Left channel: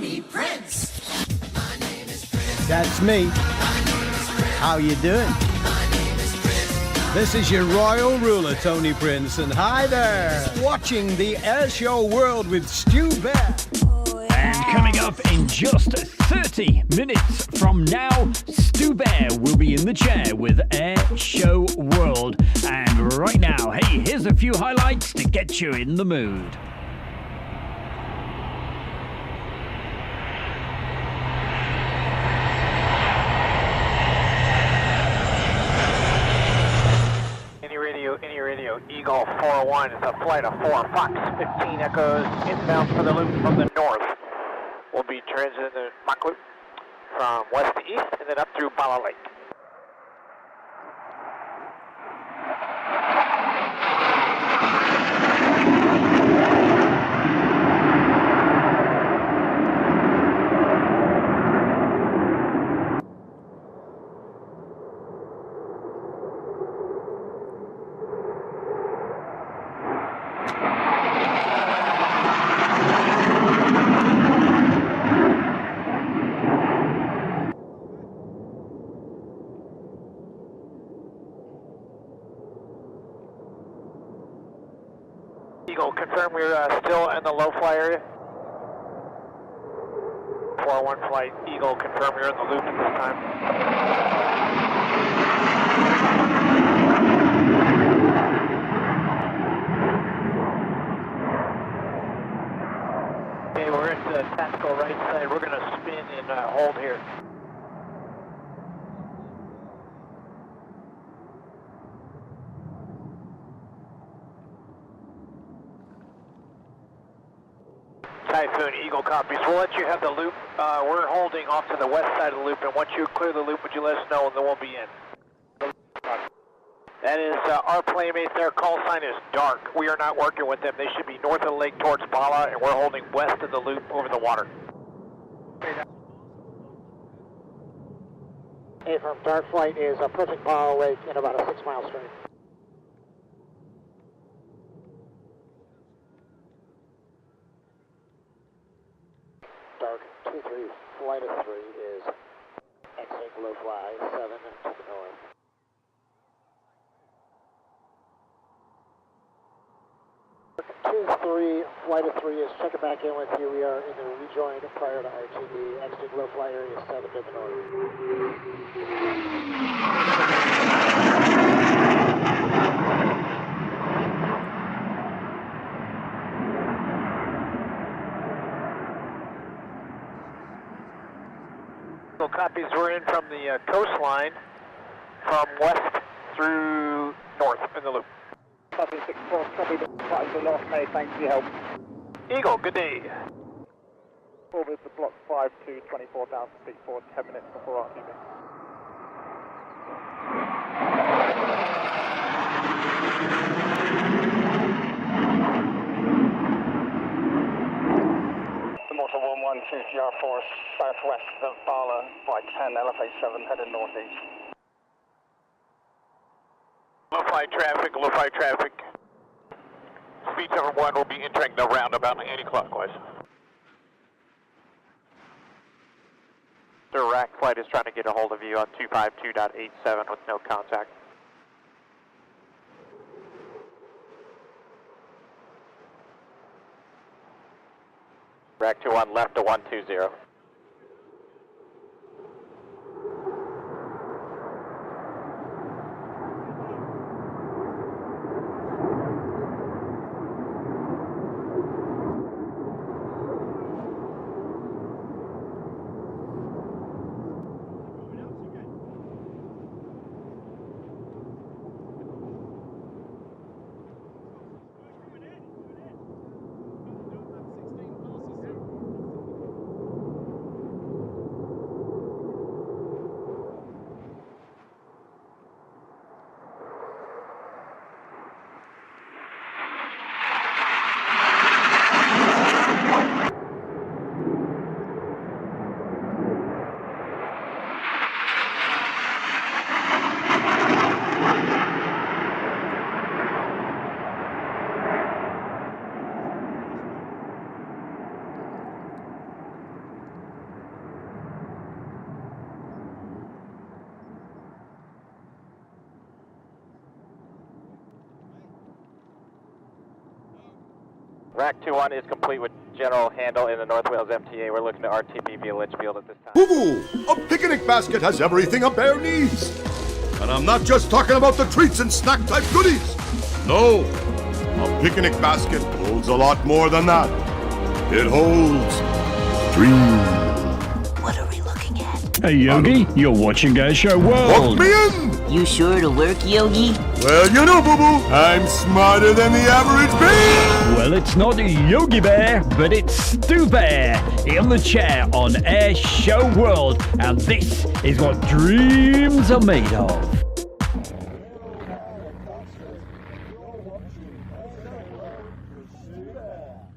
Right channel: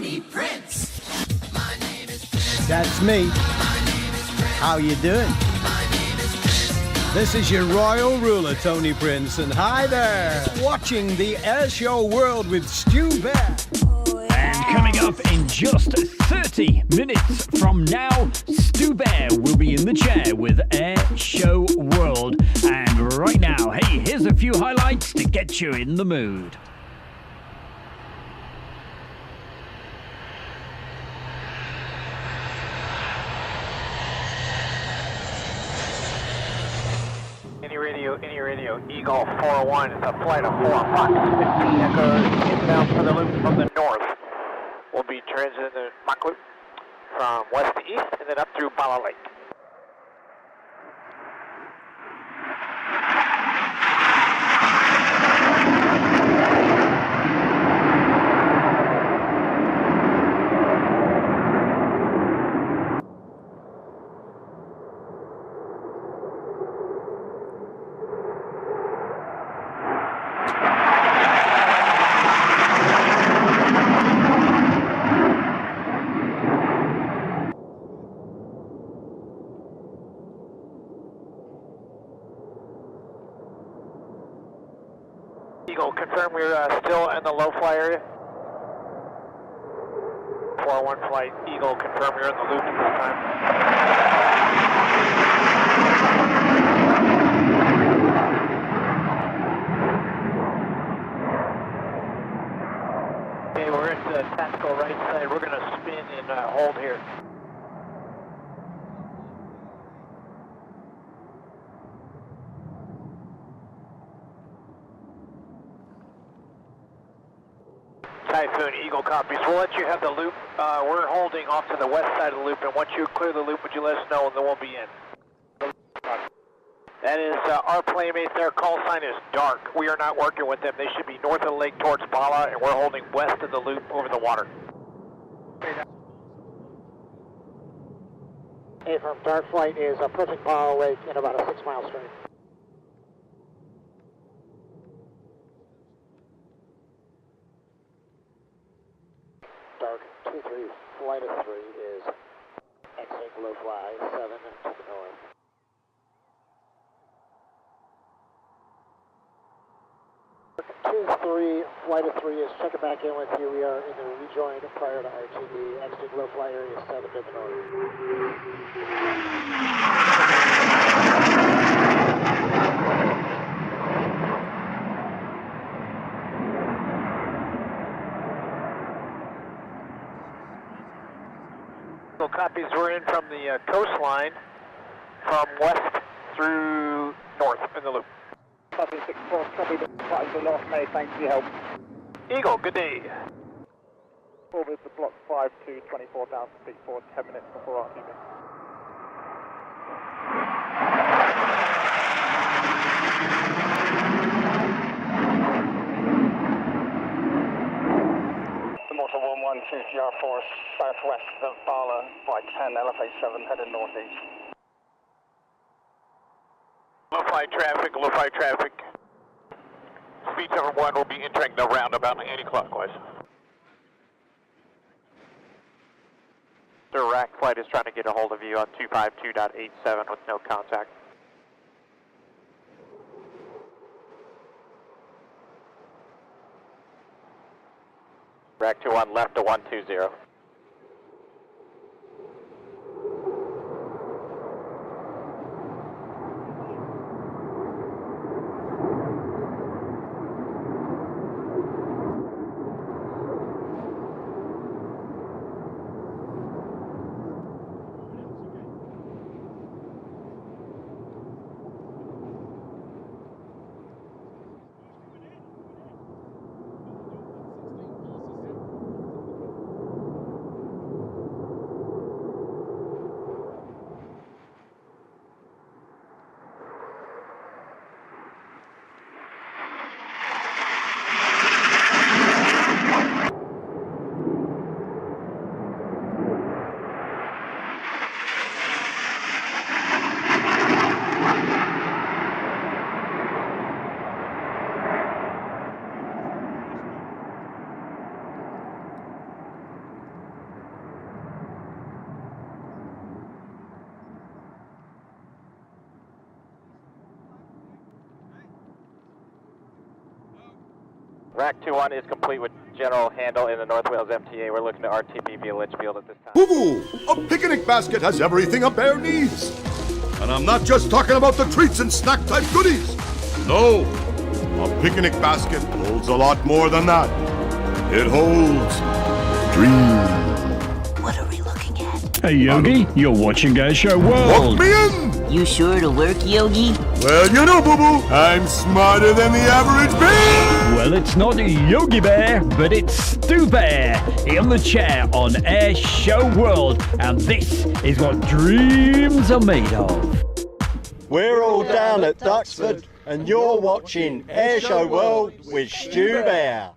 Tony Prince. That's me. How you doing? This is your royal ruler, Tony Prince, and hi there. Watching the Air Show World with Stu Bear. And coming up in just 30 minutes from now, Stu Bear will be in the chair with Air Show World. And right now, hey, here's a few highlights to get you in the mood. Any radio, Eagle 401, it's a flight of 4, Fox 15 Echoes, inbound for the loop from the north. We'll be transiting the Mach loop from west to east and then up through Bala Lake. Eagle, confirm we're still in the low fly area. 401 flight, Eagle, confirm you're in the loop at this time. Okay, we're at the tactical right side. We're going to spin and hold here. Typhoon, Eagle copies. We'll let you have the loop. We're holding off to the west side of the loop, and once you clear the loop, would you let us know, and then we'll be in. That is our playmate. Their call sign is dark. We are not working with them. They should be north of the lake towards Bala, and we're holding west of the loop over the water. Hey, from dark flight is approaching Bala Lake in about a 6-mile straight. Dark 2-3, flight of 3 is exiting low fly 7 to the north. Dark 2-3, flight of 3 is checking back in with you. We are in the rejoin prior to RTD, exiting low fly area 7 to the north. Copies, we're in from the coastline from west through north in the loop. Copy 6-4, copy the flight to North May, thanks for your help. Eagle, good day. Orbit to block 5 to 24,000 feet for 10 minutes before RTB. Motor 11 CCR4 southwest of Bala by 10, elevate 7, heading northeast. Low flight traffic. Speed 71 will be entering the roundabout anti-clockwise. The rack flight is trying to get a hold of you on 252.87 with no contact. Rack 21 left to 120. Rack 2-1 is complete with general handle in the North Wales MTA. We're looking to RTB via Litchfield at this time. Boo-boo! A picnic basket has everything a bear needs. And I'm not just talking about the treats and snack-type goodies. No, a picnic basket holds a lot more than that. It holds dreams. What are we looking at? Hey Yogi, you're watching Air Show World. Hook me in! You sure it'll work, Yogi? Well, you know, boo-boo, I'm smarter than the average bear! Well, it's not Yogi Bear, but it's Stu Bear in the chair on Air Show World, and this is what dreams are made of. We're all down at Duxford, and you're watching Air Show World with Stu Bear.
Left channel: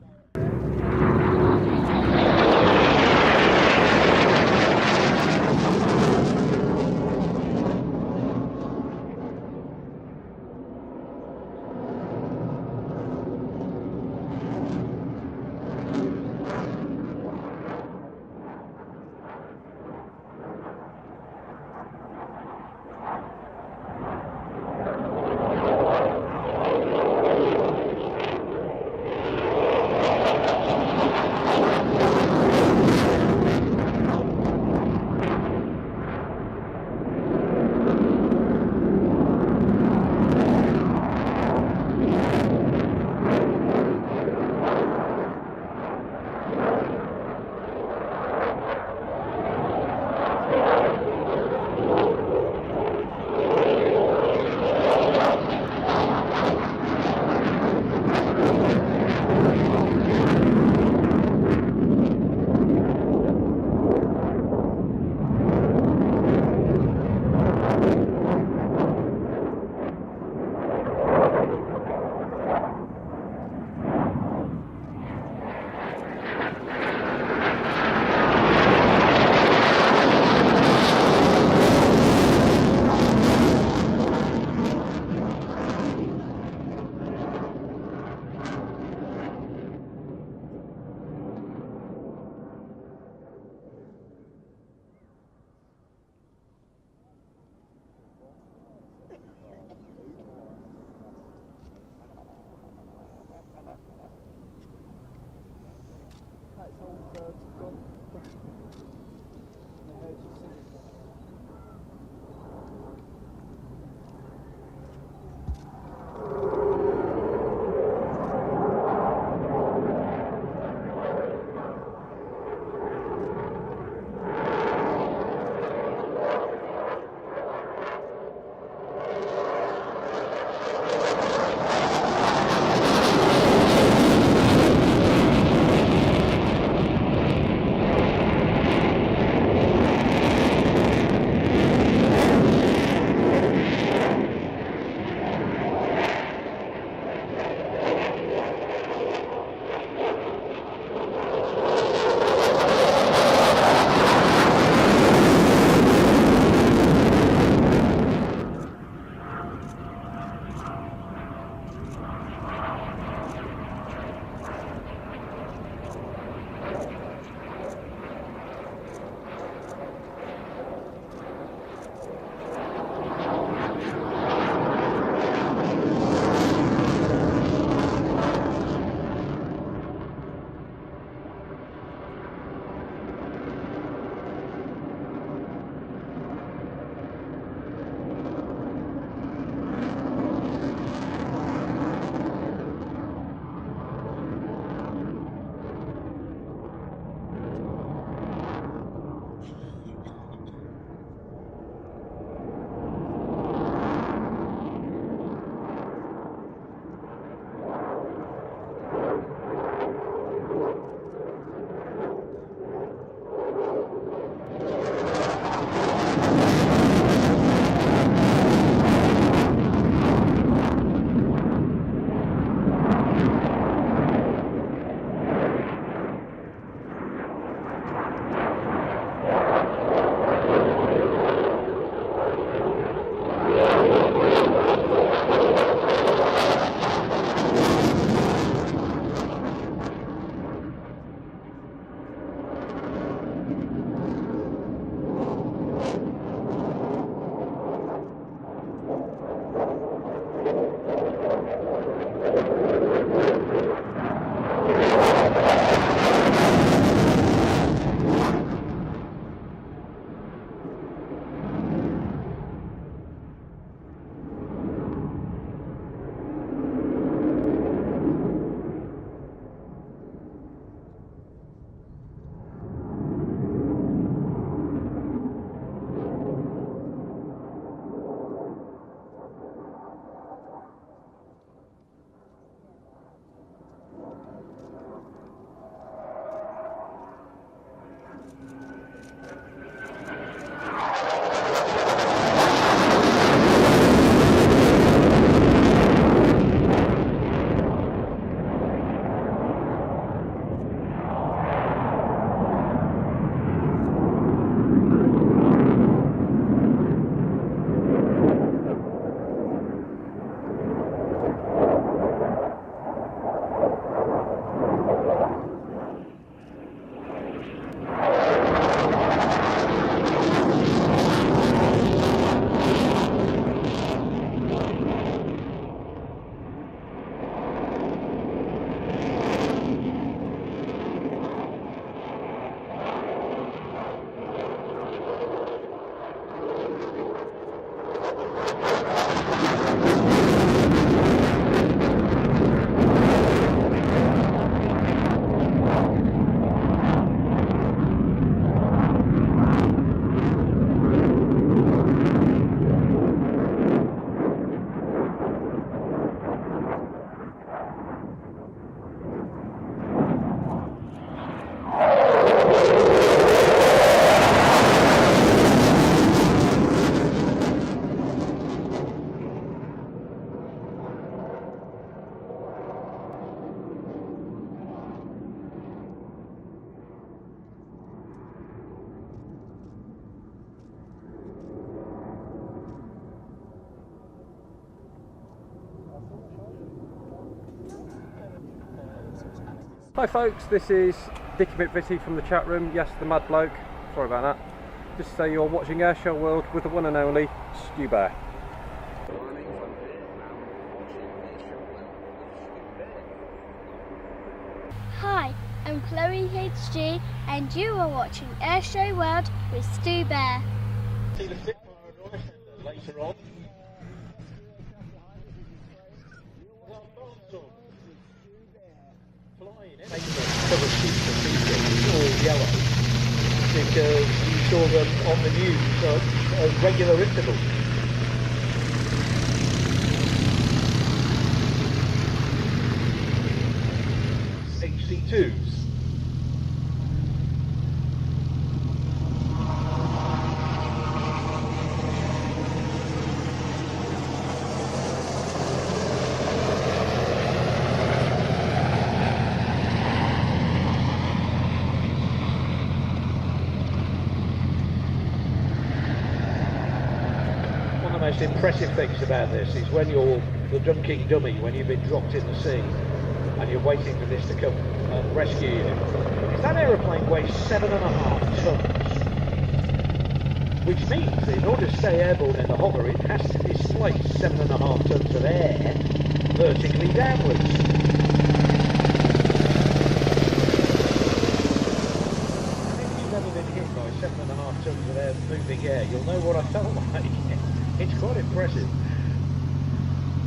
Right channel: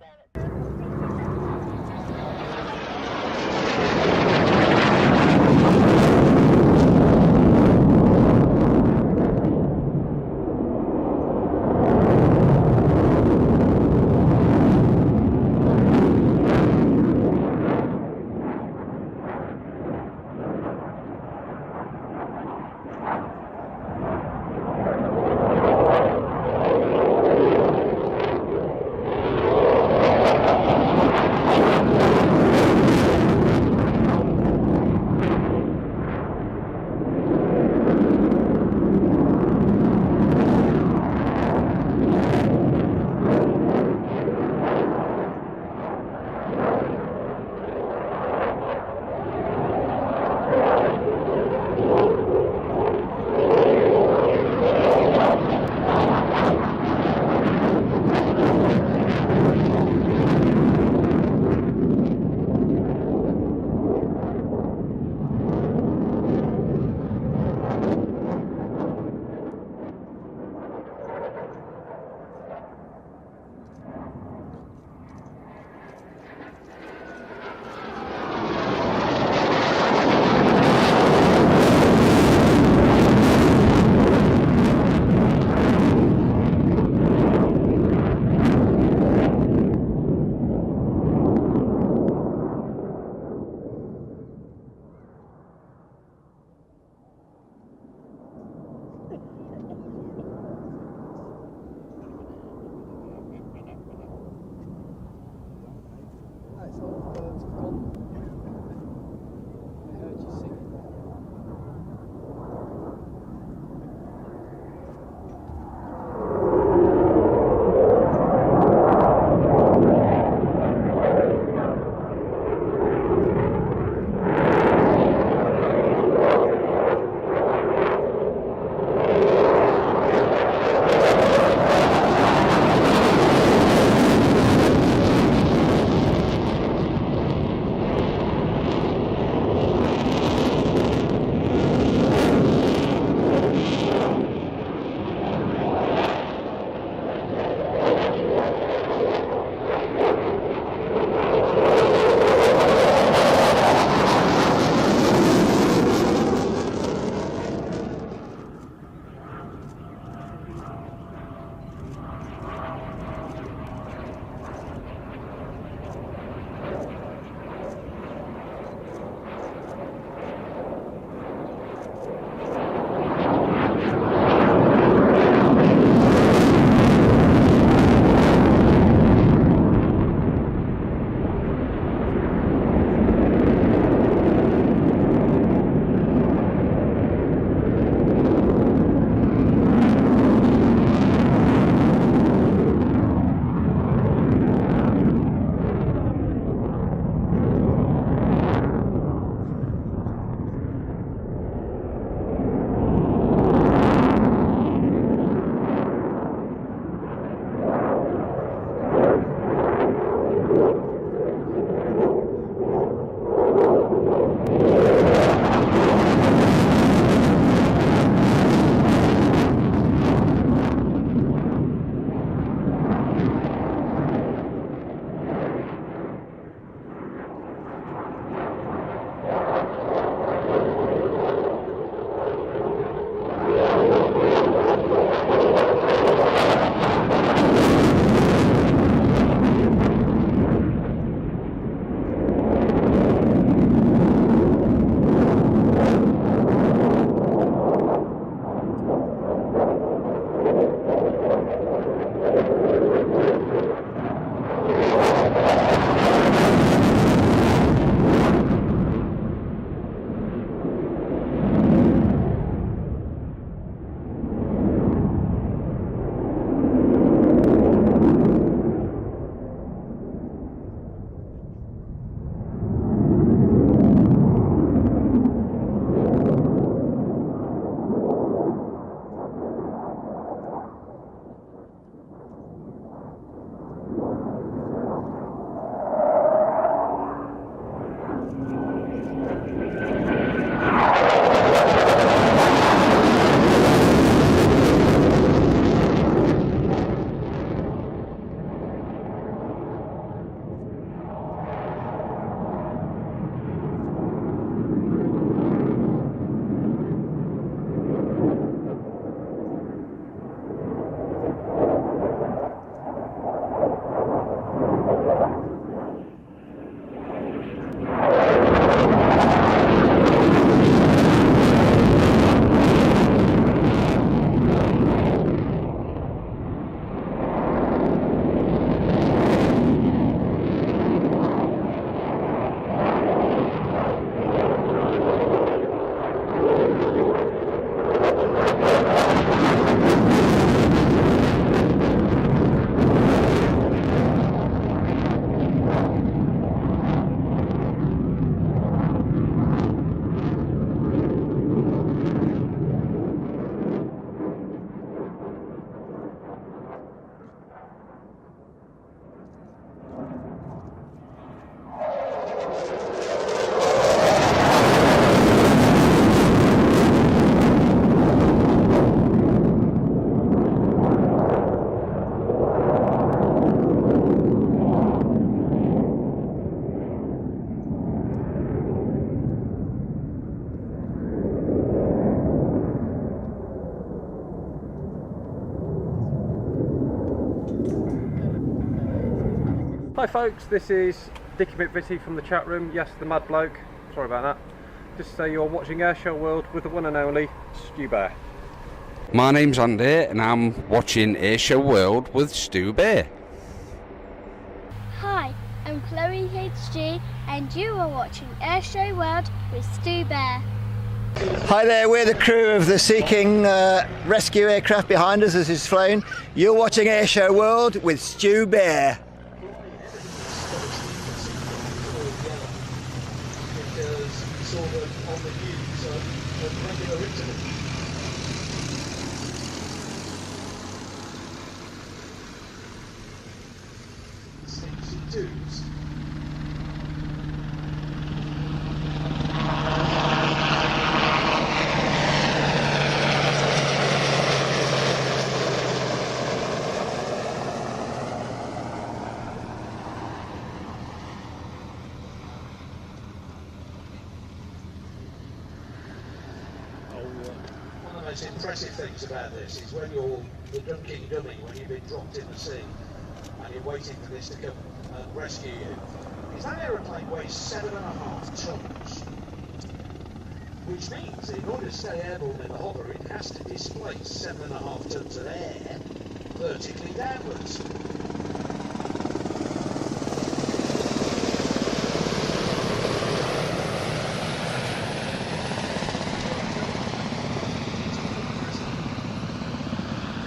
Hi folks, this is Dicky McVitie from the chat room. Yes, the mad bloke. Sorry about that. Just to say you're watching Airshow World with the one and only Stu Bear. My name's Andy and I'm watching Airshow World with Stu Bear. Hi, I'm Chloe HG and you are watching Airshow World with Stu Bear. Hi there, we're the crew of the Sea King rescue aircraft behind us as it's flown. You're watching Airshow World with Stu Bear. Yellow because you saw them on the news at regular intervals. HC2s. The most impressive things about this is when you're the dumb-king dummy, when you've been dropped in the sea and you're waiting for this to come and rescue you. Is that aeroplane weighs 7.5 tons, which means in order to stay airborne in the hover it has to displace 7.5 tons of air vertically downwards.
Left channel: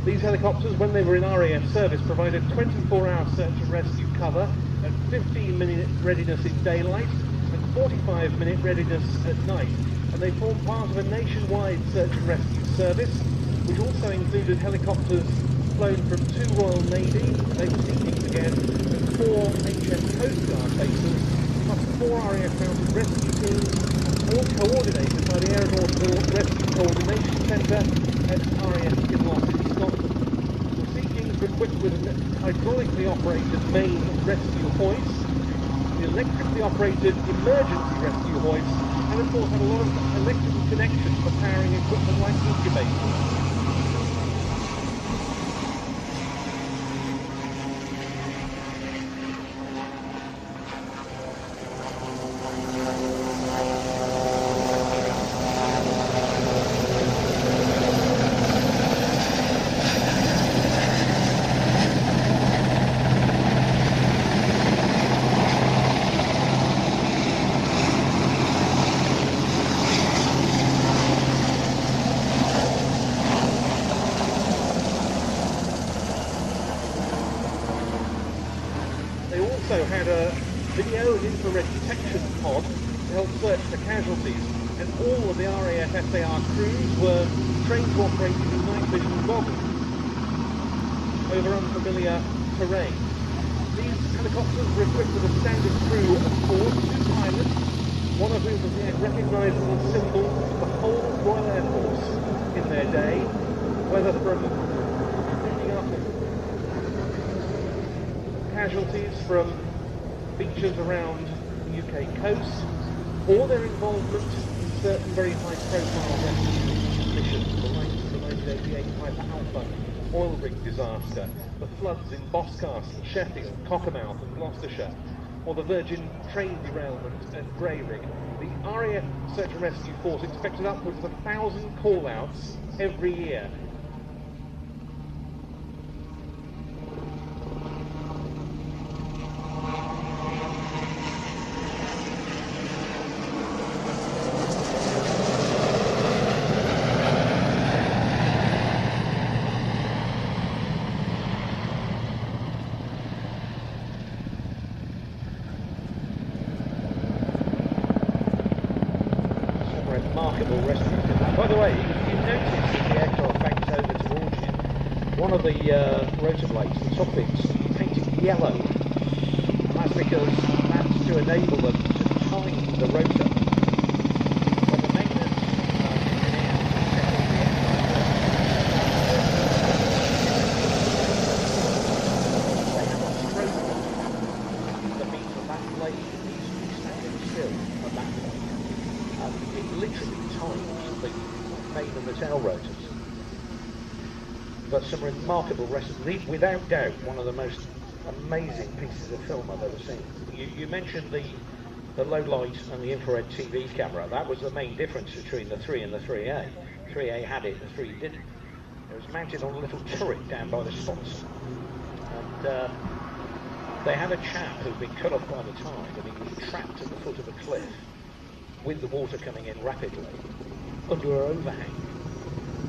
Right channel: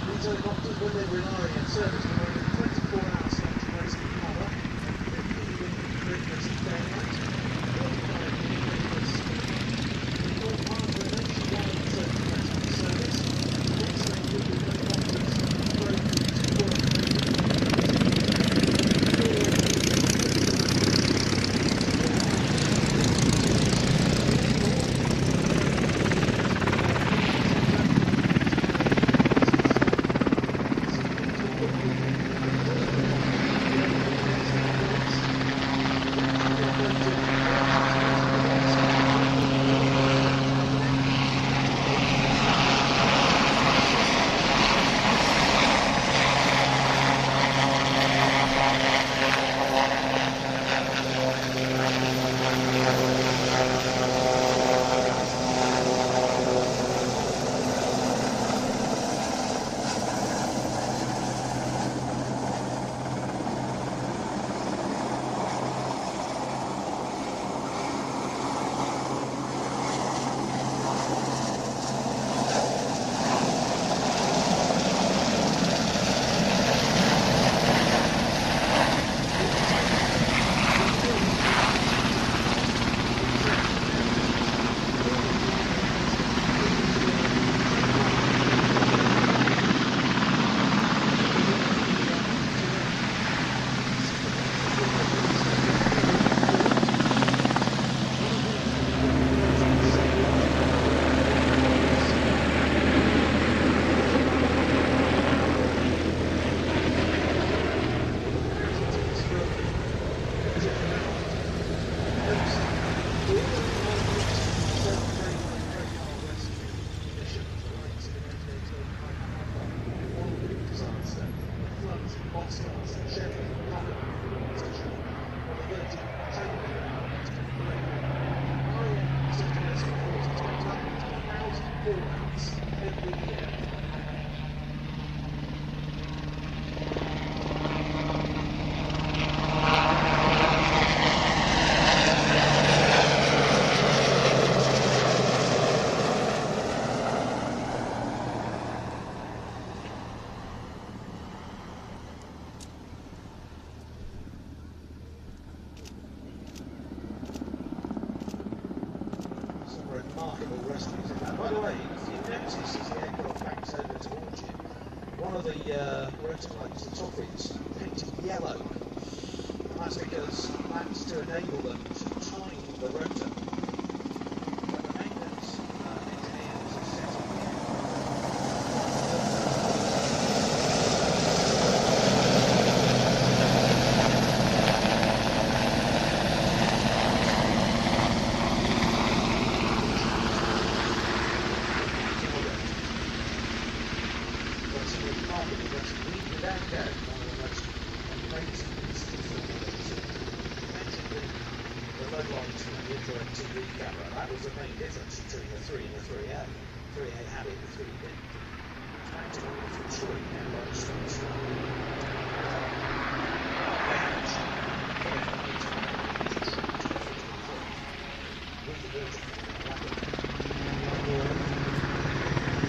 These helicopters, when they were in RAF service, provided 24-hour search and rescue cover and 15-minute readiness in daylight, 45-minute readiness at night. And they formed part of a nationwide search and rescue service, which also included helicopters flown from 2 Royal Navy, and 4 HM Coast Guard bases, plus 4 RAF rescue teams, all coordinated by the Air Force Rescue Coordination Centre and RAF hydraulically operated main rescue points, and electrically operated emergency rescue points, also have a lot of electrical connections to carrying equipment and incubators. From beaches around the UK coast, or their involvement in certain very high-profile rescue missions, the likes of the 1988 Piper Alpha oil rig disaster, the floods in Boscastle, Sheffield, Cockermouth in Gloucestershire, or the Virgin train derailment at Breivik. The RAF Search and Rescue Force expected upwards of 1,000 call-outs every year. Remarkable rescue. By the way, if you notice as the aircraft banks over towards you, one of the rotor blades, the top bits, is painted yellow. And that's because that's to enable them to time the rotor. When the maintenance but some remarkable rescue. Without doubt, one of the most amazing pieces of film I've ever seen. You mentioned the low lights from the infrared TV camera. That was the main difference between the 3 and the 3A. 3A had it, the 3 didn't. It was mounted on a little turret down by the spots. And they had a shaft that had been colourful at the time, that had been trapped to the foot of the cliff with the water coming in rapidly. But we were over.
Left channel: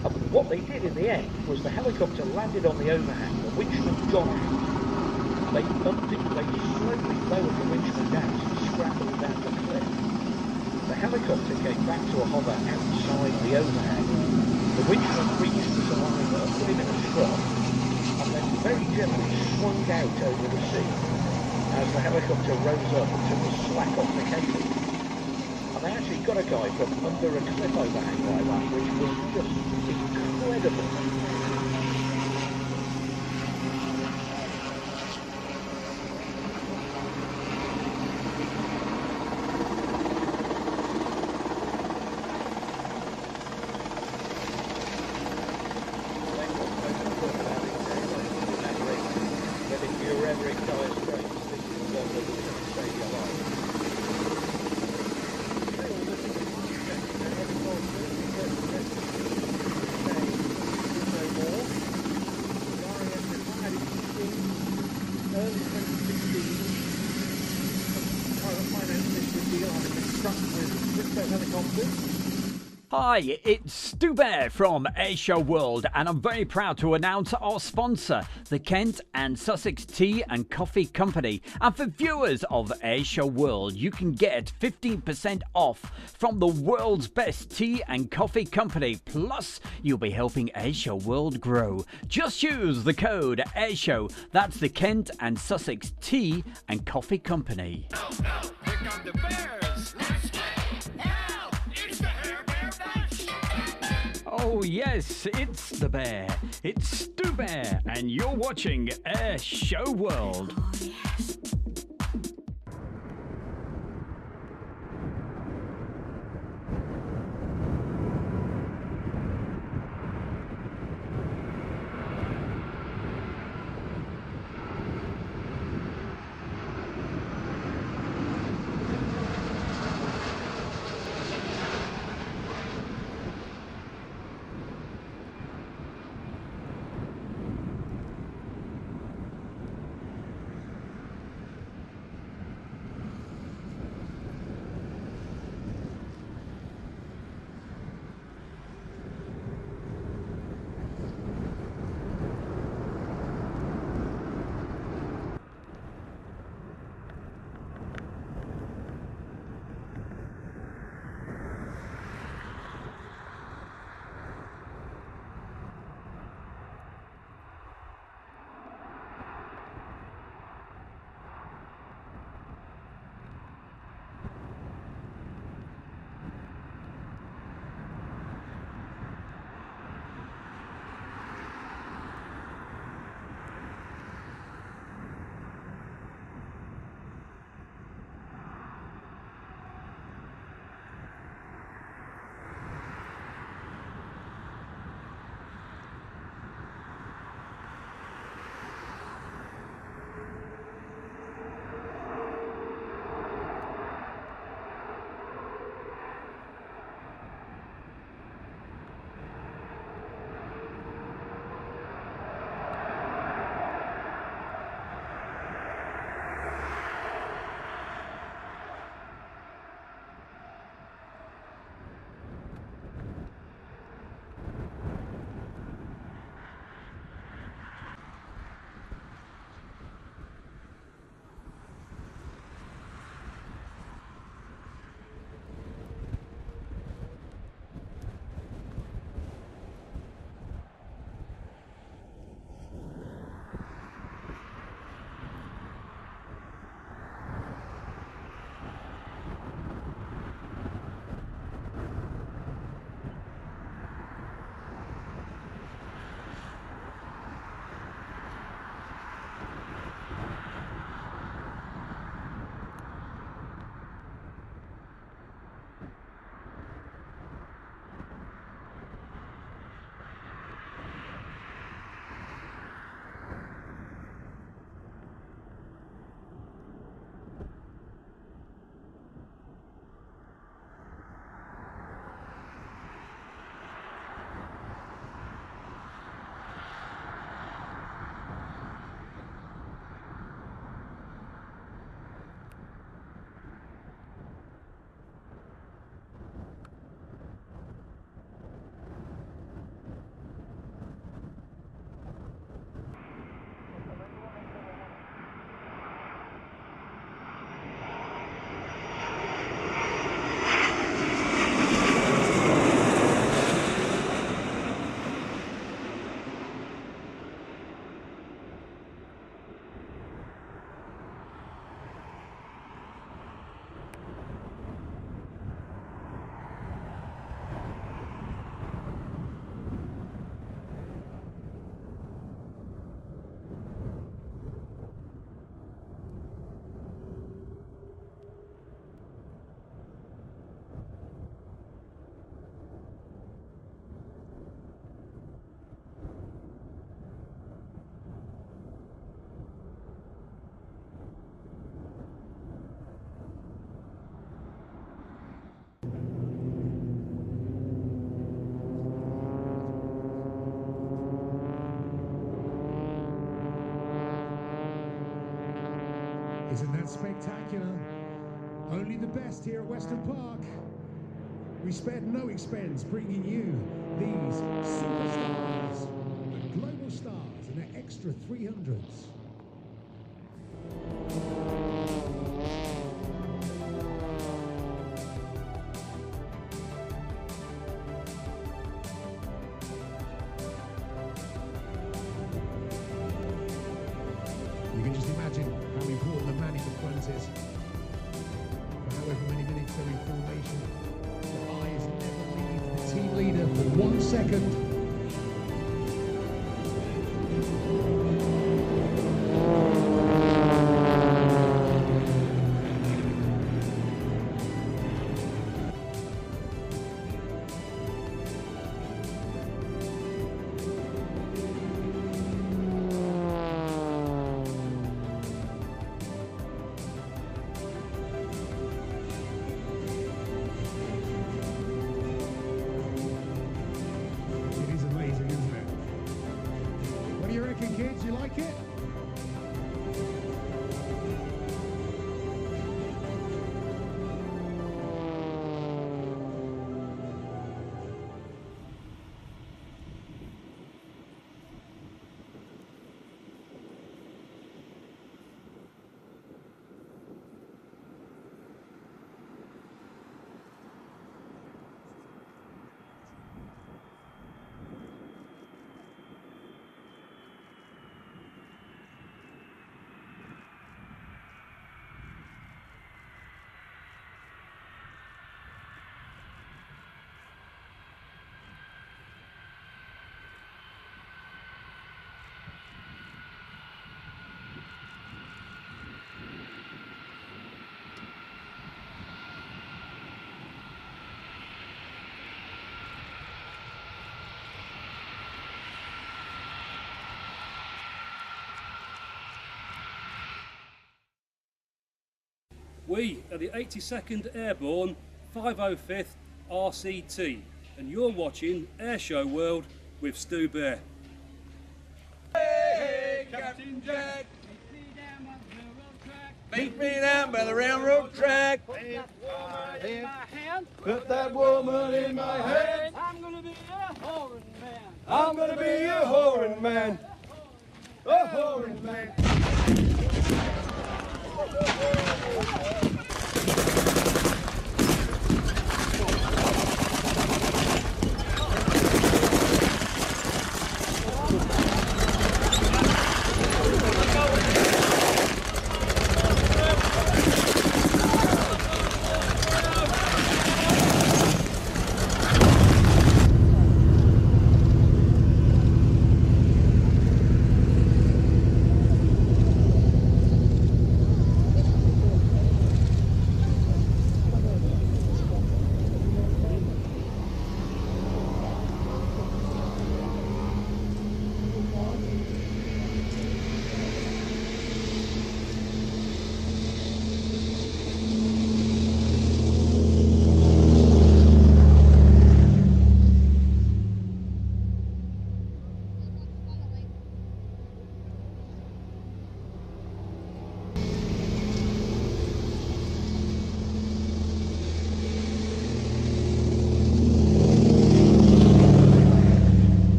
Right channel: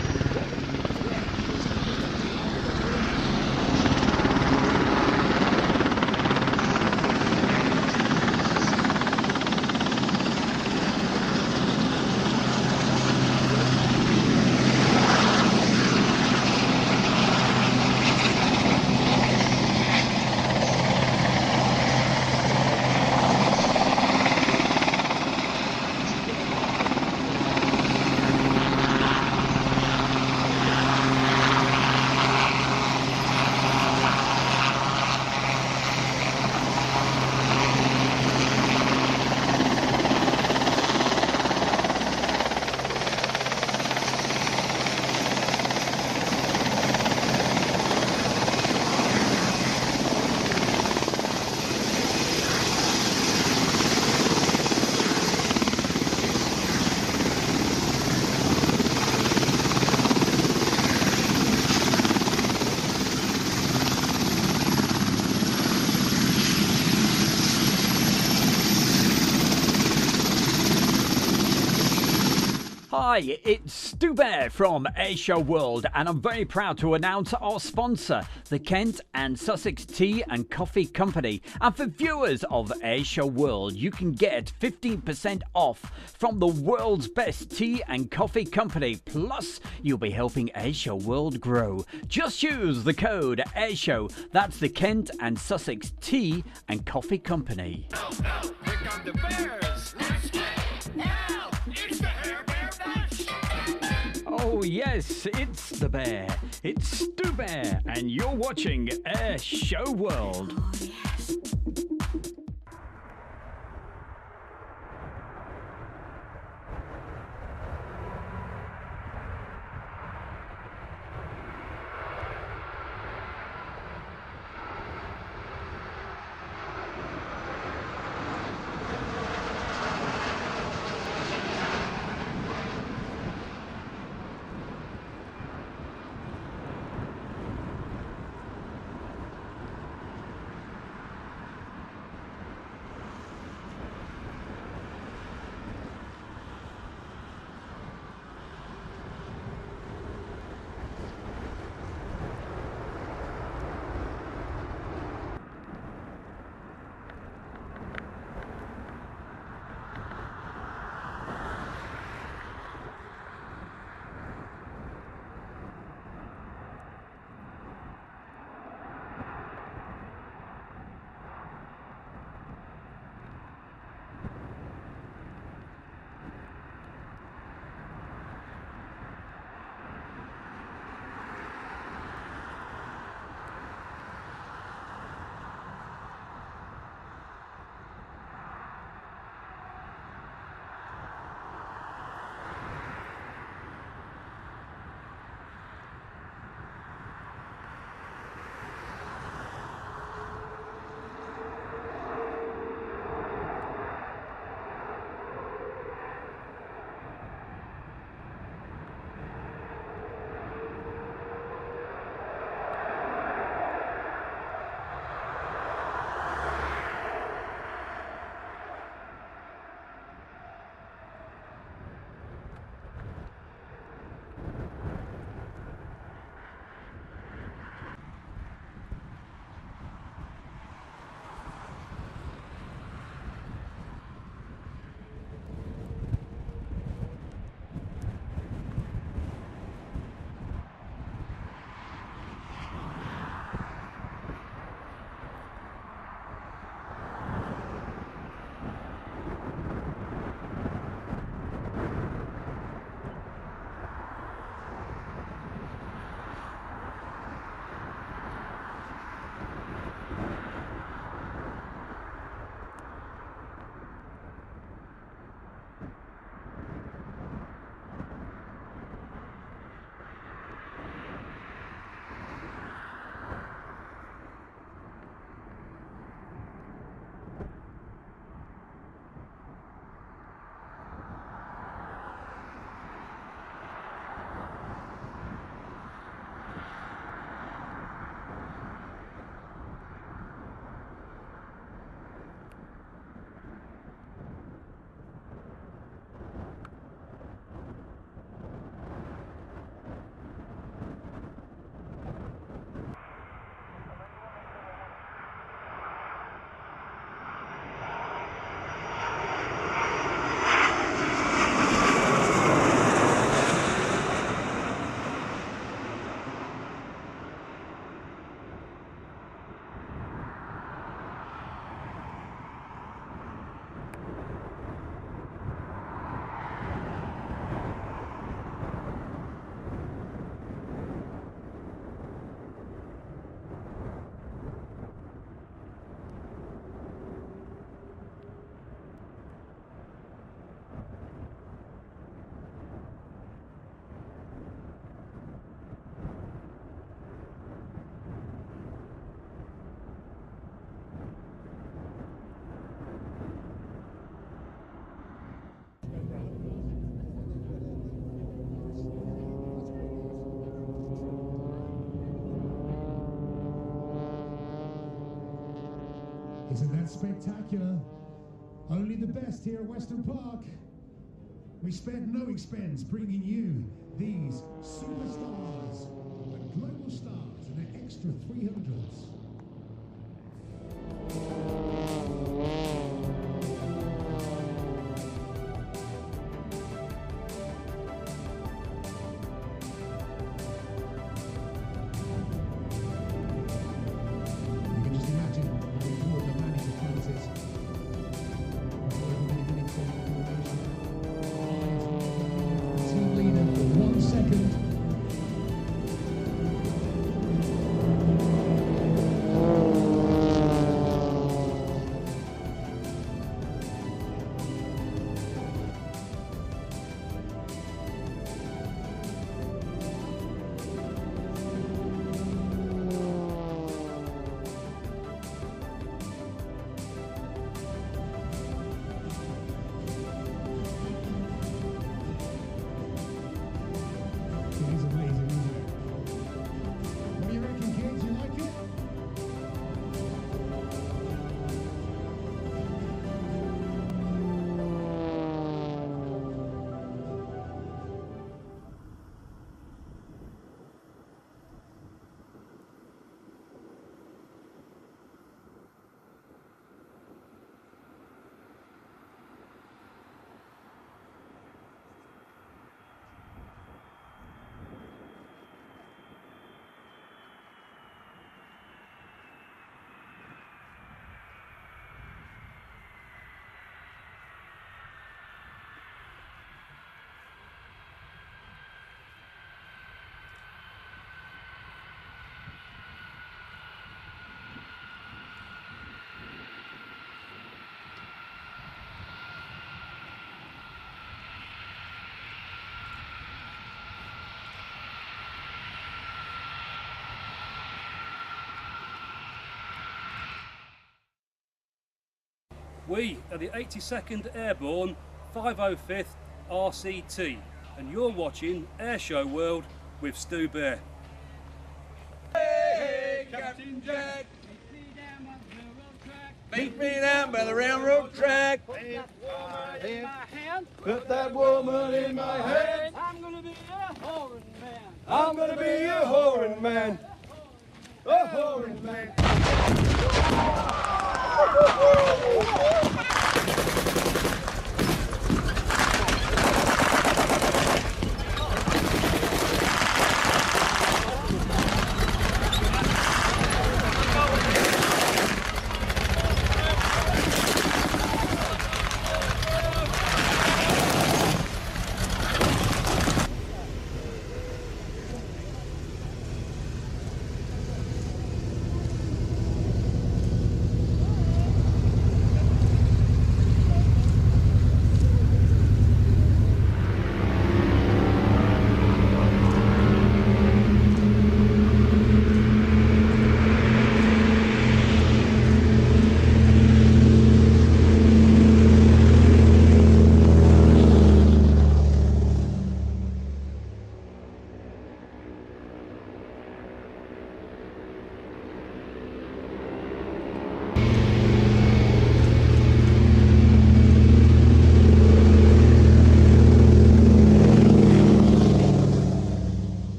And what they did in the end was the helicopter landed on the ocean, the wind stopped. They slowly the helicopter came back to a hover outside the ocean. The wind stopped. They just pointed out over the ship as the helicopter rose up and took a slap on the head. And actually got a guy from under the helicopter. Hi, it's Stu Bear from Airshow World, and I'm very proud to announce our sponsor, the Kent and Sussex Tea and Coffee Company. And for viewers of Airshow World, you can get 15% off from the world's best tea and coffee company. Plus, you'll be helping Airshow World grow. Just use the code Airshow. That's the Kent and Sussex Tea and Coffee Company. Here come the bears. Now, it's the Hair Bear Bash. Oh yes, it's the bear. It's Stu Bear, and you're watching Airshow World. Oh, yes. Isn't that spectacular? Only the best here at Western Park. We spared no expense bringing you these superstars, the global stars and their extra 300s. You can just imagine how important the manual front is. However many minutes of information. Eyes team leader for 1 second. It is amazing, isn't it? What do you reckon, kids? You like it? We are the 82nd Airborne 505th RCT, and you're watching Airshow World with Stu Bear. Hey, Captain Jack. Meet me down by the railroad track. Put that woman in my hand. I'm gonna be a whoring man. I'm gonna be a whoring man. A whoring man.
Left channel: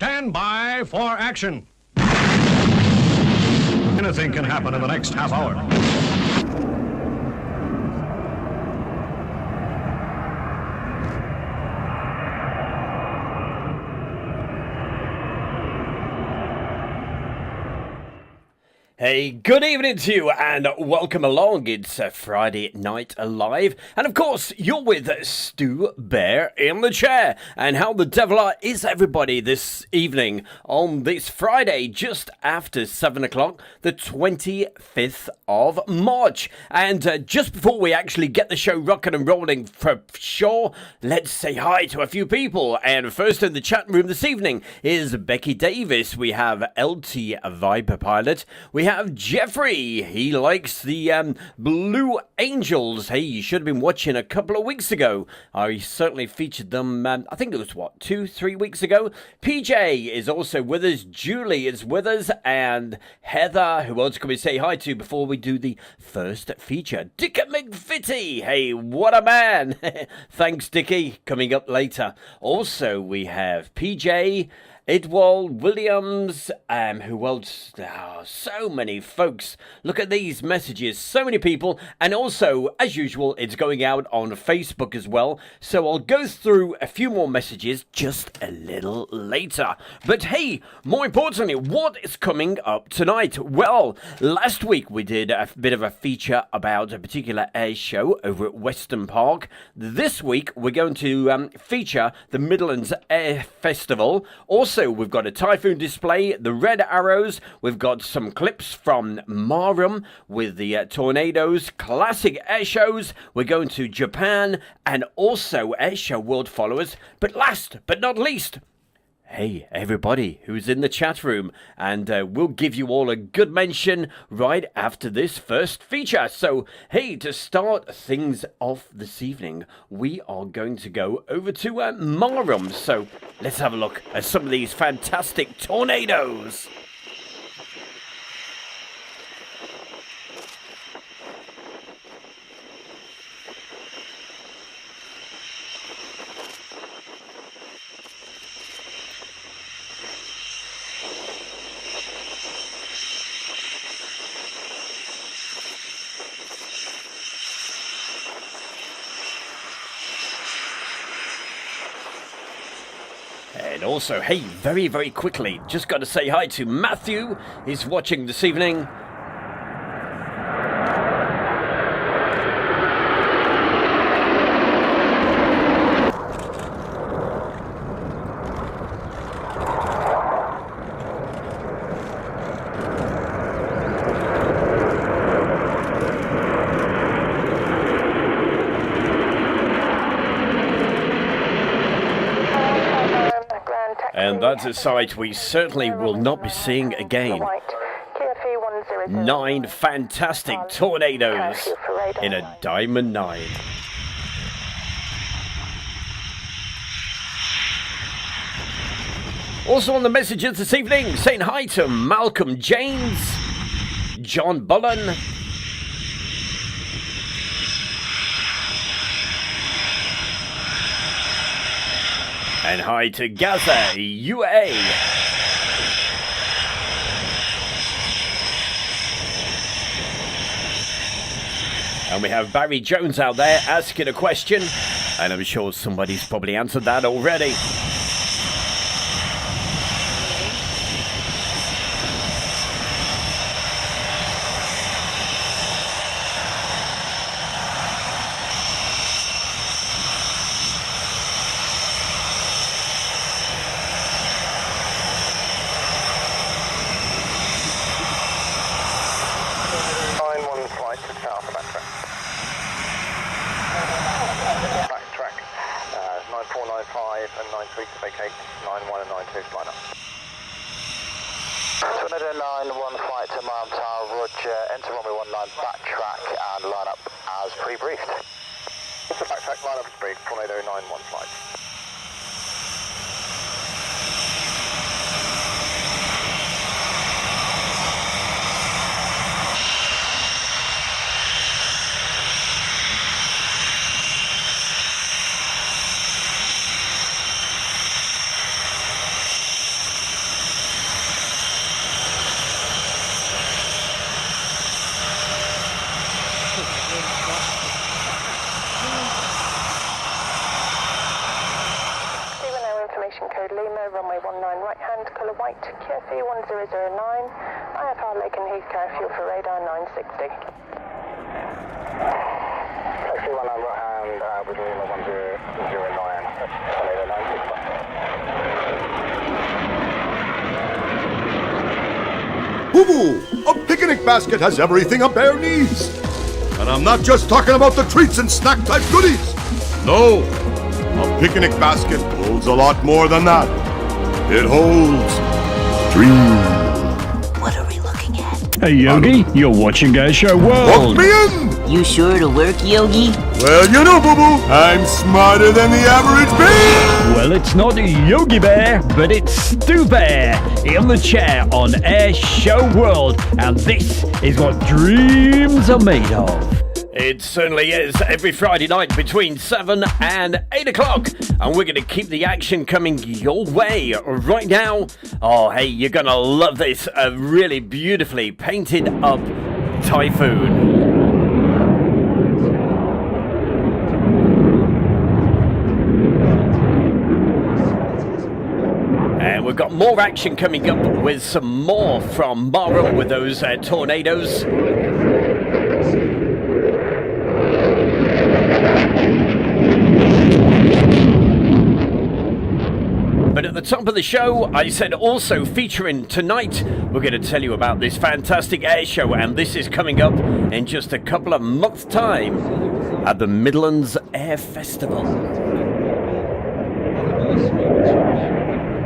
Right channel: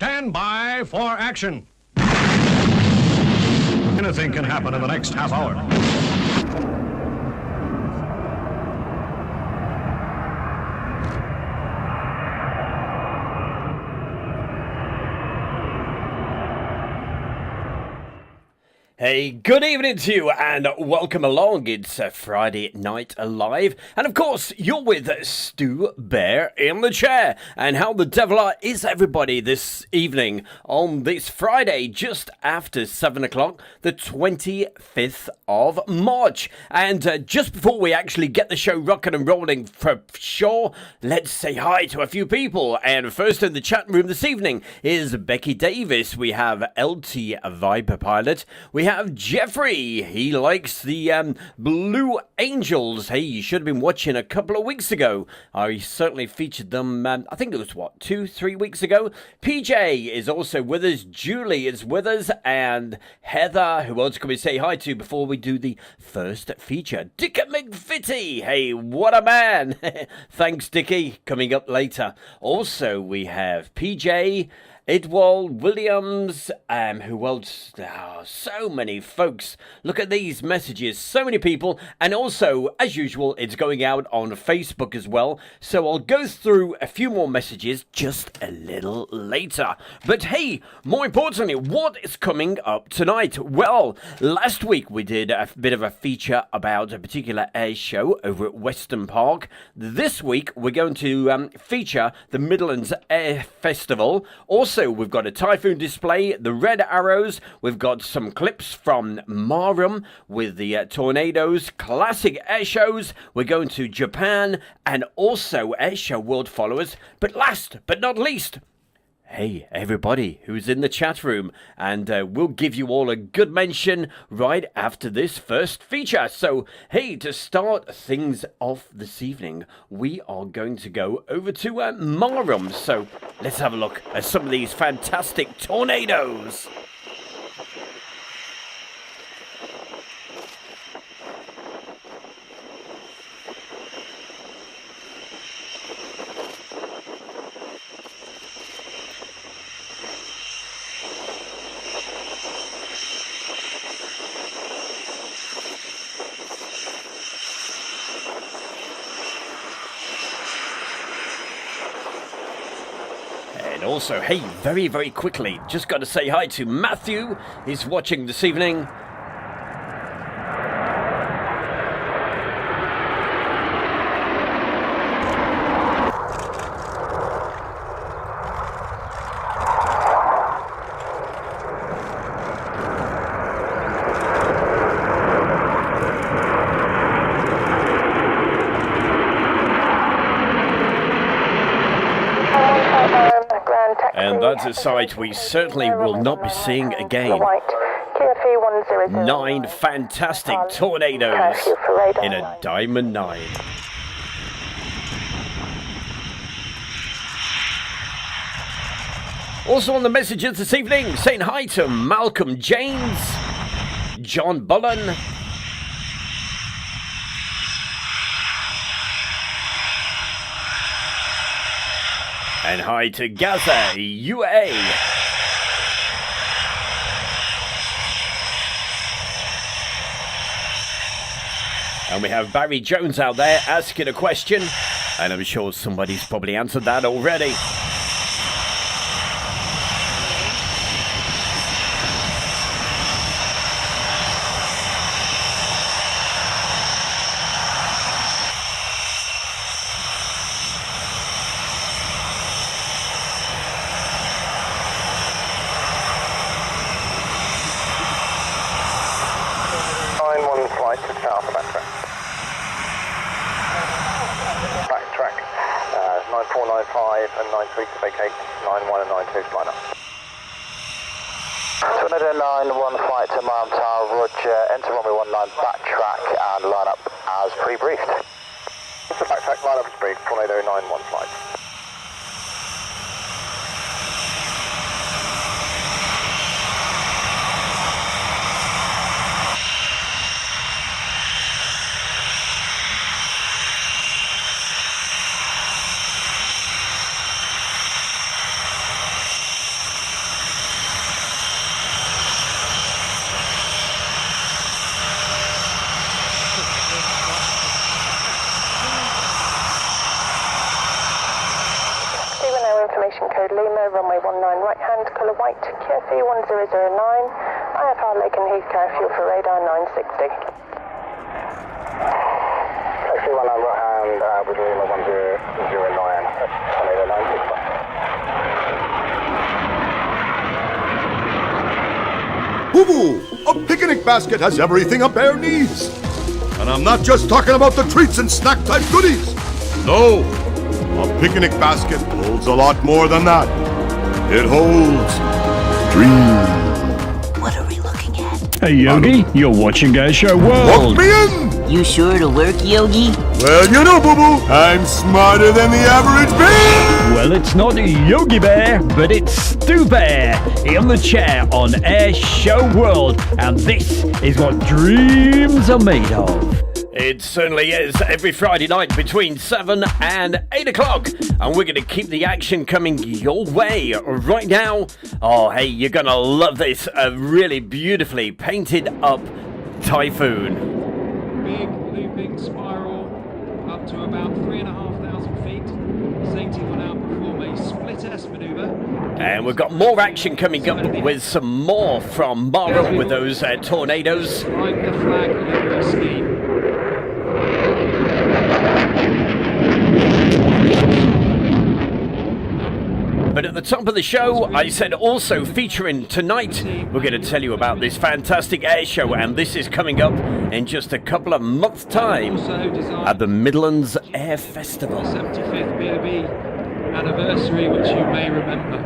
Stand by for action. Anything can happen in the next half hour. Hey, good evening to you and welcome along. It's Friday Night Live, and of course you're with Stu Bear in the chair. And how the devil is everybody this evening on this Friday just after 7 o'clock, the 25th of March. And just before we actually get the show rocking and rolling for sure, let's say hi to a few people. And first in the chat room this evening is Becky Davis. We have LT Viper Pilot. We have Jeffrey. He likes the Blue Angels. Hey, you should have been watching a couple of weeks ago. I certainly featured them, I think it was, 2-3 weeks ago. PJ is also with us. Julie is with us. And Heather, who else can we say hi to before we do the first feature? Dickie McVitie. Hey, what a man. Thanks, Dickie. Coming up later. Also, we have PJ, Edwald Williams, who else? Oh, so many folks. Look at these messages. So many people. And also, as usual, it's going out on Facebook as well. So I'll go through a few more messages just a little later. But hey, more importantly, what is coming up tonight? Well, last week we did a bit of a feature about a particular air show over at Weston Park. This week we're going to feature the Midlands Air Festival. Also, we've got a Typhoon display, the Red Arrows. We've got some clips from Marham with the tornadoes, classic air shows. We're going to Japan and also air show world followers. But last but not least, hey, everybody who's in the chat room, and we'll give you all a good mention right after this first feature. So, hey, to start things off this evening, we are going to go over to Marham. So, let's have a look at some of these fantastic tornadoes. Also, hey, very, very quickly, just got to say hi to Matthew. He's watching this evening. And that's a sight we certainly will not be seeing again. 9 fantastic tornadoes in a Diamond 9. Also on the messages this evening, saying hi to Malcolm James, John Bullen, and hi to Gaza UA. And we have Barry Jones out there asking a question, and I'm sure somebody's probably answered that already. Bravo Lima, runway 19 right hand, colour white, QFE 1009, IFR Lake and Heath carry fuel for radar 960. Taxi 19 right hand, Bravo Lima 1009, radar 960. Boo-boo! A picnic basket has everything a bear needs. And I'm not just talking about the treats and snack type goodies. No, a picnic basket holds a lot more than that. It holds dreams. What are we looking at? Hey Yogi, you're watching Airshow World. Walk me in! You sure it'll work, Yogi? Well, you know, Boo-boo, I'm smarter than the average bear! Well, it's not Yogi Bear, but it's Stu Bear in the chair on Airshow World, and this is what dreams are made of. It certainly is, every Friday night between 7 and 8 o'clock. And we're going to keep the action coming your way right now. Oh, hey, you're going to love this. A really beautifully painted up Typhoon. And we've got more action coming up with some more from Marham with those tornadoes. But at the top of the show, I said also featuring tonight, we're going to tell you about this fantastic air show, and this is coming up in just a couple of months' time at the Midlands Air Festival. 75th BOB anniversary, which you may remember.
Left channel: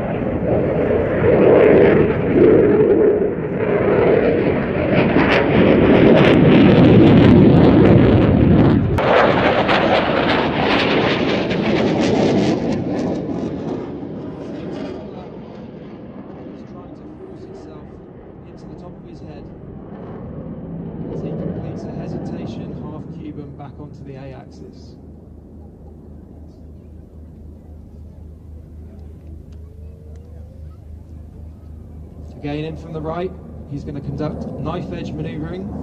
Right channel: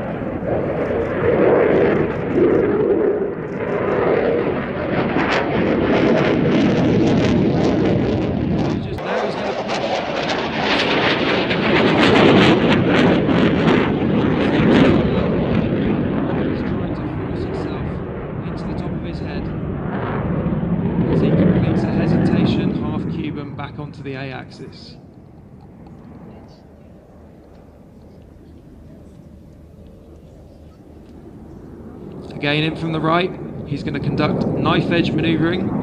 The A-axis. Again in from the right, he's going to conduct knife edge manoeuvring.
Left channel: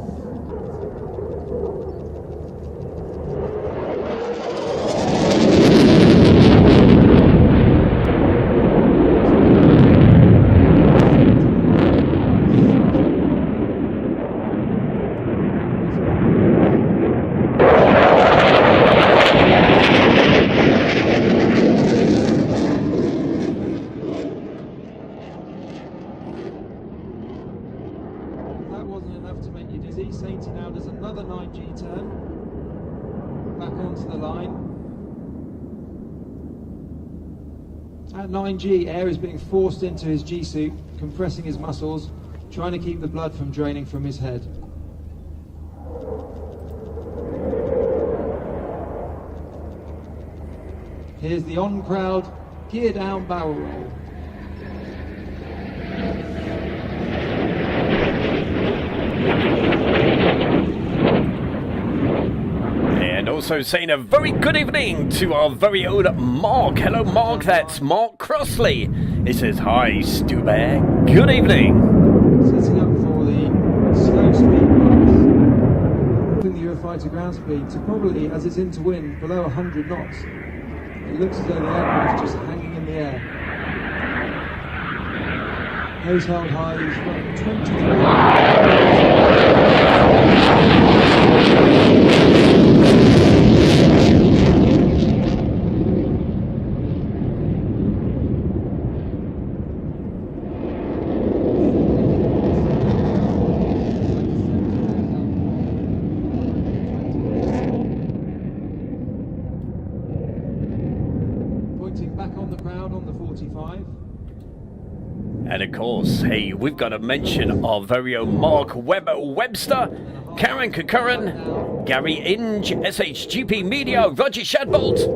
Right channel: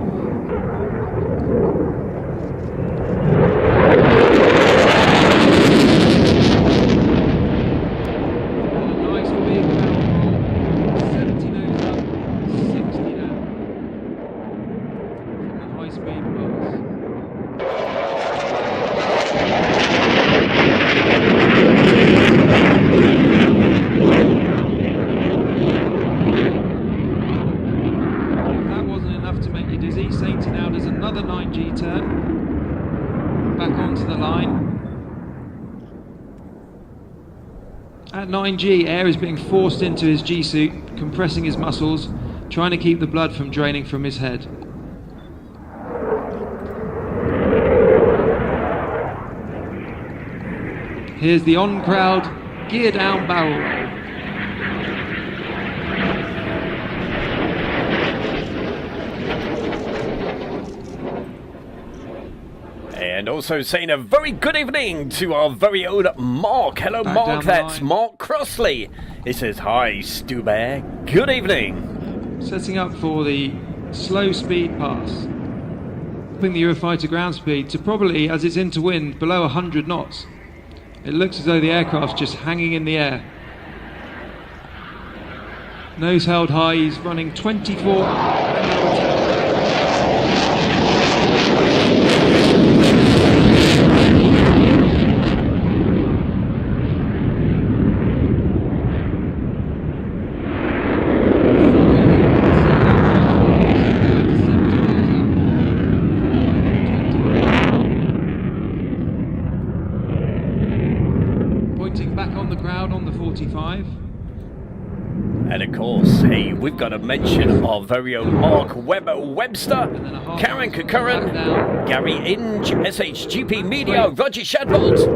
At 9G, air is being forced into his G-suit, compressing his muscles, trying to keep the blood from draining from his head. Here's the on-crowd, gear down barrel roll. And also saying a very good evening to our very own Mark. Hello, Mark. That's Mark Crossley. He says, hi, Stu Bear. Good evening. Setting up for the slow speed pass. Upping the Eurofighter ground speed to probably, as it's into wind, below 100 knots. It looks as though the aircraft's just hanging in the air. Nose held high, he's running 24. And of course, hey, we've got to mention our very own Mark Webster, Karen Kakaran, Gary Inge, SHGP Media, Roger Shadbolt.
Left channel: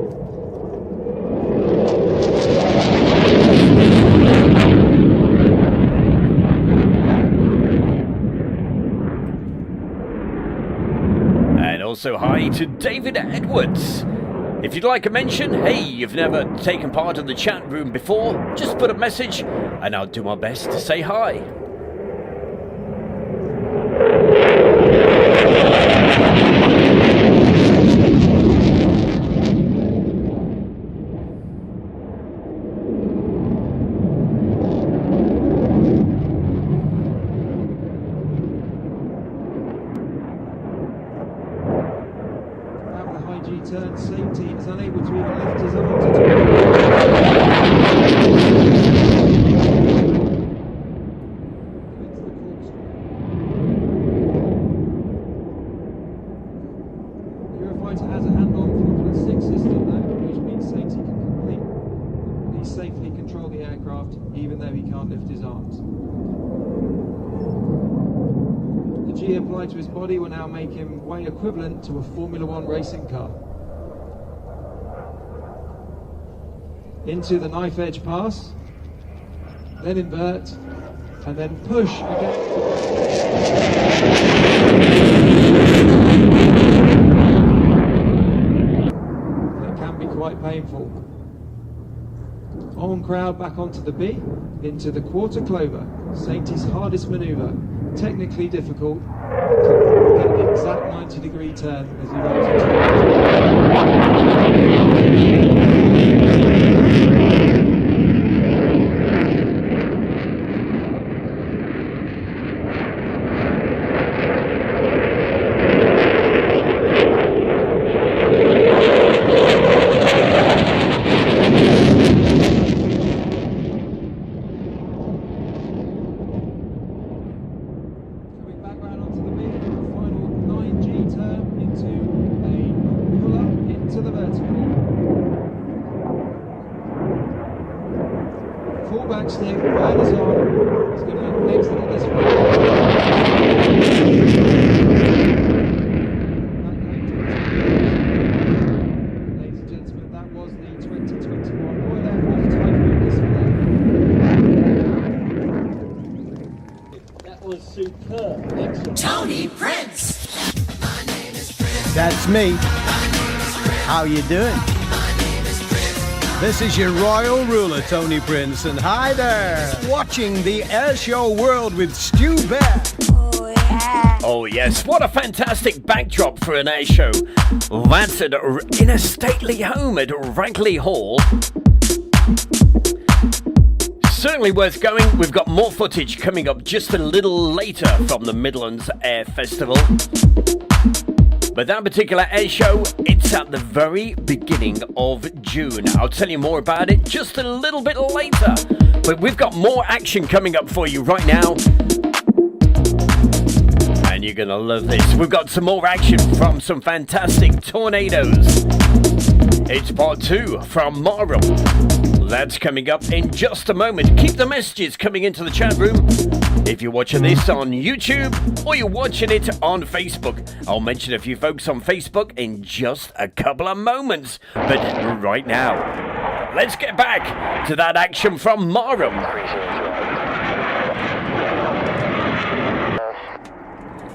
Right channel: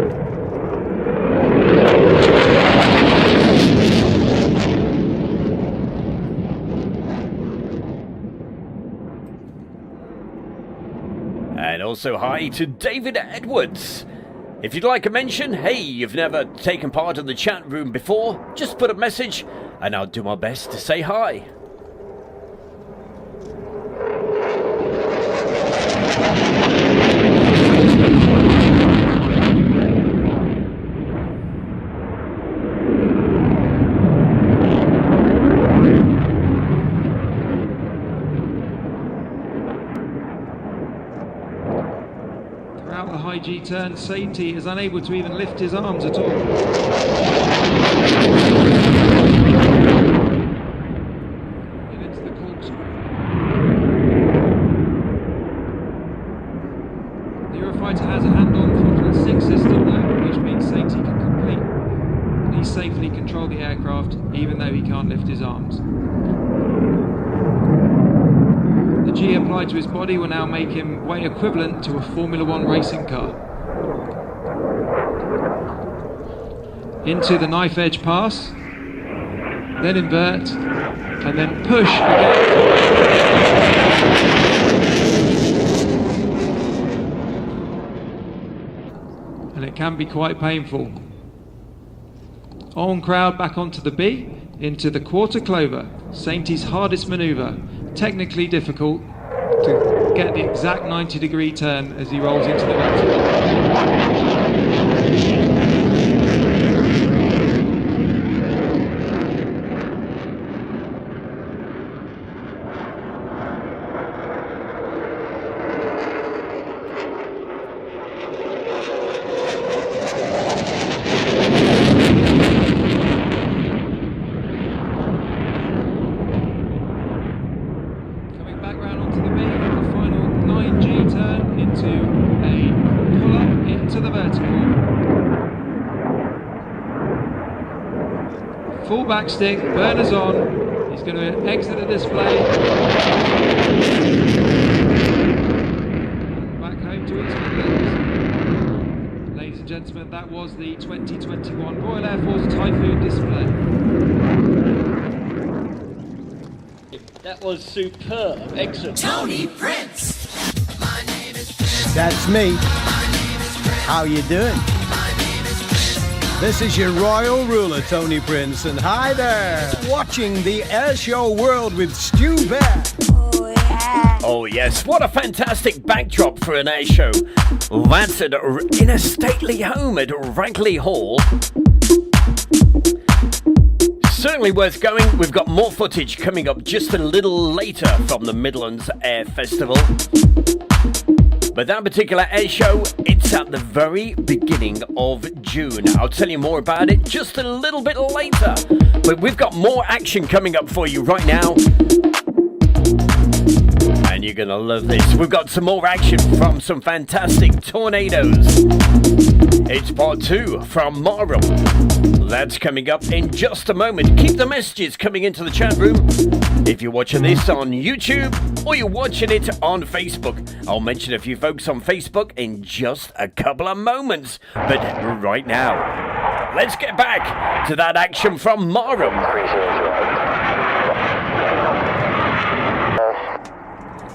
And also hi to David Edwards. If you'd like a mention, hey, you've never taken part in the chat room before, just put a message and I'll do my best to say hi. Sainty is unable to even lift his arms at all. The Eurofighter has a hand-on throttle 6 system though, which means Sainty can completely safely control the aircraft even though he can't lift his arms. The G applied to his body will now make him weight equivalent to a Formula 1 racing car. Into the knife edge pass, then invert, and then push again. And it can be quite painful. On crowd back onto the B, into the quarter clover, Sainty's hardest manoeuvre, technically difficult to get the exact 90-degree turn as he rolls into the stick, burners on, he's going to exit the display. Back home to his Midlands. Ladies and gentlemen, that was the 2021 Royal Air Force Typhoon display. That was superb. Excellent. Tony Prince! That's me. How you doing? This is your royal ruler, Tony Prince, and hi there! Watching the Airshow World with Stu Bear. Oh, yeah. Oh yes, what a fantastic backdrop for an air show. That's in a stately home at Ragley Hall. Certainly worth going. We've got more footage coming up just a little later from the Midlands Air Festival. But that particular air show, it's at the very beginning of June. I'll tell you more about it just a little bit later. But we've got more action coming up for you right now. And you're going to love this. We've got some more action from some fantastic tornadoes. It's part 2 from Marham. That's coming up in just a moment. Keep the messages coming into the chat room. If you're watching this on YouTube or you're watching it on Facebook, I'll mention a few folks on Facebook in just a couple of moments. But right now, let's get back to that action from Marham.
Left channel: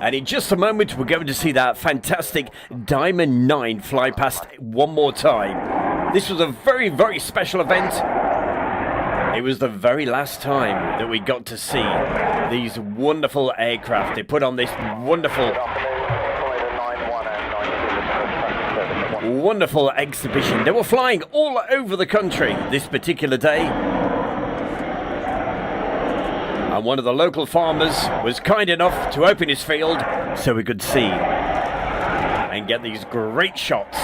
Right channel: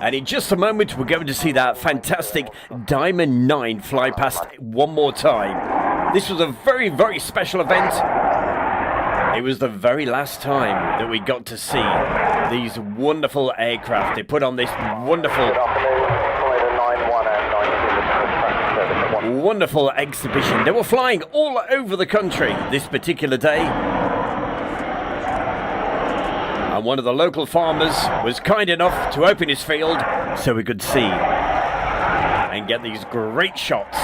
And in just a moment, we're going to see that fantastic Diamond 9 fly past one more time. This was a very, very special event. It was the very last time that we got to see these wonderful aircraft. They put on this wonderful exhibition. They were flying all over the country this particular day. And one of the local farmers was kind enough to open his field so we could see and get these great shots.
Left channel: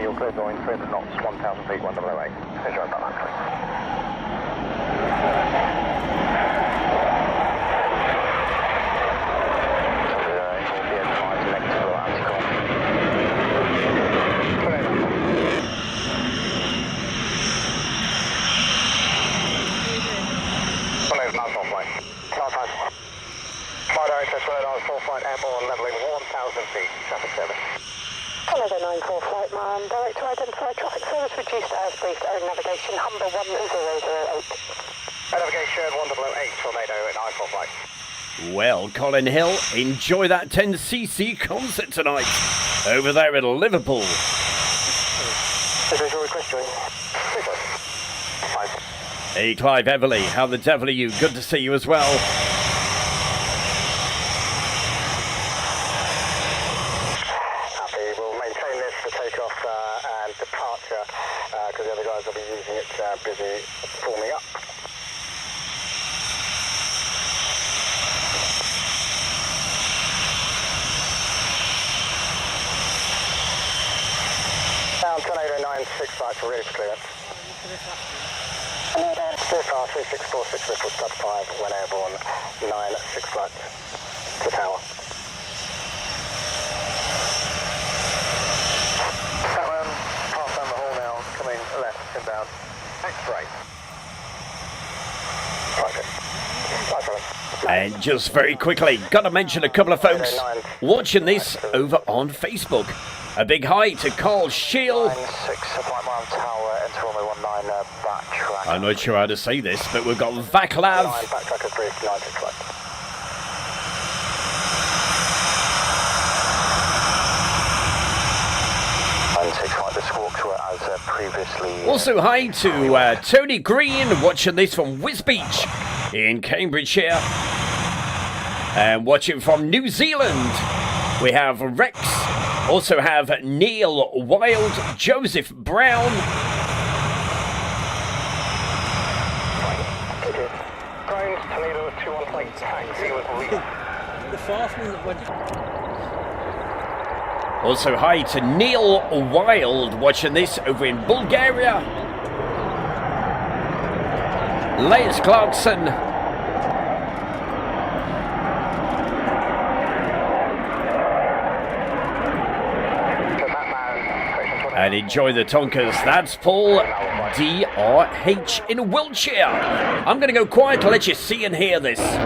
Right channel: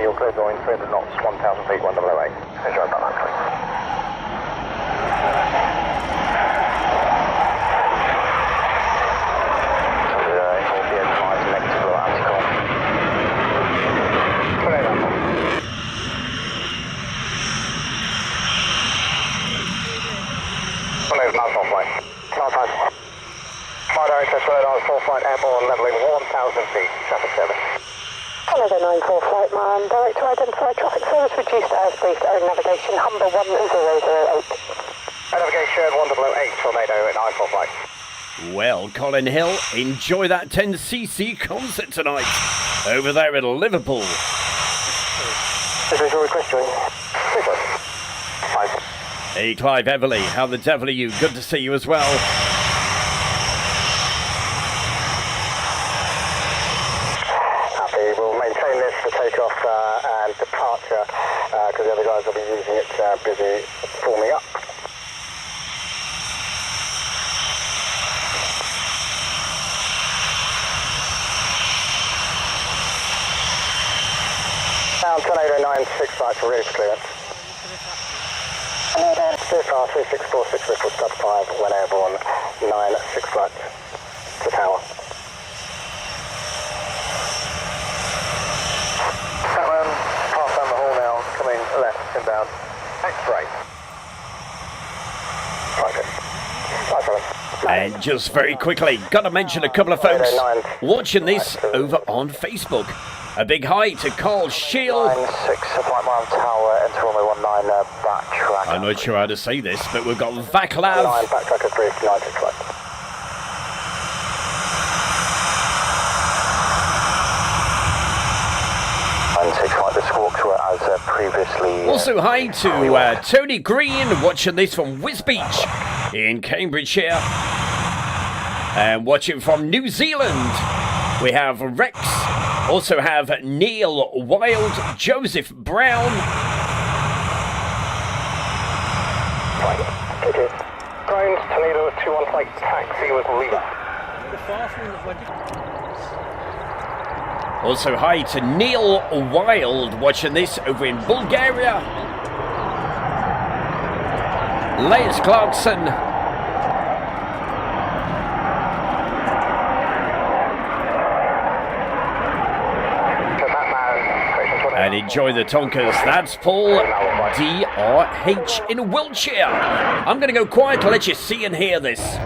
You're clear going 300 knots, 1,000 feet, 108. Measure up that full flight airborne, leveling 1,000 feet, traffic service. Canada 94 flight man, direct to identify traffic service, reduced airspace, air navigation, Humber 1008. Navigation 1008, tornado at 94 flight. Well, Colin Hill, enjoy that 10cc concert tonight over there at Liverpool. Visual request join. Hey, Clive Everly, how the devil are you? Good to see you as well. Takeoff and departure because the other guys will be using it busy forming up. Ground Tornado 96 flight for roof clearance. CFR 3646 Ripple Stub 5, when airborne, 96 flight to tower. Satman, pass down the hall now, coming left, inbound. X-ray. And just very quickly, gotta mention a couple of folks watching this over on Facebook. A big hi to Carl Shield. 96, flight mile tower, enter runway 19, backtrack. I'm not sure how to say this, but we've got Vaclav. 9, backtrack approved, 96 flight. The squawks were as previously. Also, hi to Tony Green watching this from Wisbeach in Cambridgeshire. And watching from New Zealand, we have Rex. Also have Neil Wild, Joseph Brown. Ground Tornado 21 flight taxi with Lima. The fast one that went. Also, hi to Neil Wild watching this over in Bulgaria. Les Clarkson. And enjoy the Tonkers. That's Paul DRH in Wiltshire. I'm going to go quiet to let you see and hear this. Direct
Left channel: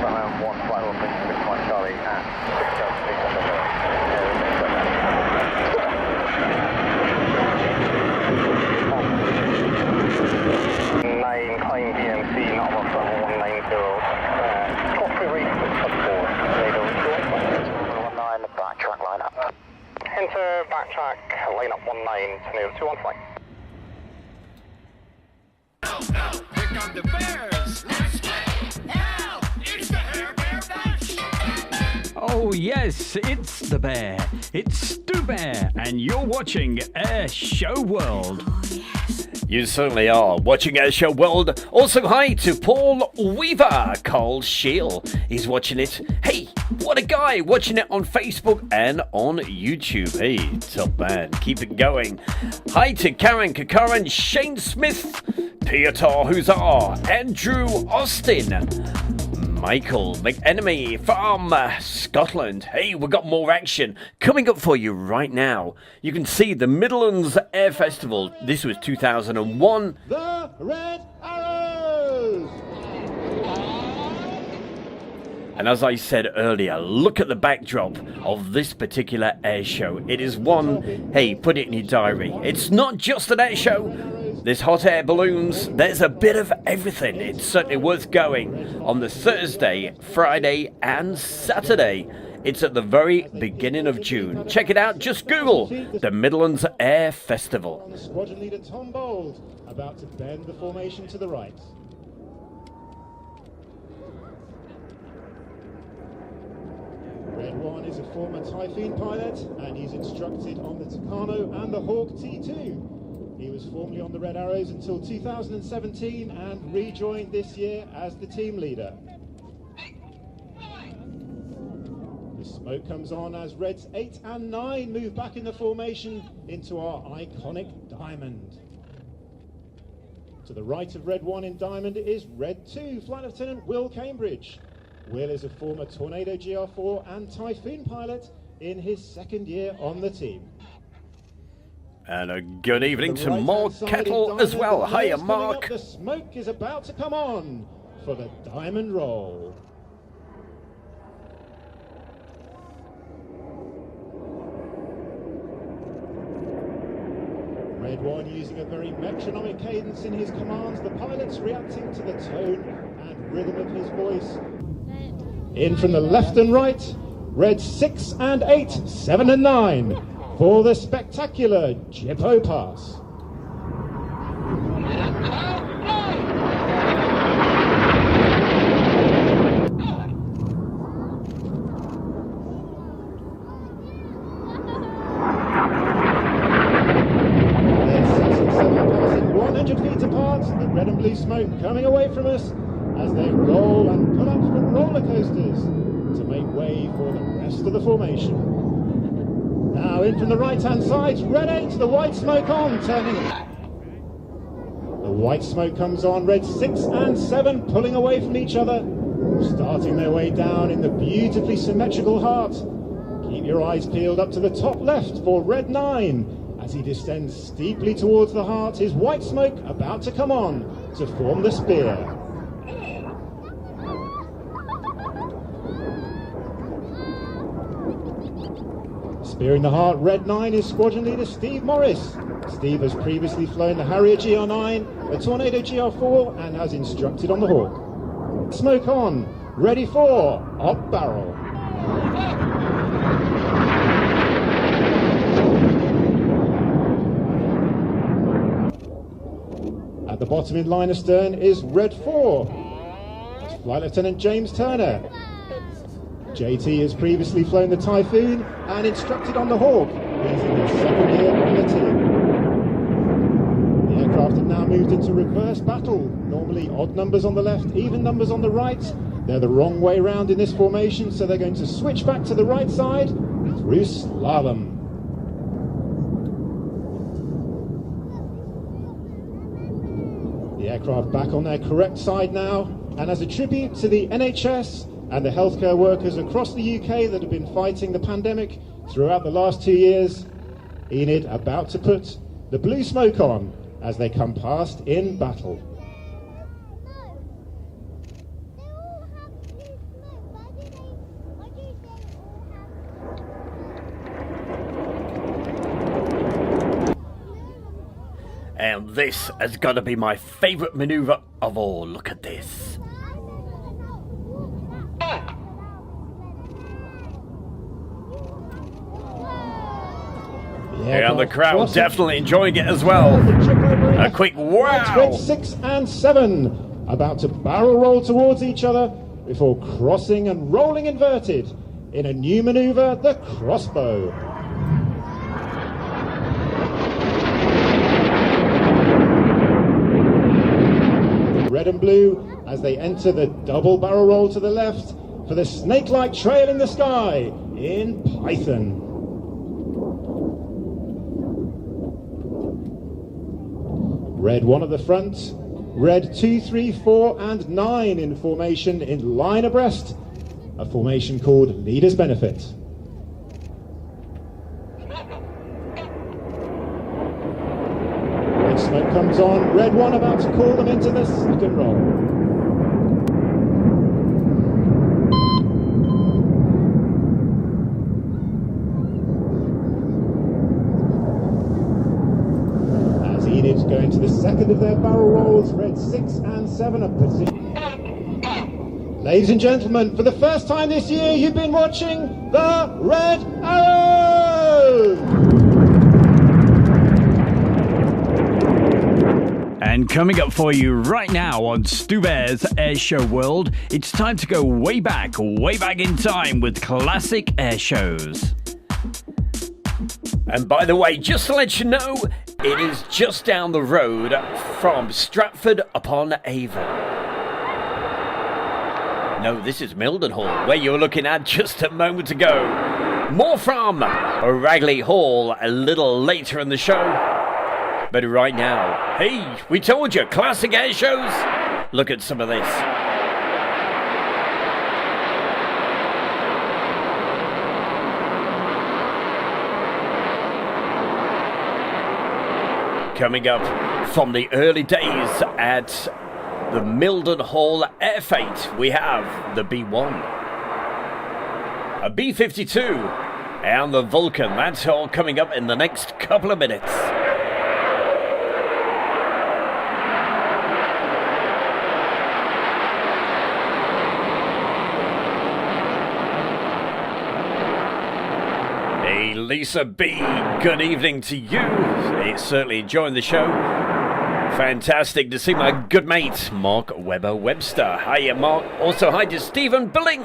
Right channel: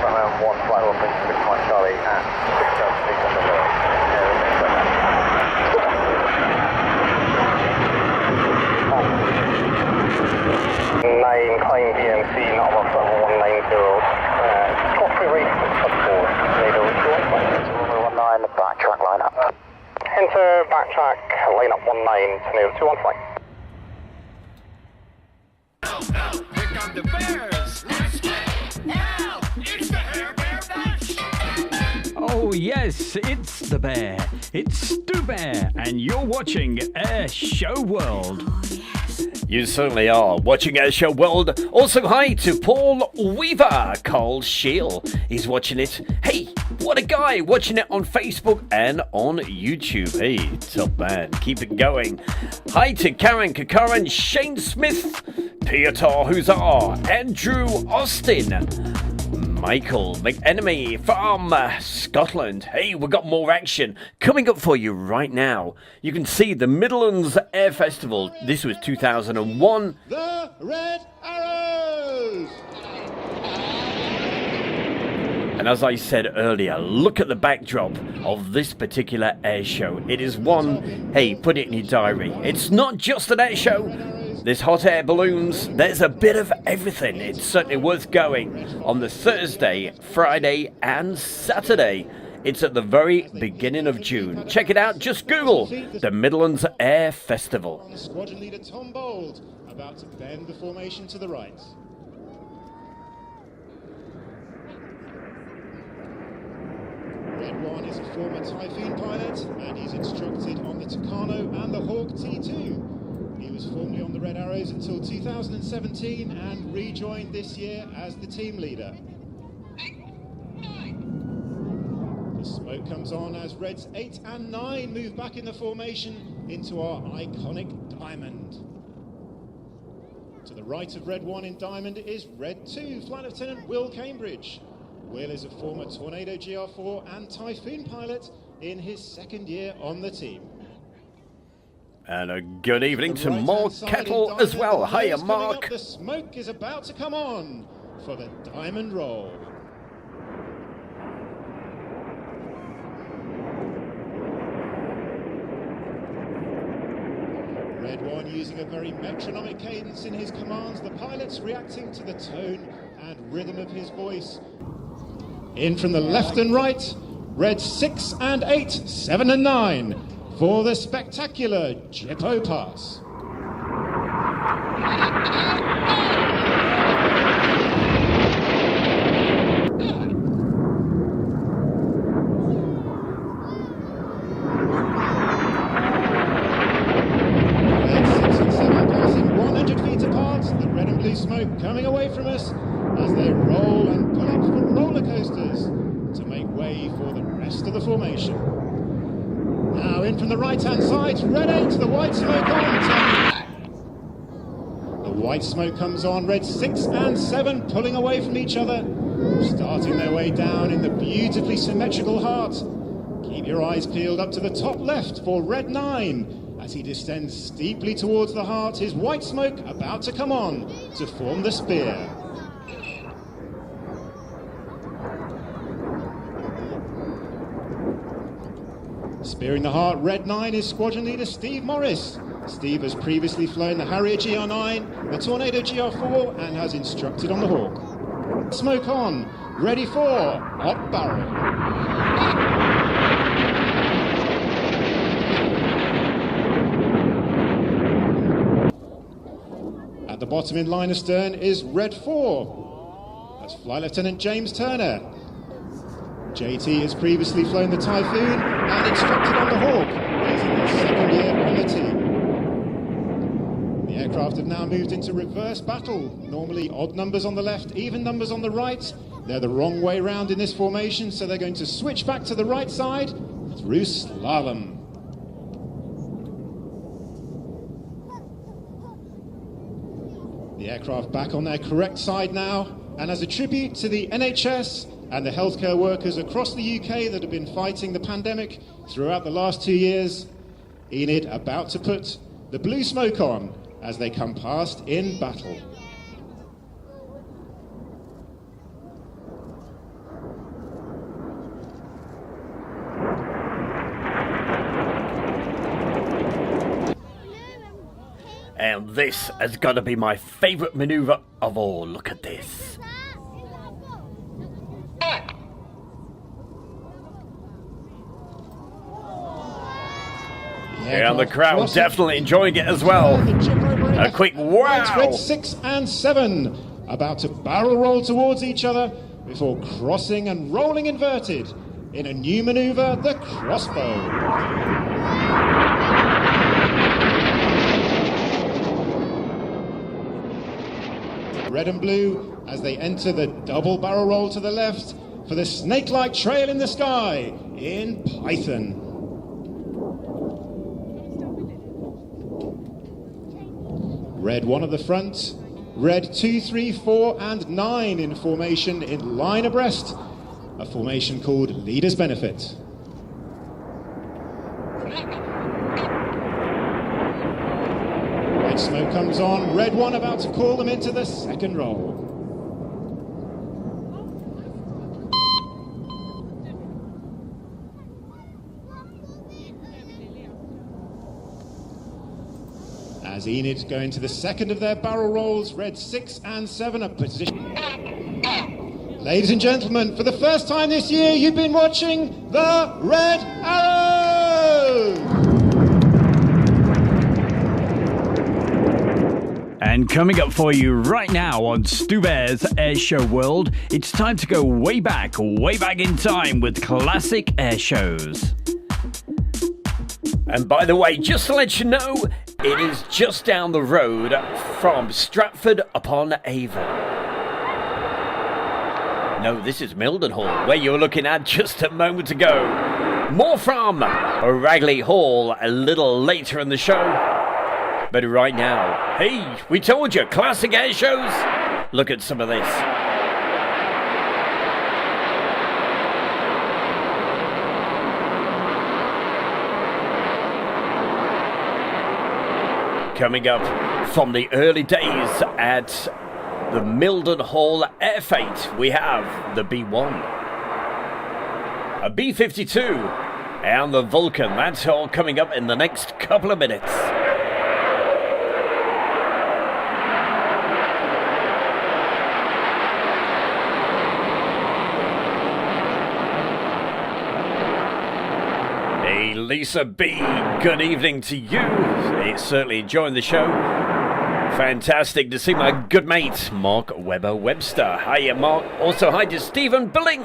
front 1 flight off 6 Mike Charlie at 9 claim DMC, not on foot 190. Coffee race sub 4. Tornado 19, backtrack line up. Enter backtrack line up 19, Tornado 21 flight. Here come the bears. Let's get now. It's the Airband Dash. Oh yes, it's the bear. It's Stu Bear, and you're watching Air Show World. You certainly are watching Air Show World. Also, hi to Paul Weaver, Carl Shield. He's watching it. Hey, what a guy watching it on Facebook and on YouTube. Hey, top man, keep it going. Hi to Karen Kakaran, Shane Smith, Peter Huzar, Andrew Austin, Michael McEnemy from Scotland. Hey, we've got more action coming up for you right now. You can see the Midlands Air Festival. This was 2001. The Red Arrows! And as I said earlier, look at the backdrop of this particular air show. It is one, hey, put it in your diary. It's not just an air show. There's hot air balloons. There's a bit of everything. It's certainly worth going on the Thursday, Friday, and Saturday. It's at the very beginning of June. Check it out. Just Google the Midlands Air Festival. Squadron leader Tom Bold about to bend the formation to the right. Red One is a former Typhoon pilot, and he's instructed on the Tucano and the Hawk T2. He was formerly on the Red Arrows until 2017 and rejoined this year as the team leader. The smoke comes on as Reds 8 and 9 move back in the formation into our iconic Diamond. To the right of Red 1 in Diamond is Red 2, Flight Lieutenant Will Cambridge. Will is a former Tornado GR4 and Typhoon pilot in his second year on the team. And a good evening to Mark Kettle as well. Hiya, Mark. The smoke is about to come on for the Diamond Roll. Red One using a very metronomic cadence in his commands. The pilots reacting to the tone and rhythm of his voice. In from the left and right, Red 6 and 8, 7 and 9. For the spectacular Jippo Pass. Red 6 and 7 passing 100 feet apart, the red and blue smoke coming away from us as they roll and pull up from roller coasters to make way for the rest of the formation. And a good evening to Mark Kettle as well. Hiya, Mark. Red 6 and 7 passing 100 feet apart, the red and blue smoke coming away from us as they roll and pull up from roller coasters to make way for the rest of the formation. 6 and 7 passing 100 feet apart, the red and blue smoke coming away from us as they roll and pull up from roller coasters to make way for the rest of the formation. Now in from the right-hand side, Red 8, the white smoke on, turning back. The white smoke comes on, Red 6 and 7 pulling away from each other, starting their way down in the beautifully symmetrical heart. Keep your eyes peeled up to the top left for Red 9. As he descends steeply towards the heart, his white smoke about to come on to form the spear. Spearing the heart, Red 9 is squadron leader Steve Morris. Steve has previously flown the Harrier GR9, the Tornado GR4, and has instructed on the Hawk. Smoke on, ready for up barrel. At the bottom in line astern is Red 4. That's Flight Lieutenant James Turner. JT has previously flown the Typhoon and instructed on the Hawk. He's in his second year on the team. The aircraft have now moved into reverse battle. Normally odd numbers on the left, even numbers on the right. They're the wrong way round in this formation, so they're going to switch back to the right side through slalom. The aircraft back on their correct side now, and as a tribute to the NHS and the healthcare workers across the UK that have been fighting the pandemic throughout the last 2 years, Enid about to put the blue smoke on as they come past in battle. And this has got to be my favourite manoeuvre of all. Look at this. Yeah, and the crowd definitely enjoying it as well. A quick wow! Red 6 and 7 about to barrel roll towards each other before crossing and rolling inverted in a new manoeuvre, the crossbow. Red and blue as they enter the double barrel roll to the left for the snake-like trail in the sky in Python. Red 1 at the front, Red 2, 3, 4 and 9 in formation in line abreast, a formation called Leaders Benefit. Red smoke comes on, Red 1 about to call them into the second roll. Enid going to the second of their barrel rolls, Red 6 and 7 are position. Ladies and gentlemen, for the first time this year, you've been watching the Red Arrow! And coming up for you right now on Stu Bear's Airshow World, it's time to go way back in time with classic air shows. And by the way, just to let you know, it is just down the road from Stratford upon Avon. No, this is Mildenhall, where you were looking at just a moment ago. More from Ragley Hall a little later in the show. But right now, hey, we told you, classic air shows. Look at some of this. Coming up from the early days at the Mildenhall Air Fete, we have the B1, a B-52, and the Vulcan. That's all coming up in the next couple of minutes. Hey, Lisa B, good evening to you. It's certainly enjoying the show. Fantastic to see my good mate, Mark Webber-Webster. Hiya, Mark. Also, hi to Stephen Billings.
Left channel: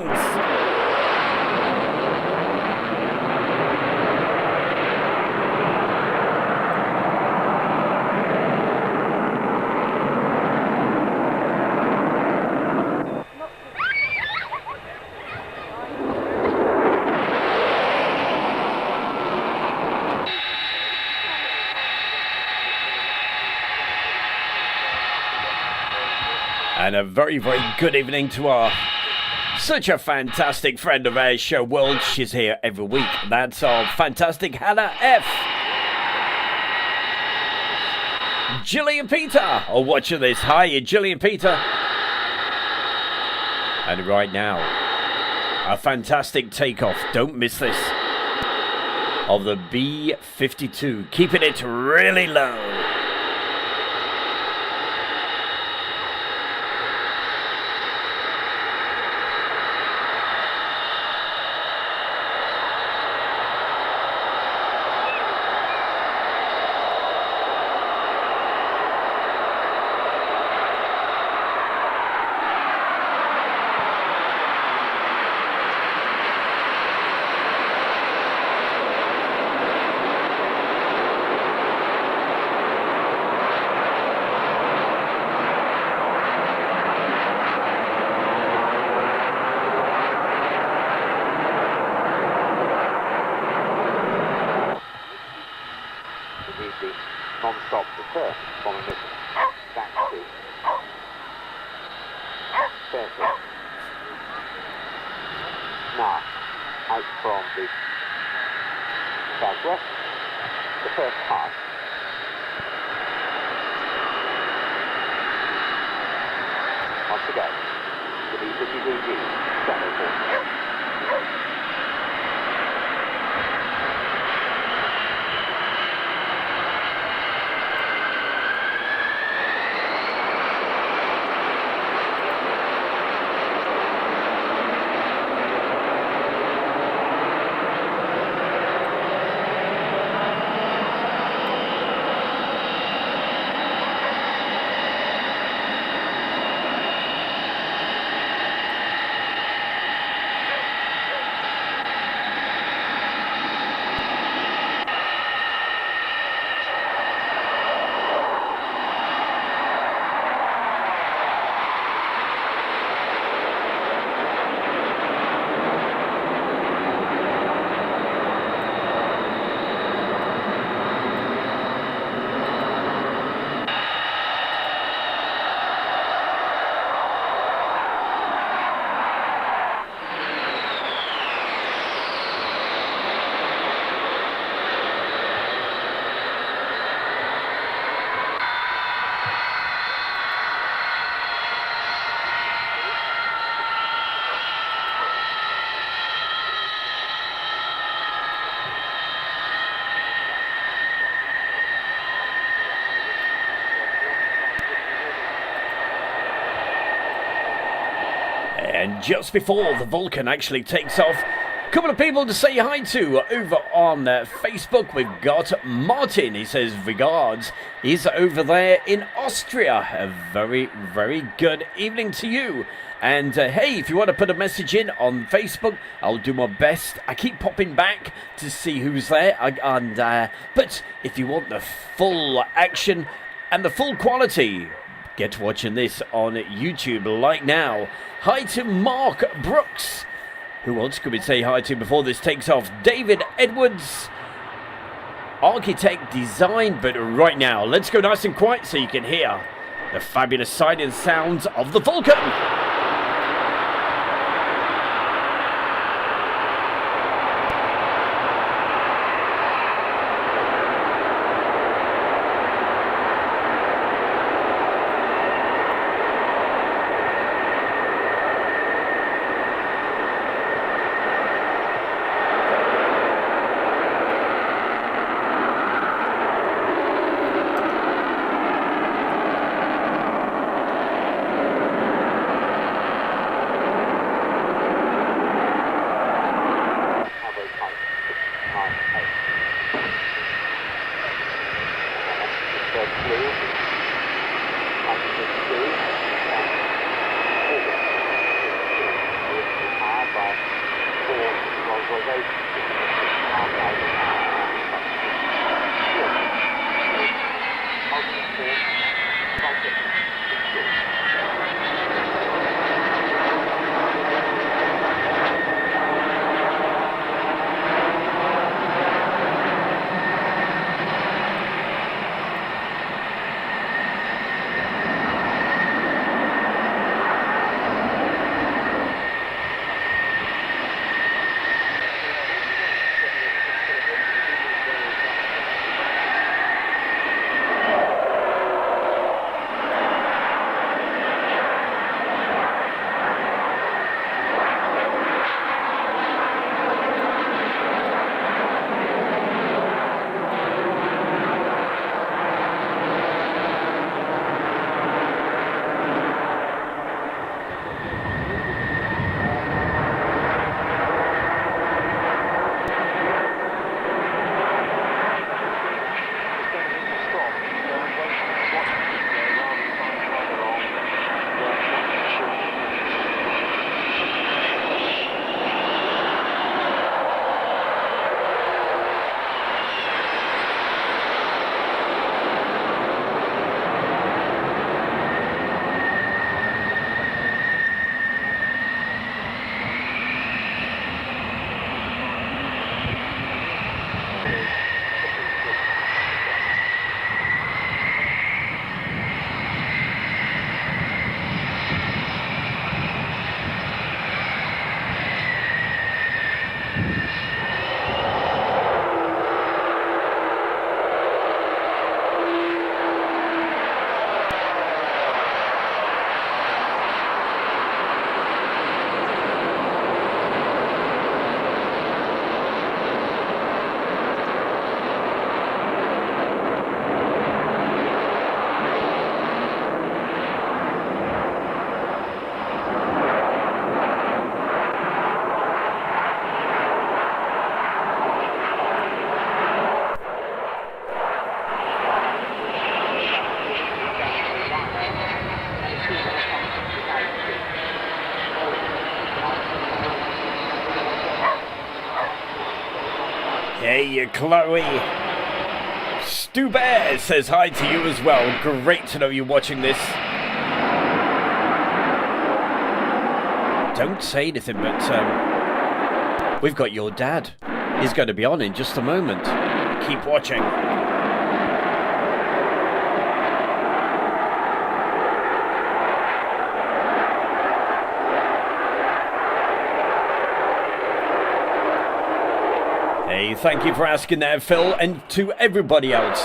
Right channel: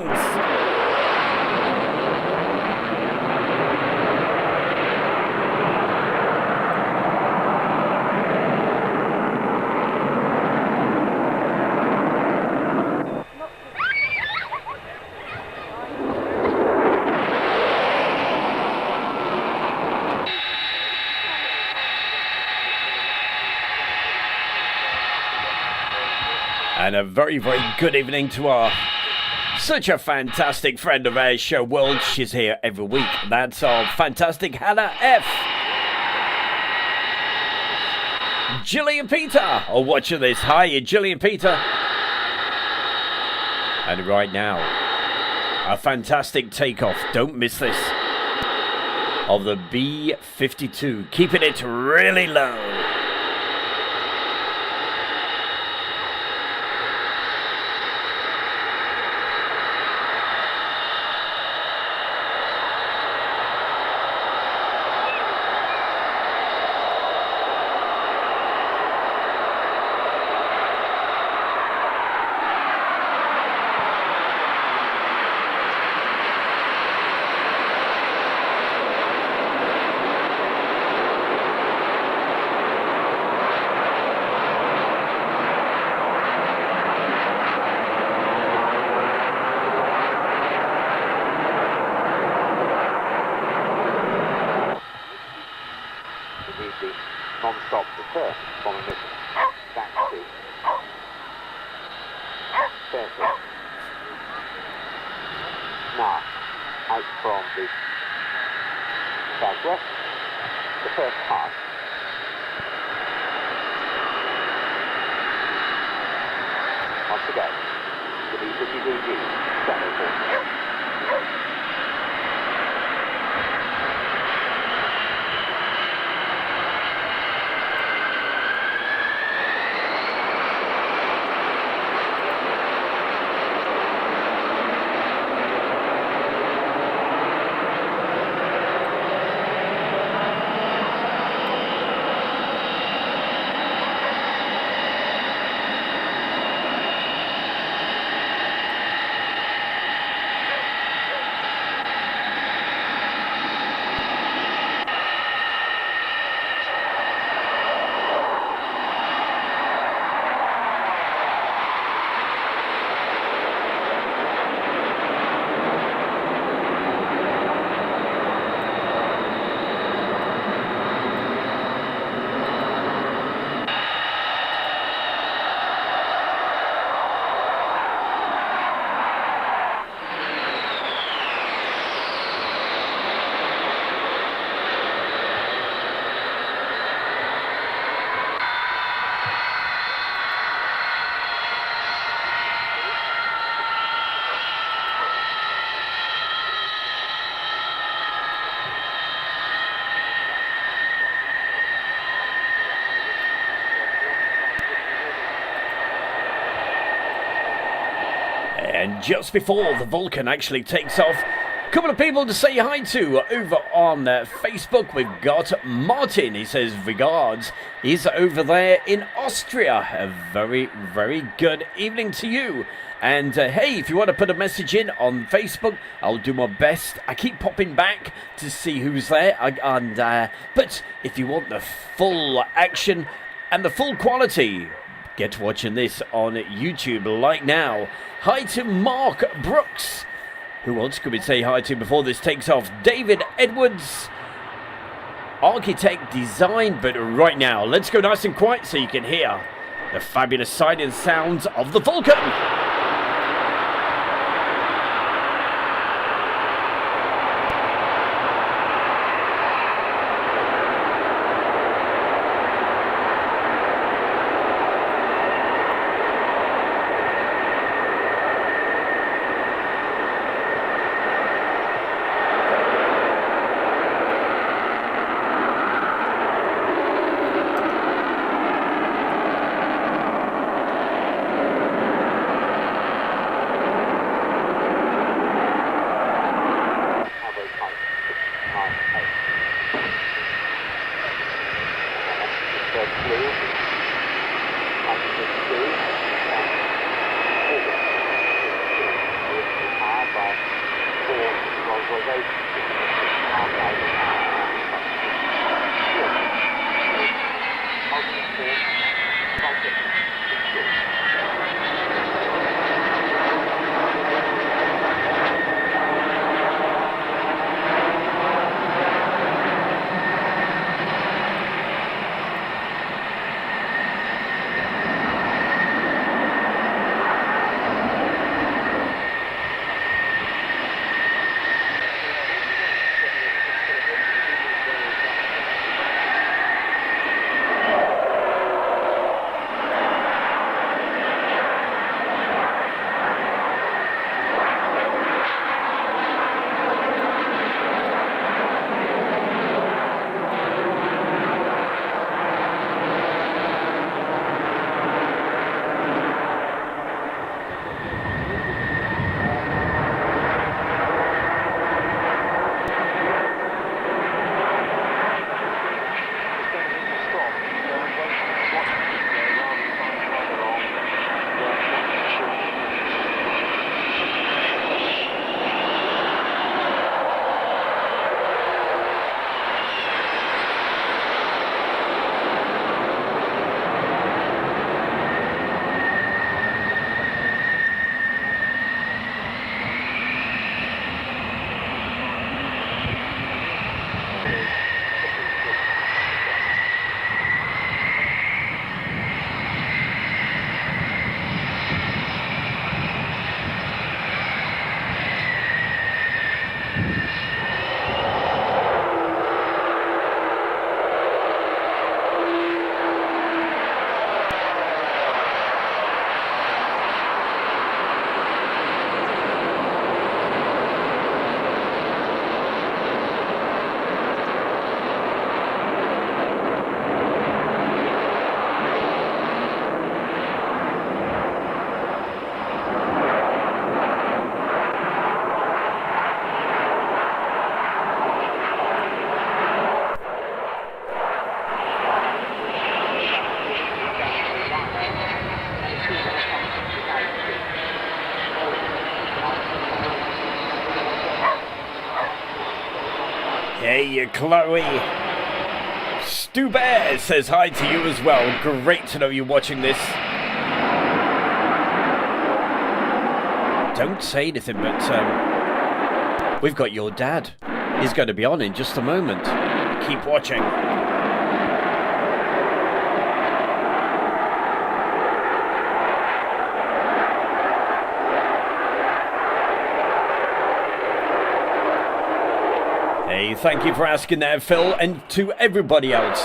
And a very, very good evening to our such a fantastic friend of Air Show World. She's here every week. That's our fantastic Hannah F. Gillian Peter are watching this. Hi, Gillian Peter. And right now, a fantastic takeoff. Don't miss this. Of the B-52. Keeping it really low. Non-stop return from emission. Back to Fairfield. Now, out from the southwest, the first pass. On to go. The B-52G, Shadow Force. And just before the Vulcan actually takes off, a couple of people to say hi to over on Facebook. We've got Martin. He says regards. He's over there in Austria. A very, very good evening to you. And hey, if you want to put a message in on Facebook, I'll do my best. I keep popping back to see who's there. But if you want the full action and the full quality, get watching this on YouTube right now. Hi to Mark Brooks. Who else could we say hi to before this takes off? David Edwards, architect design. But right now, let's go nice and quiet so you can hear the fabulous sight and sounds of the Vulcan. Hey, Chloe. Stu Bear says hi to you as well. Great to know you're watching this. Don't say anything, but we've got your dad. He's going to be on in just a moment. Keep watching. Hey, thank you for asking there, Phil, and to everybody else.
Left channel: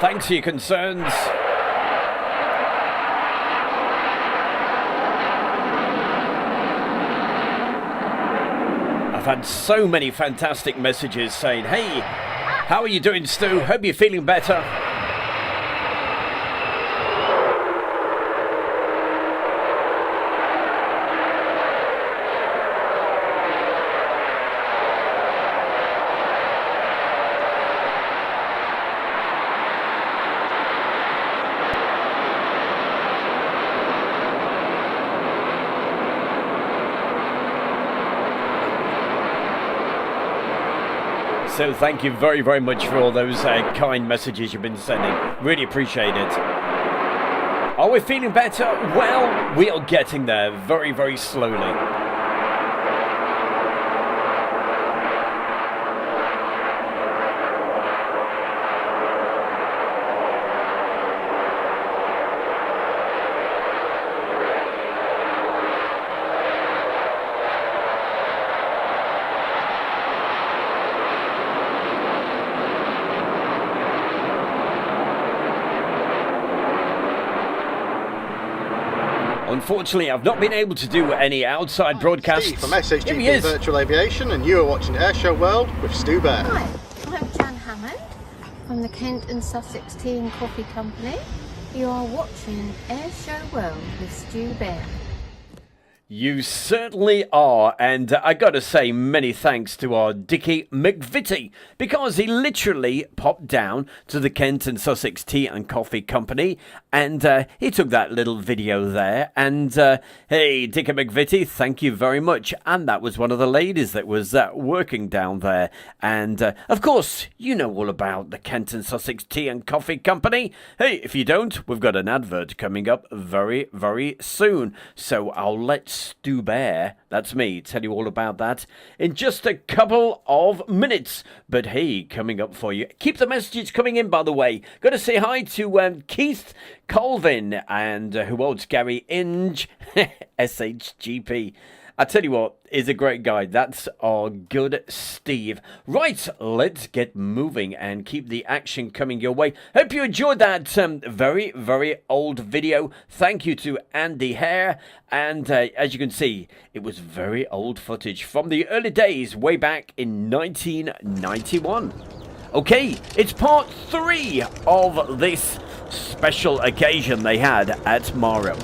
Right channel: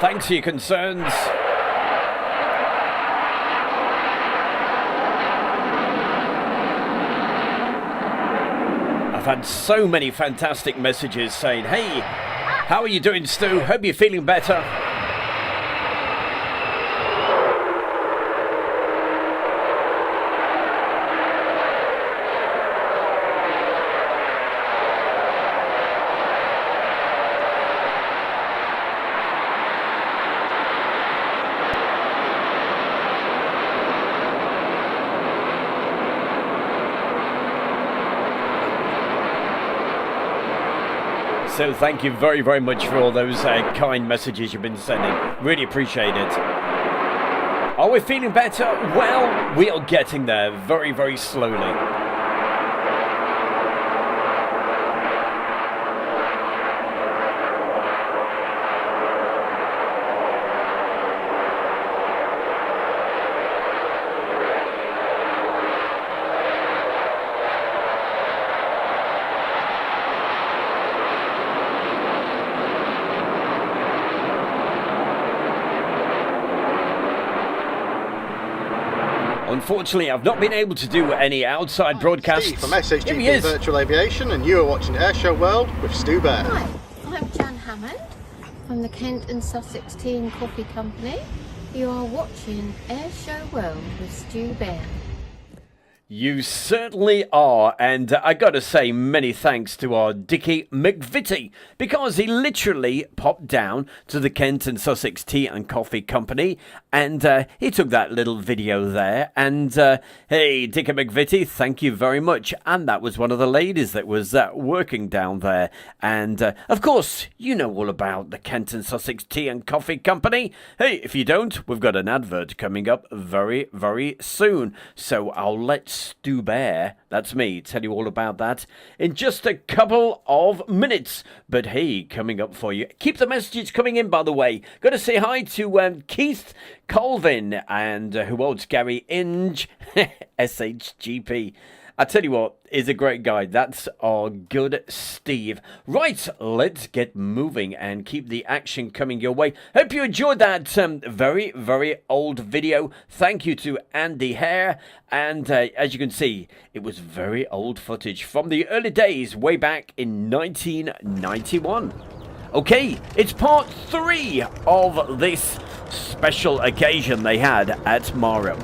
Thanks for your concerns. I've had so many fantastic messages saying, hey, how are you doing, Stu? Hope you're feeling better. So thank you very, very much for all those kind messages you've been sending. Really appreciate it. Are we feeling better? Well, we are getting there very, very slowly. Unfortunately, I've not been able to do any outside broadcasts. Steve from SHGP Virtual Aviation, and you are watching Airshow World with Stu Bear. Hi, I'm Jan Hammond from the Kent and Sussex Tea and Coffee Company. You are watching Airshow World with Stu Bear. You certainly are, and I gotta say many thanks to our Dickie McVitie, because he literally popped down to the Kent and Sussex Tea and Coffee Company, and he took that little video there, and hey, Dickie McVitie, thank you very much. And that was one of the ladies that was working down there, and of course, you know all about the Kent and Sussex Tea and Coffee Company. Hey, if you don't, we've got an advert coming up very, very soon, so I'll let Stu Bear, that's me, tell you all about that in just a couple of minutes. But hey, coming up for you, keep the messages coming in, by the way. Got to say hi to Keith Colvin and who else? Gary Inge, SHGP. I tell you what, is a great guy. That's our good Steve. Right, let's get moving and keep the action coming your way. Hope you enjoyed that very, very old video. Thank you to Andy Hare. And as you can see, it was very old footage from the early days, way back in 1991. Okay, it's part 3 of this special occasion they had at Marham.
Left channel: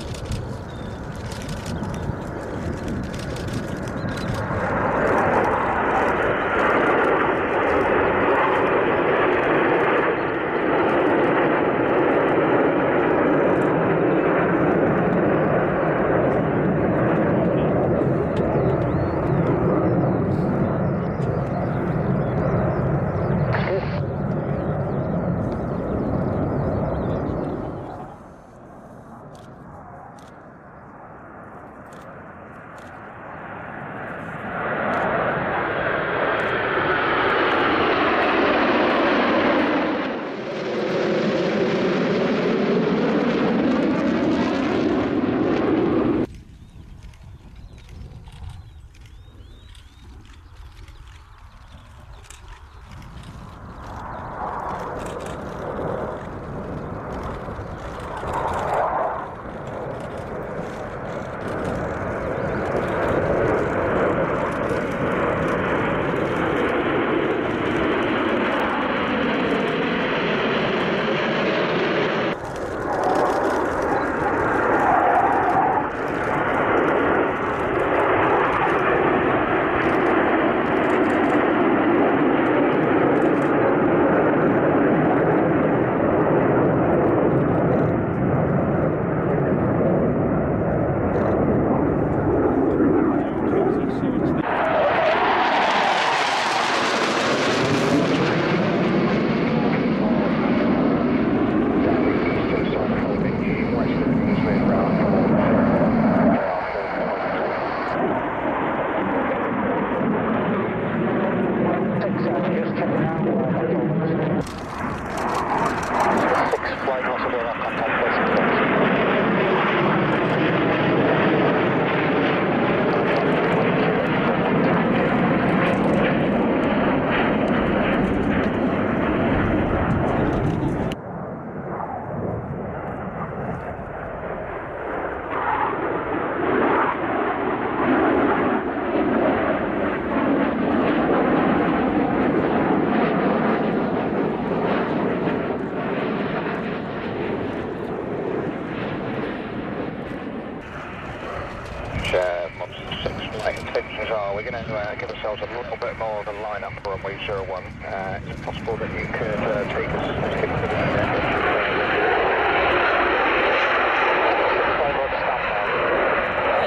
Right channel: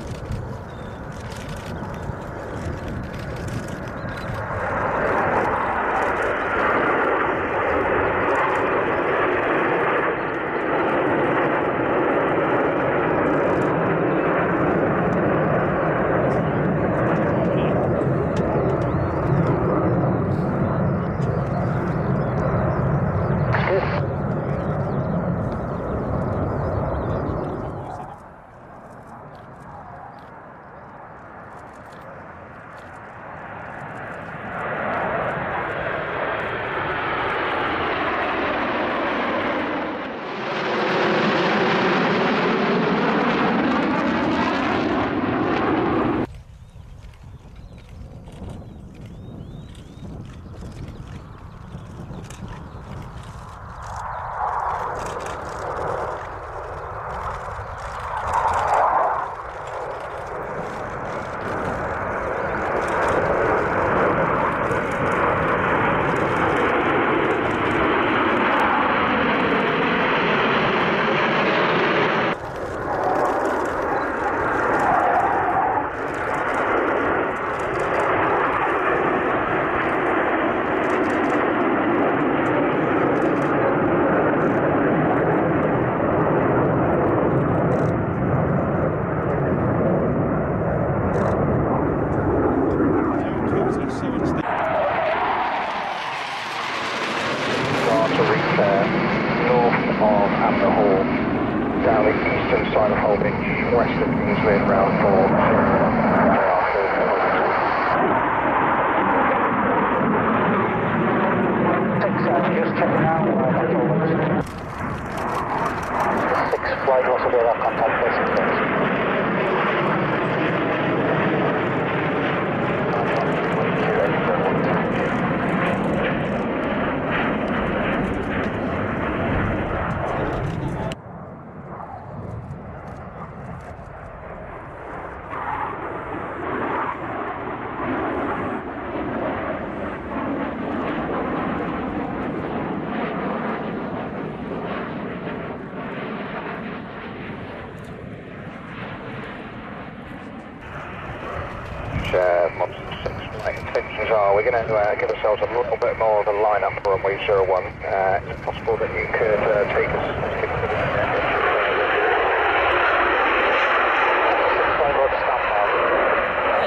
Mod 6 flight intentions are, we're going to give ourselves a little bit more of a line-up for runway 01. Is it possible that you could take us to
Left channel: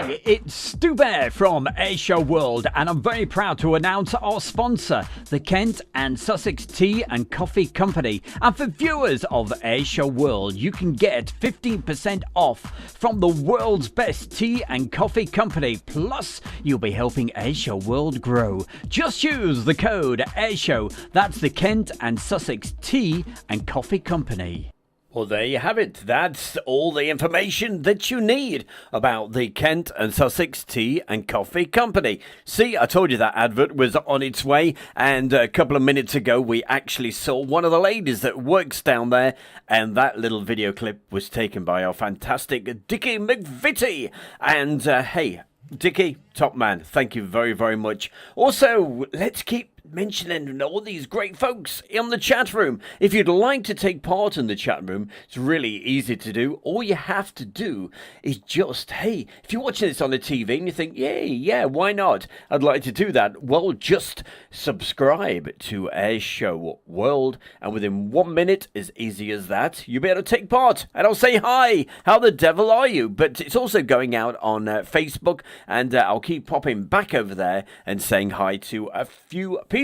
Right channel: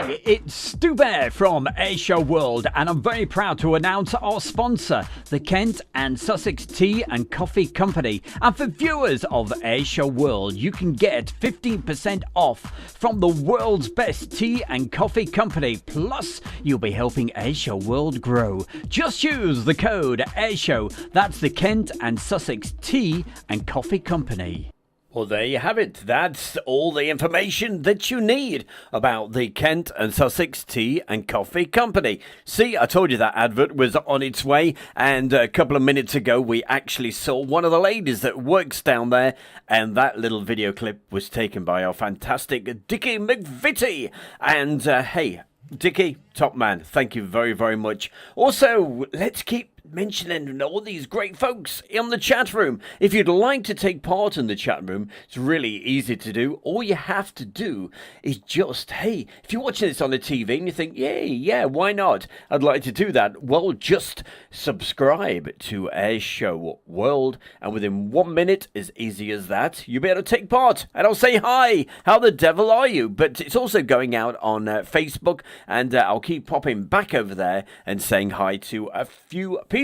Hey, it's Stu Bear from Airshow World, and I'm very proud to announce our sponsor, the Kent and Sussex Tea and Coffee Company. And for viewers of Airshow World, you can get 15% off from the world's best tea and coffee company. Plus, you'll be helping Airshow World grow. Just use the code Airshow. That's the Kent and Sussex Tea and Coffee Company. Well, there you have it. That's all the information that you need about the Kent and Sussex Tea and Coffee Company. See, I told you that advert was on its way, and a couple of minutes ago we actually saw one of the ladies that works down there, and that little video clip was taken by our fantastic Dickie McVitie. And hey, Dickie, top man, thank you very, very much. Also, let's keep mentioning all these great folks in the chat room. If you'd like to take part in the chat room, it's really easy to do. All you have to do is just, hey, if you're watching this on the TV and you think, yeah, why not? I'd like to do that. Well, just subscribe to Airshow World, and within 1 minute, as easy as that, you'll be able to take part. And I'll say, hi, how the devil are you? But it's also going out on Facebook, and I'll keep popping back over there and saying hi to a few people.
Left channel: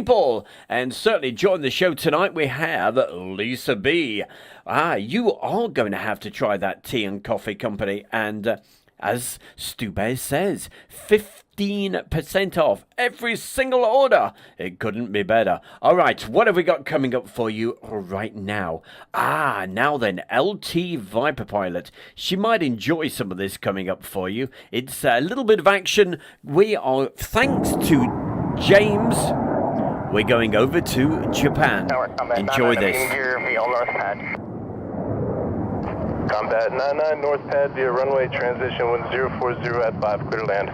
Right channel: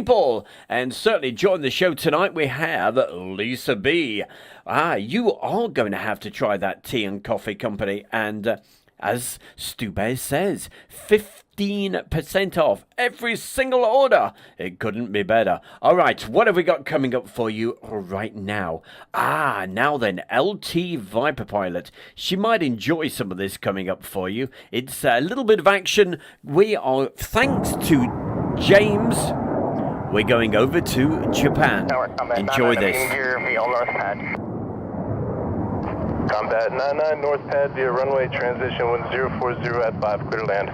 And certainly join the show tonight, we have Lisa B. You are going to have to try that tea and coffee company. And as Stu Bear says, 15% off every single order. It couldn't be better. All right, what have we got coming up for you right now? Now then, LT Viper Pilot. She might enjoy some of this coming up for you. It's a little bit of action. We are, thanks to James, we're going over to Japan. Enjoy this. Combat 99 North Pad via runway transition 1040 at 5, clear to land.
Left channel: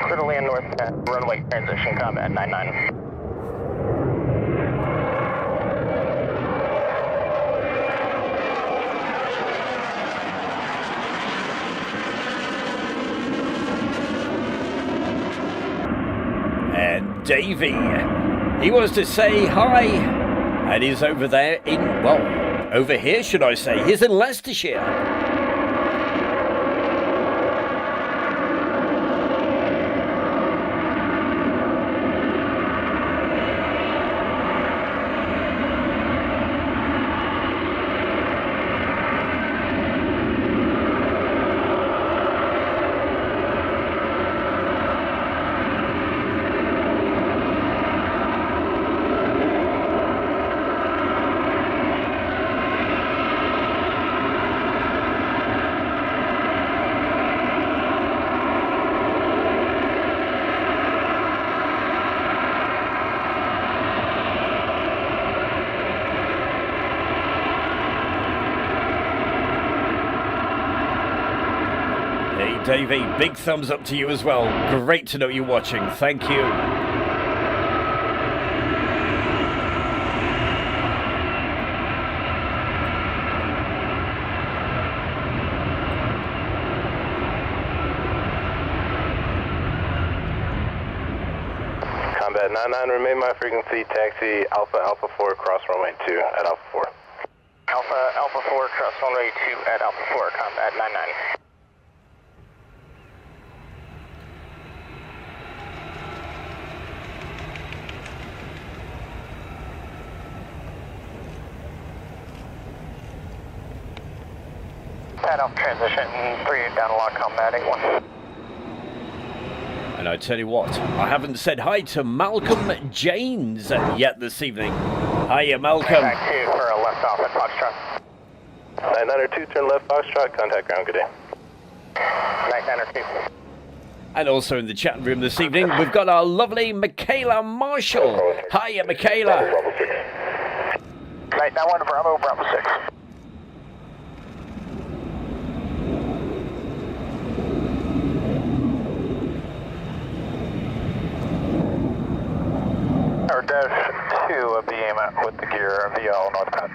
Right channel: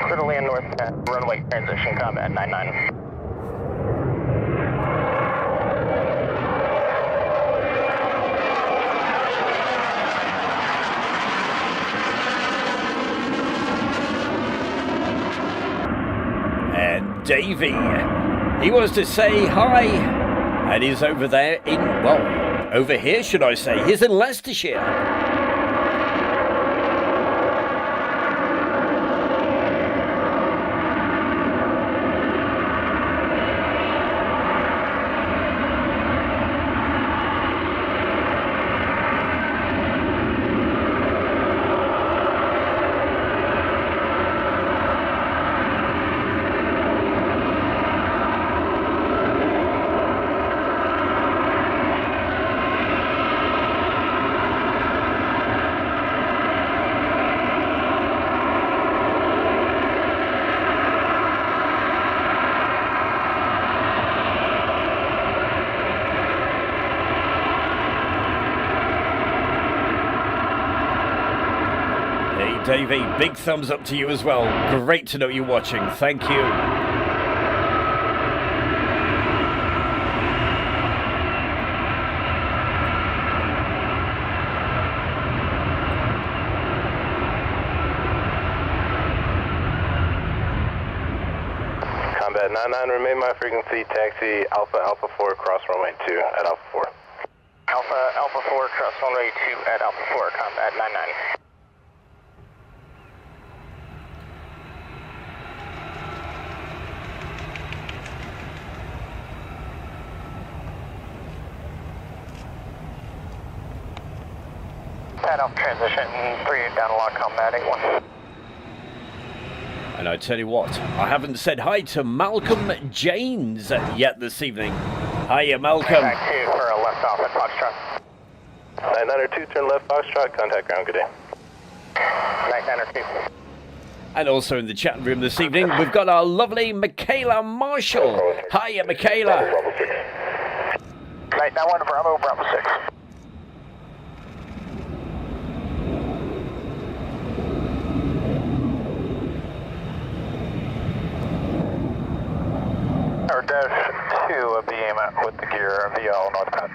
Clear to land North Pad, runway transition, Combat 99. And Davey, he wants to say hi, and he's over there in, well, over here should I say, he's in Leicestershire. Davey, big thumbs up to you as well. Great to know you're watching. Thank you. Combat 99, remain my frequency, taxi Alpha Alpha 4, cross runway 2 at Alpha 4. Alpha Alpha 4, cross runway 2 at Alpha 4, Combat 99. Pad off transition 3 down to lock combat 81. And I tell you what, I haven't said hi to Malcolm Janes yet this evening. Hiya, Malcolm. Back 2 for a left off at Foxtrot. 992, turn left Foxtrot, contact ground, good day. 992. And also in the chat room this evening, we've got our lovely Michaela Marshall. Hiya, Michaela. 991 Bravo, Bravo 6. Or dash 2 of beam with the gear via all north pad.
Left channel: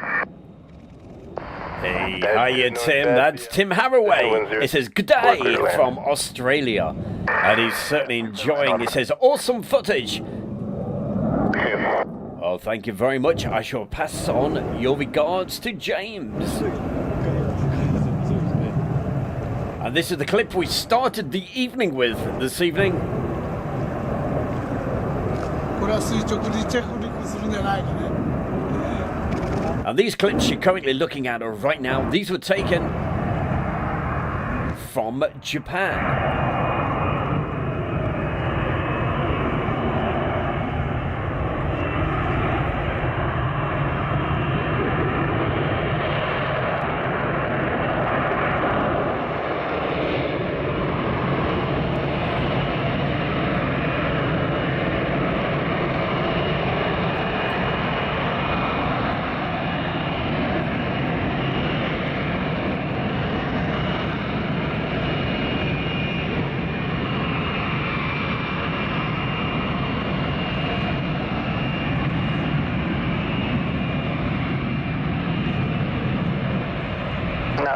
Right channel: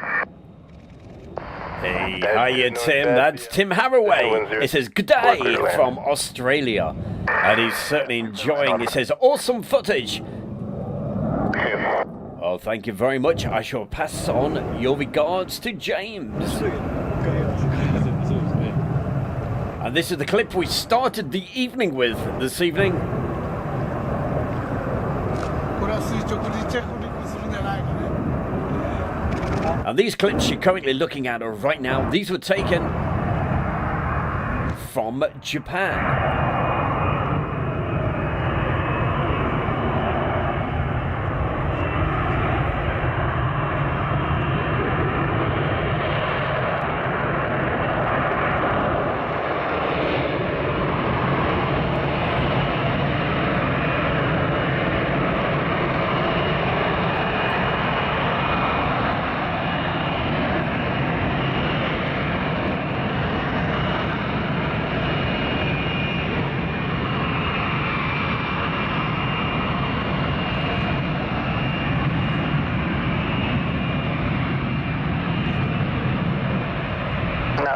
Hey, Hiya, Tim. That's Tim Haraway. It says, good day from Australia. And he's certainly enjoying, it says, awesome footage. Oh, thank you very much. I shall pass on your regards to James. And this is the clip we started the evening with this evening. And these clips you're currently looking at right now, these were taken from Japan.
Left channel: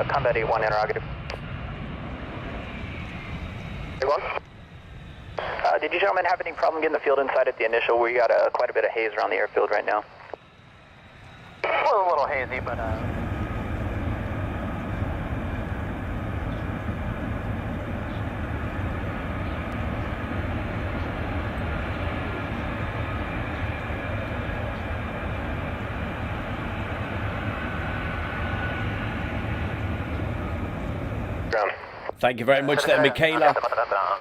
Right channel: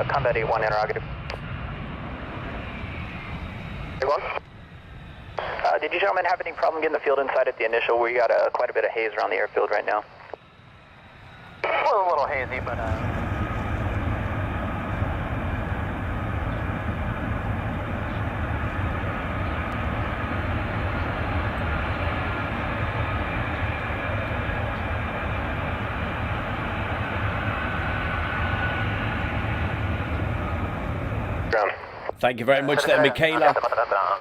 Combat 81 interrogative. 81? Did you gentlemen have any problem getting the field inside at the initial? We got quite a bit of haze around the airfield right now. Well, a little hazy, but Thank you very much there, Michaela.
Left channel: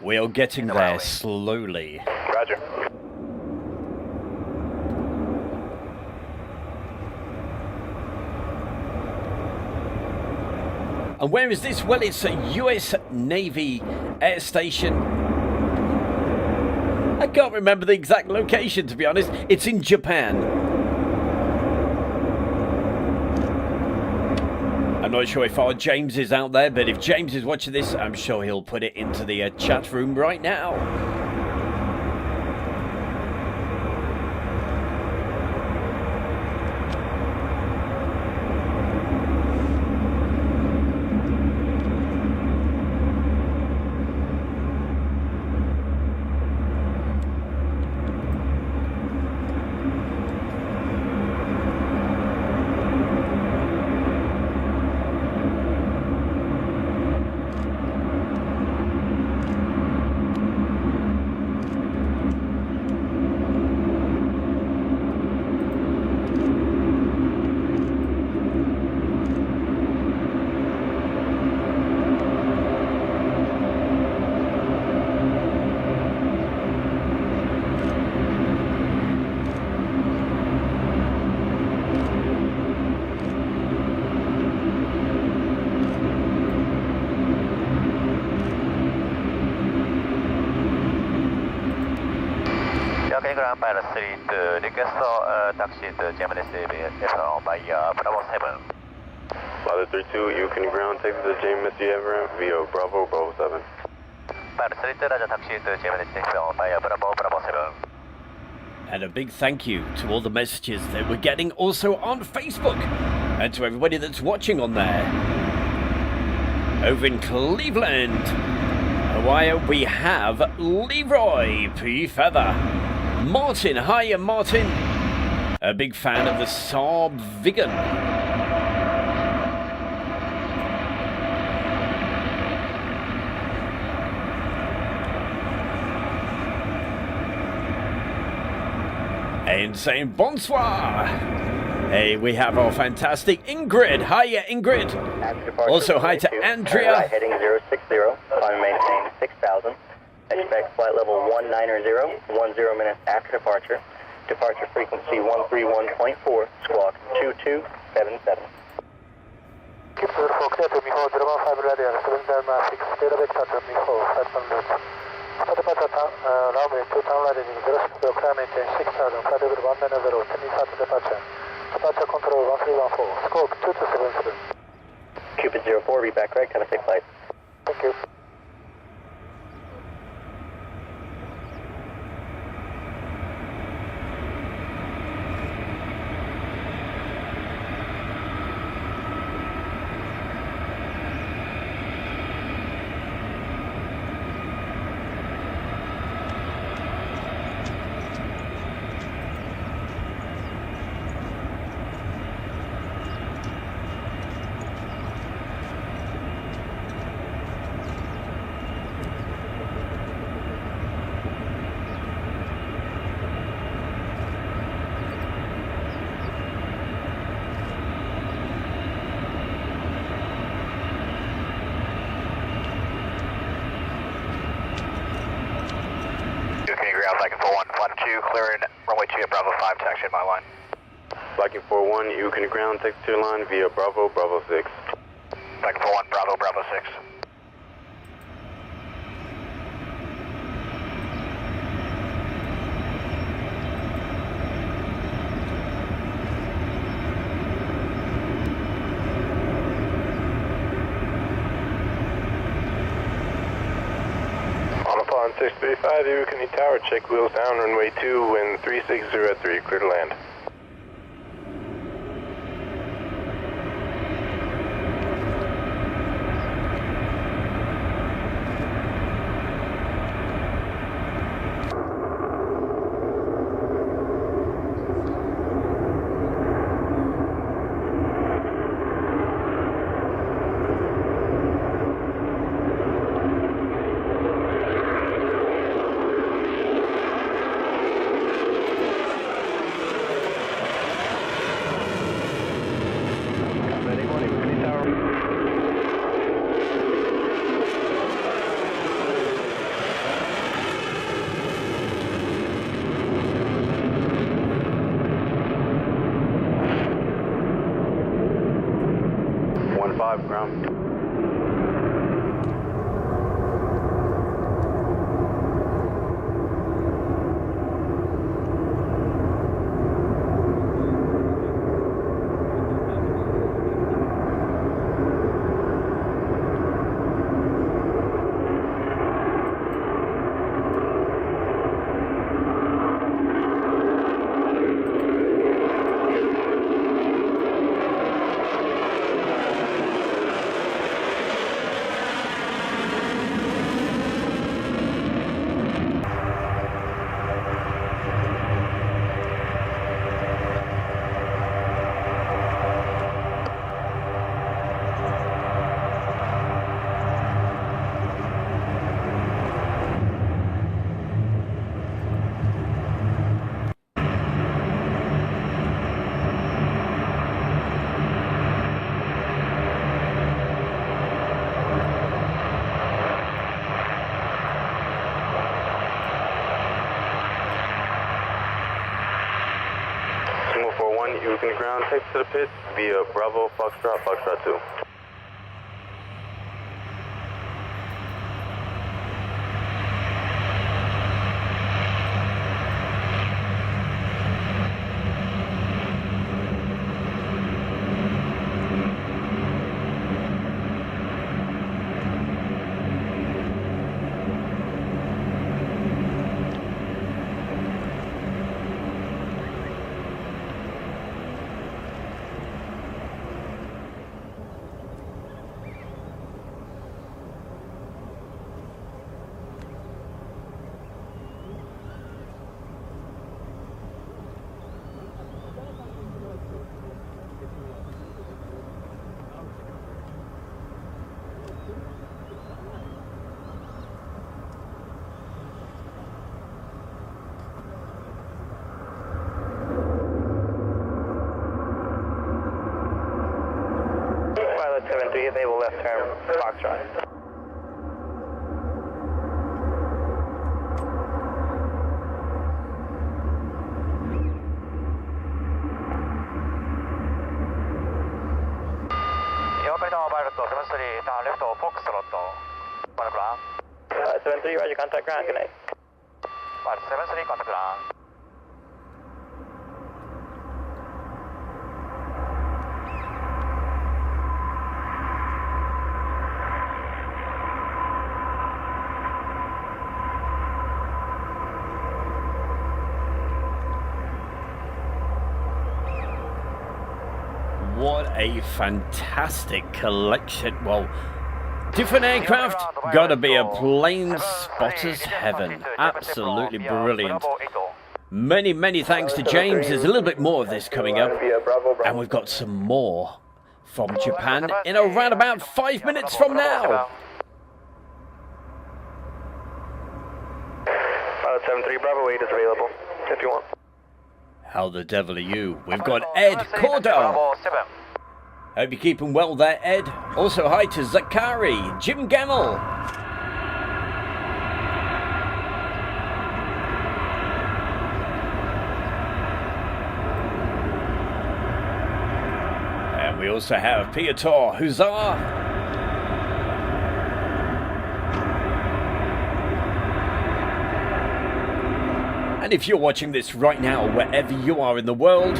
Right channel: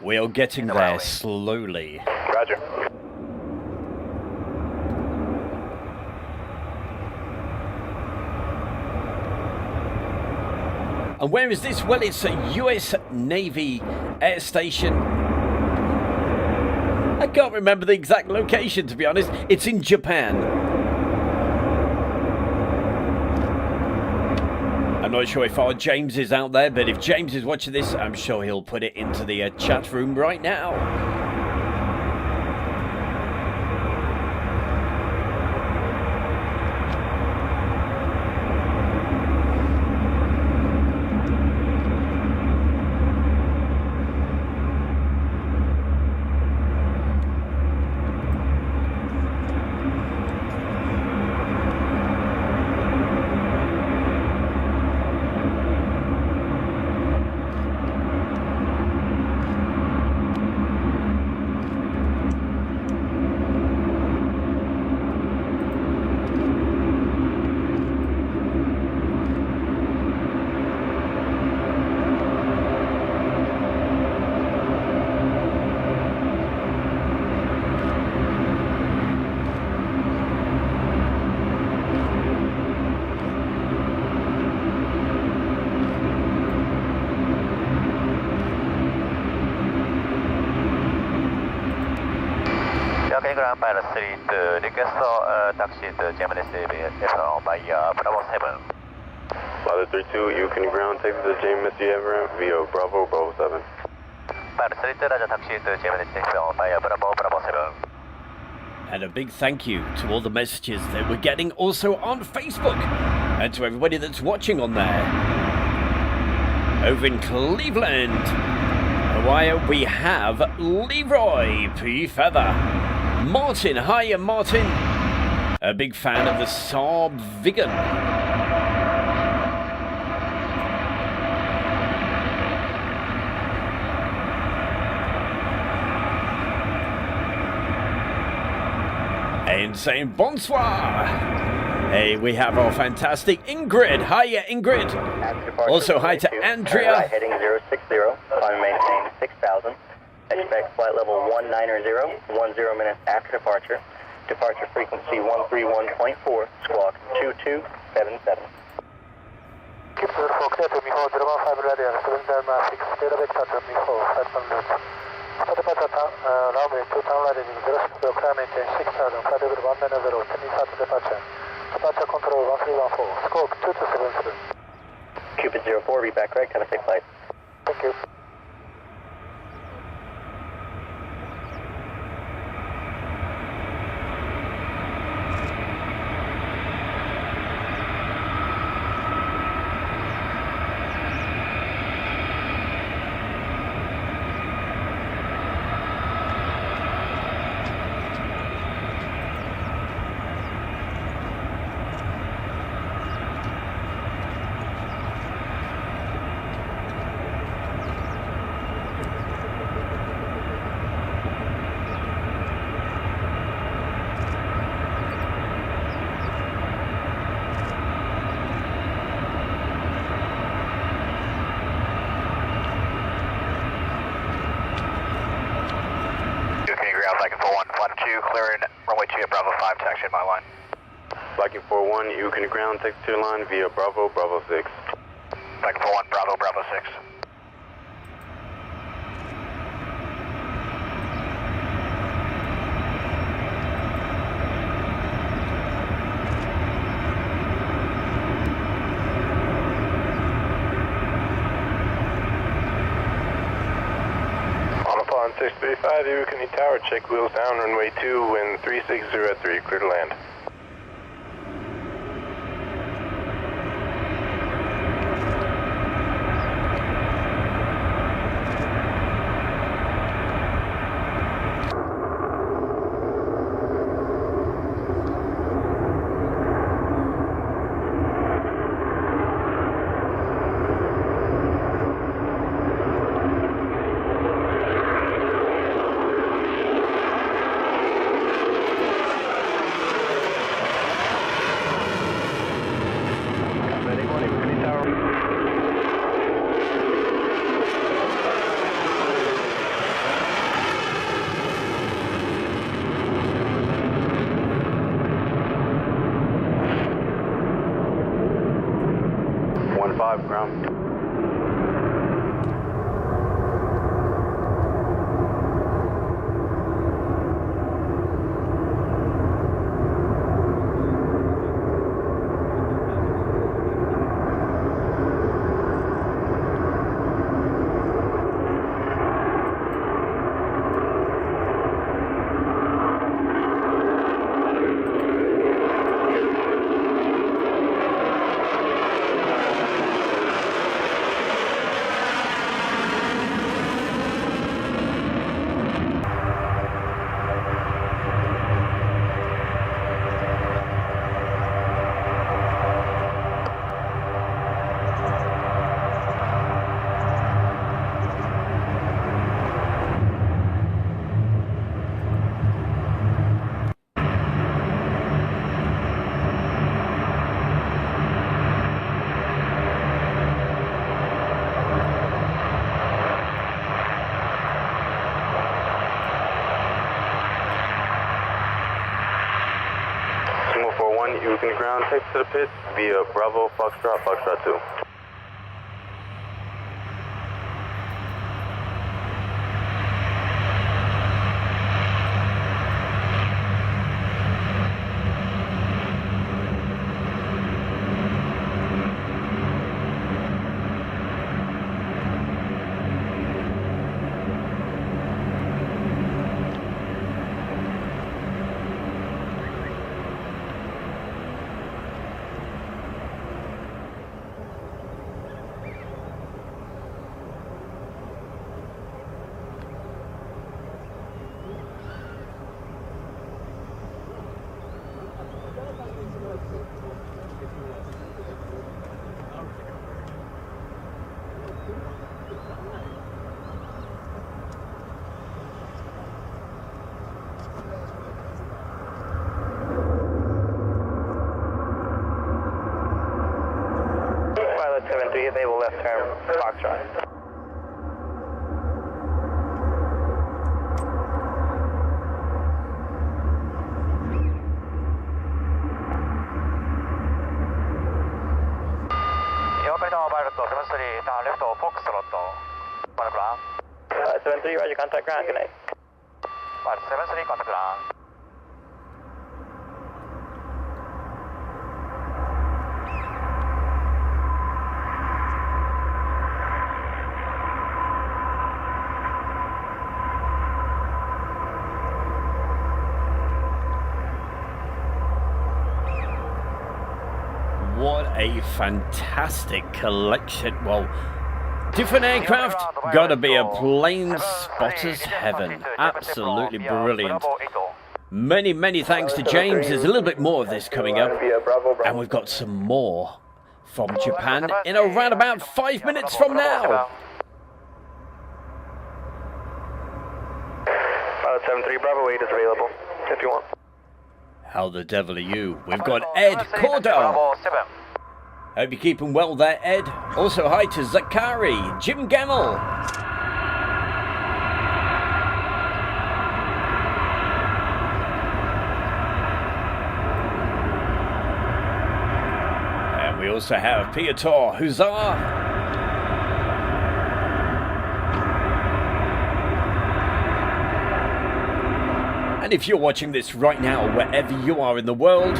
We are getting there slowly. Roger. And where is this? Well, it's a US Navy air station. I can't remember the exact location, to be honest. It's in Japan. I'm not sure if our James is out there, but if James is watching this, I'm sure he'll put it into the chat room right now. Pilot Street, request taxi to Gemini F by Bravo 7. Pilot 32, you can ground take the James Everett via Bravo 7. Pilot Street, Raja taxi to Gemini F by Bravo 7. And a big thank you to all the messages that we're getting also on Facebook and to everybody that's watching on there. Over in Cleveland, Ohio, we have Leroy P. Feather. Martin, hiya Martin. A big fan of the Saab Vegan. And saying bonsoir. Hey, we have our fantastic Ingrid. Hiya Ingrid. Also hi to Andrea. Right, heading 060, climb maintain 6,000. Expect flight level 190, 10 minutes after departure. Departure frequency 131.4, squawk 2277. Keep 04 clear to Miho 015 radial, 7 Delma 6, clear of departure Miho 5 minutes. For departure, runway 2 turn right heading 06, climb maintain 6,000, flight level 190, 10 minutes after departure. Departure control 1314, squawk 2277. Cupid 04, read back right, kind of safe flight. Thank you. Ladder 2, clearing runway 2 at Bravo 5, taxi at my line. Viking 4-1, you can ground text to your line via Bravo, Bravo 6. Viking 4-1, Bravo, Bravo 6. On 635, you can tower, check wheels down, runway 2, wind 360 at 3, clear to land. Ground. You can ground text to the pit via Bravo, Foxtrot, Foxtrot 2. Pilot 73, enable left turn, Foxtrot. Pilot 73, roger, contact ground, good night. Pilot 73, contact ground. What a fantastic collection. Well, different aircraft, gotta be a plane spotter's heaven. Absolutely brilliant. Many thanks to James. There's a little bit more of this coming up. And we've got some more from Japan in around about 5 minutes from now. Pilot 73, Bravo 8 is available, if you want. How the devil are you? We've got Ed Cordell. Hope you're keeping well there, Ed. Also, hi to Zakari, Jim Gemmell. also have Piotr, Huzzah. And if you're watching this right now, wherever you are in the world,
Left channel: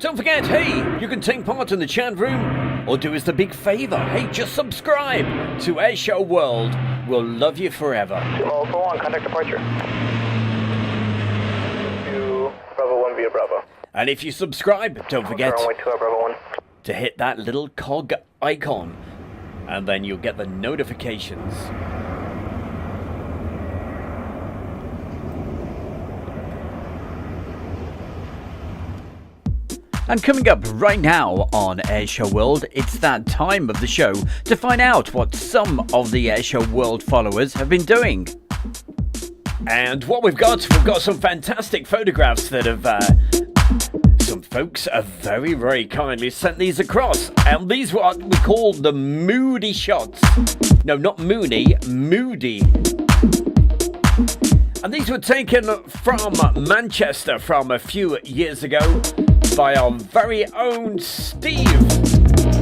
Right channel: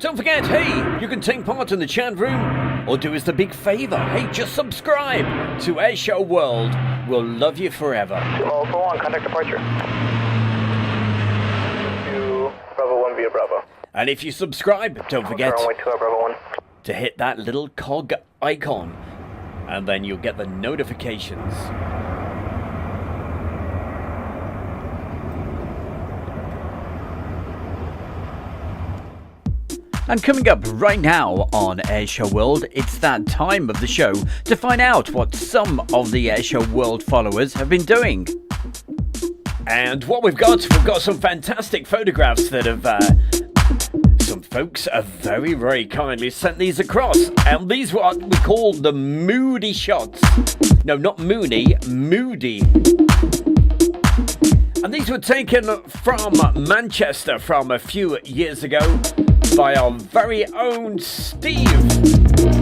don't forget, hey, you can take part in the chat room, or do us the big favor, hey, just subscribe to Airshow World. We'll love you forever. Alpha 1, contact departure. To Bravo 1 via Bravo. And if you subscribe, don't forget Runway 2 Bravo 1. to hit that little cog icon, and then you'll get the notifications. And coming up right now on Airshow World, it's that time of the show to find out what some of the Airshow World followers have been doing. And what we've got some fantastic photographs that have some folks have very, very kindly sent these across. And these are what we call the Moody shots. No, not Mooney, Moody. And these were taken from Manchester from a few years ago by our very own Steve.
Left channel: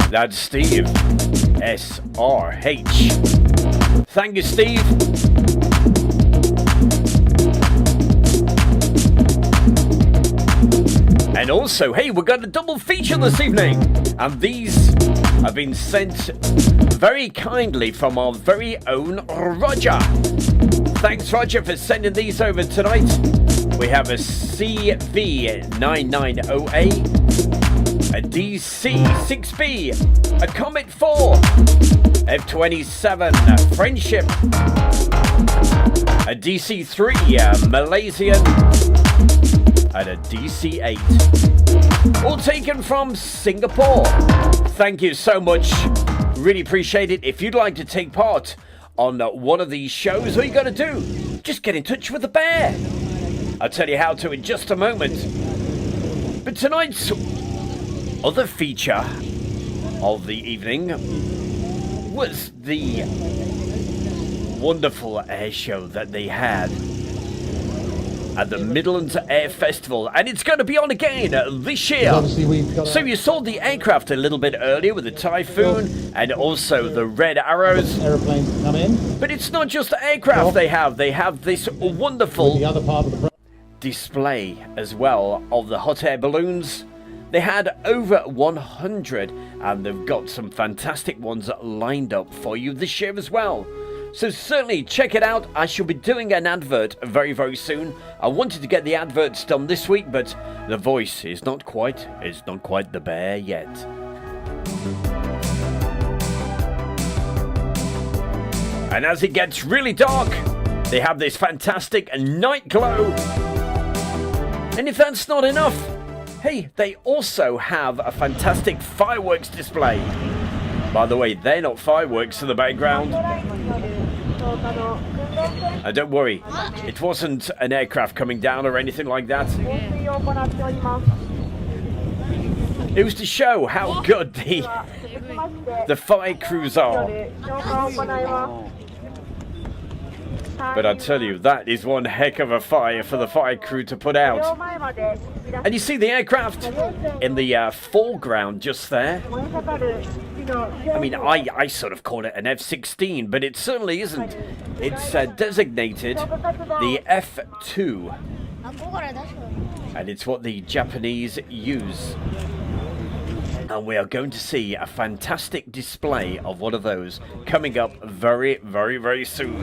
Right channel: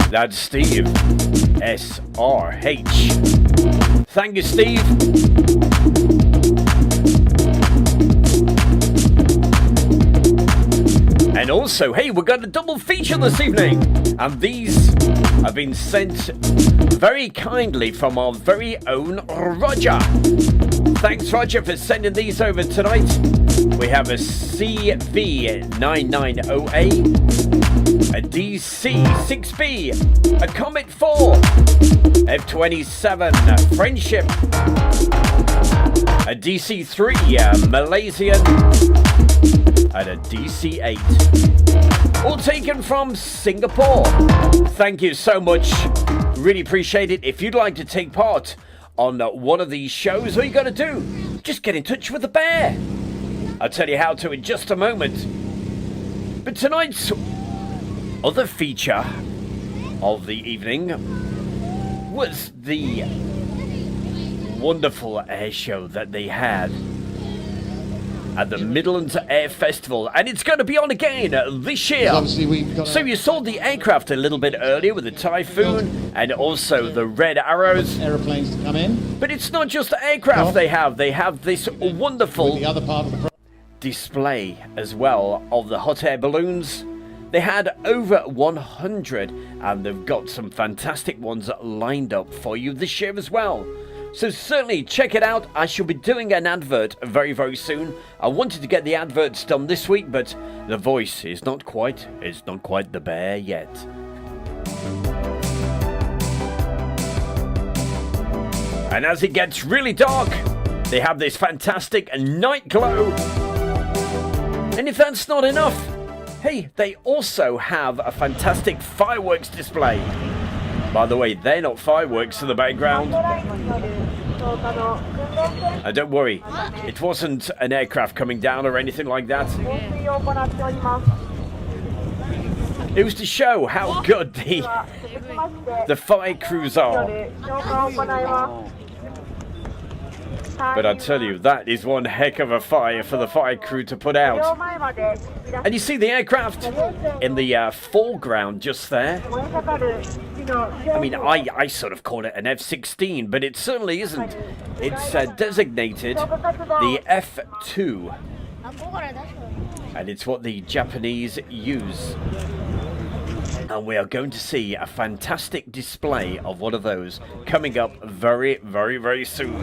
That's Steve. SRH. Thank you, Steve. And also, hey, we've got a double feature this evening. And these have been sent very kindly from our very own Roger. Thanks, Roger, for sending these over tonight. We have a CV99OA, a DC6B, a Comet 4, F27 Friendship, a DC3 Malaysian, and a DC8. All taken from Singapore. Thank you so much. Really appreciate it. If you'd like to take part on one of these shows, all you got to do, just get in touch with the bear. I'll tell you how to in just a moment. But tonight's other feature of the evening was the wonderful air show that they had at the Midlands Air Festival, and it's going to be on again this year. So you saw the aircraft a little bit earlier with the Typhoon and also the Red Arrows. But it's not just the aircraft they have this wonderful display as well of the hot air balloons. They had over 100, and they've got some fantastic ones lined up for you this year as well. So certainly check it out. I shall be doing an advert very, very soon. I wanted to get the adverts done this week, but the voice is not quite the bear yet. And as it gets really dark, they have this fantastic night glow. And if that's not enough, hey, they also have a fantastic fireworks display. By the way, they're not fireworks in the background. Don't worry, it wasn't an aircraft coming down or anything like that. It was to show how good the fire crews are. But I tell you, that is one heck of a fire for the fire crew to put out. And you see the aircraft in the foreground just there. I mean, I sort of call it an F-16, but it certainly isn't. It's designated the F-2. And it's what the Japanese use. And we are going to see a fantastic display of one of those coming up very, very, very soon.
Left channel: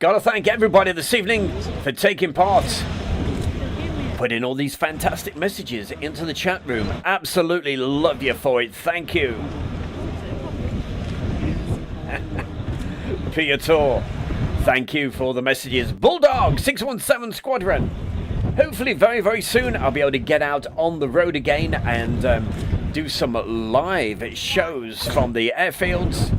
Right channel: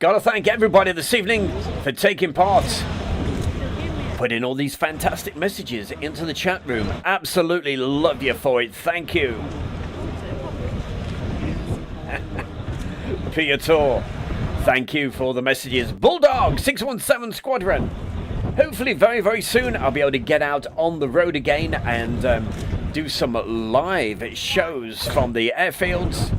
Gotta thank everybody this evening for taking part. Putting all these fantastic messages into the chat room. Absolutely love you for it. Thank you. Piotr, thank you for the messages. Bulldog 617 Squadron. Hopefully very, very soon I'll be able to get out on the road again and do some live shows from the airfields.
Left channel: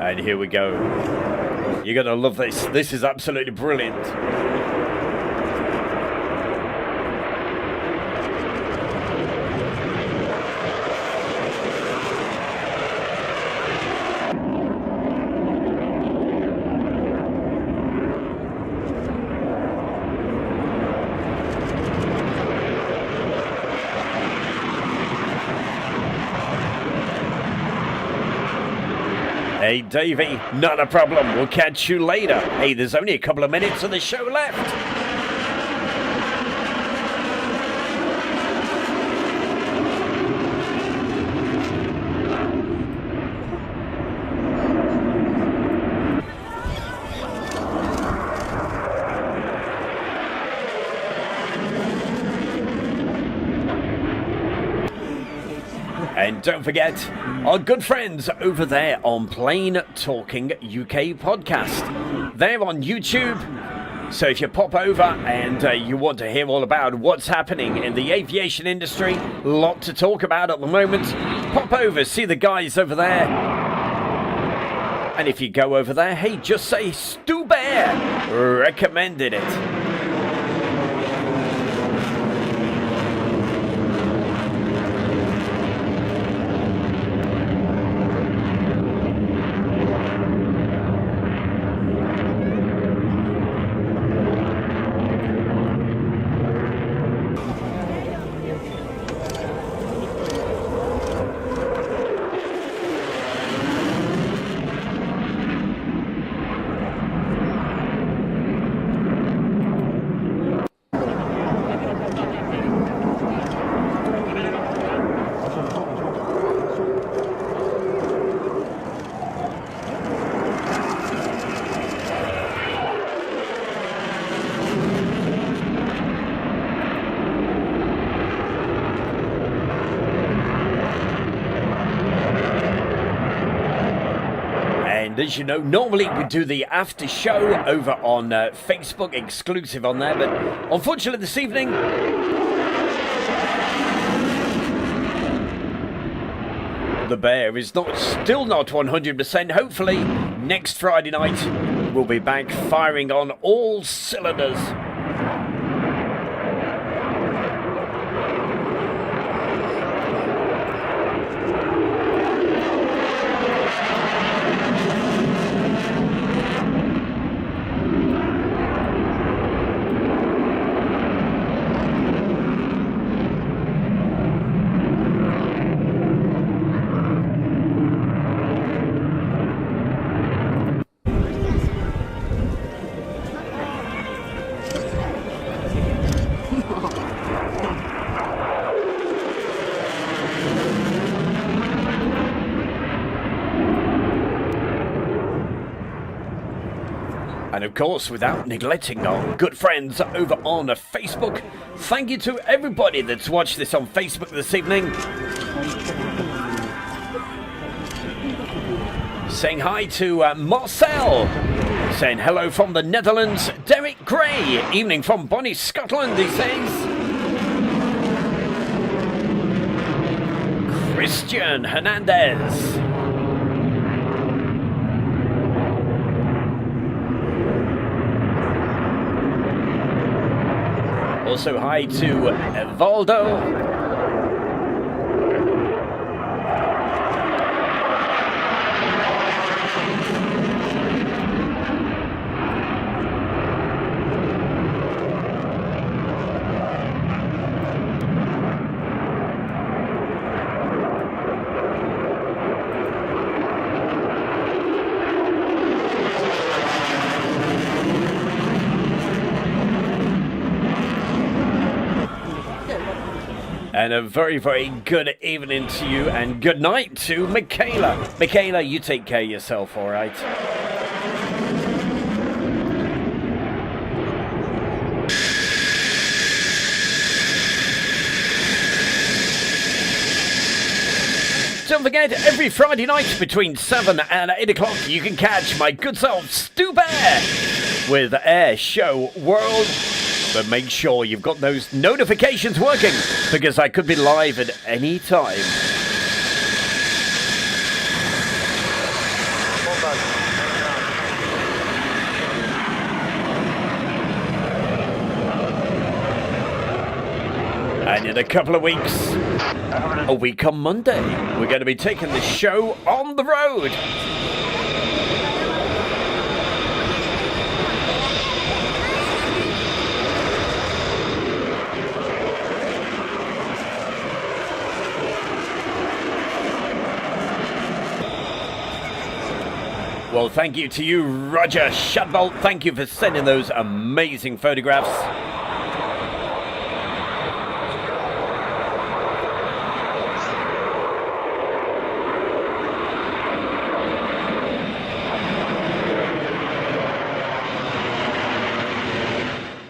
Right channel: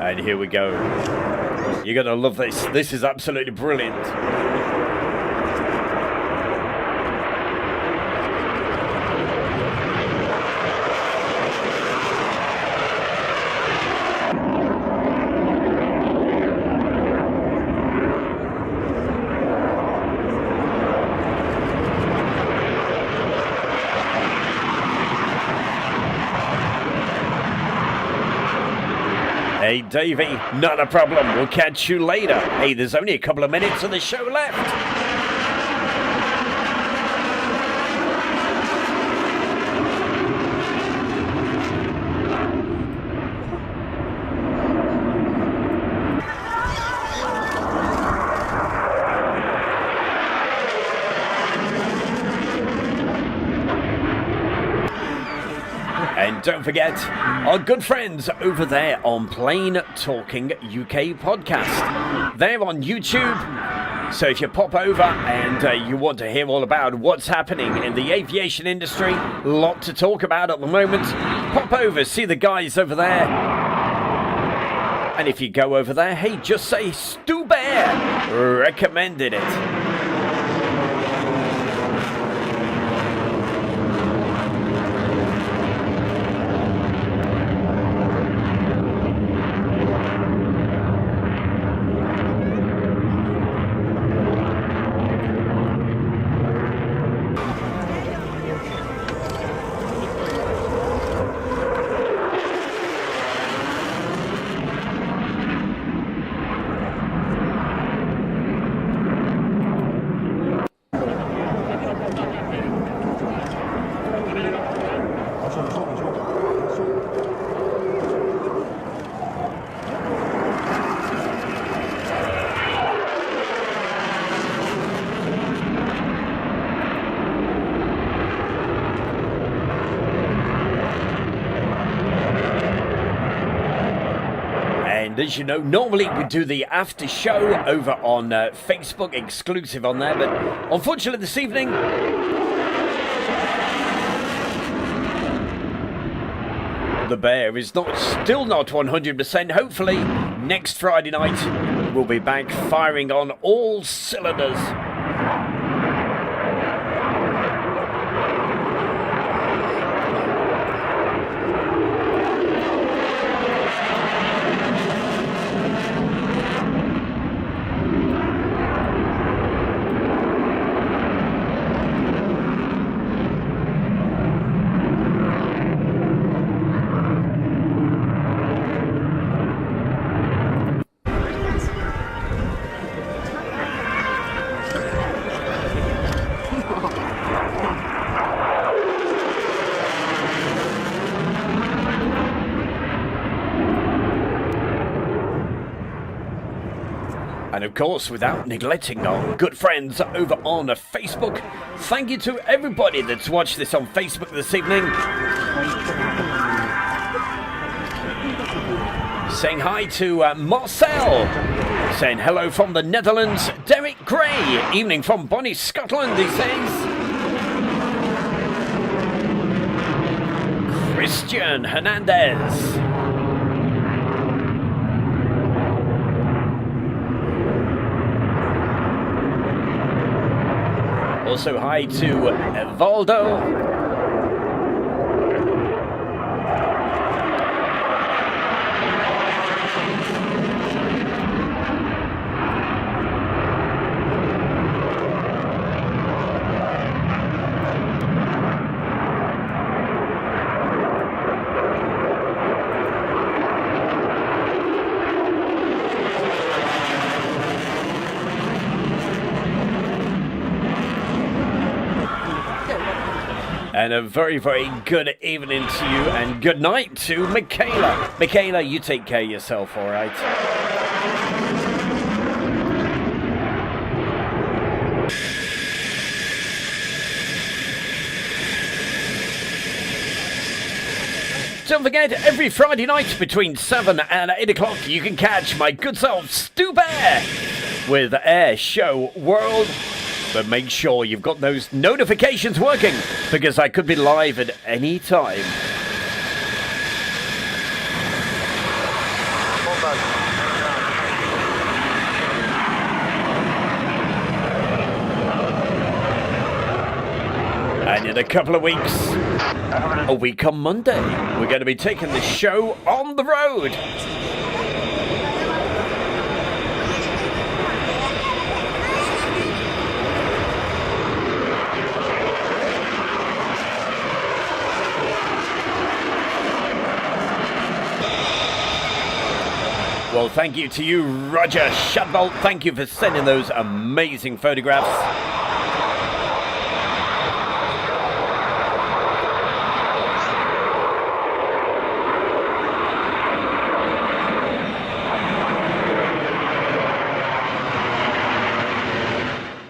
And here we go. You're going to love this. This is absolutely brilliant. Hey, Davey, not a problem. We'll catch you later. Hey, there's only a couple of minutes of the show left. And don't forget, our good friends over there on Plane Talking UK podcast. They're on YouTube. So if you pop over and you want to hear all about what's happening in the aviation industry, a lot to talk about at the moment, pop over, see the guys over there. And if you go over there, hey, just say Stu Bear recommended it. As you know, normally we do the after show over on Facebook, exclusive on there, but unfortunately this evening the bear is still not 100%. Hopefully next Friday night we'll be back firing on all cylinders. And of course, without neglecting our good friends over on Facebook, thank you to everybody that's watched this on Facebook this evening. Saying hi to Marcel. Saying hello from the Netherlands. Derek Gray. Evening from Bonnie, Scotland, he says. Christian Hernandez. Also hi to Evaldo. And a very, very good evening to you and good night to Michaela. Michaela, you take care of yourself, all right? Don't forget, every Friday night between 7 and 8 o'clock, you can catch my good self, Stu Bear, with Air Show World. But make sure you've got those notifications working, because I could be live at any time. And in a couple of weeks, a week on Monday, we're going to be taking the show on the road. Well, thank you to you, Roger Shadbolt. Thank you for sending those amazing photographs.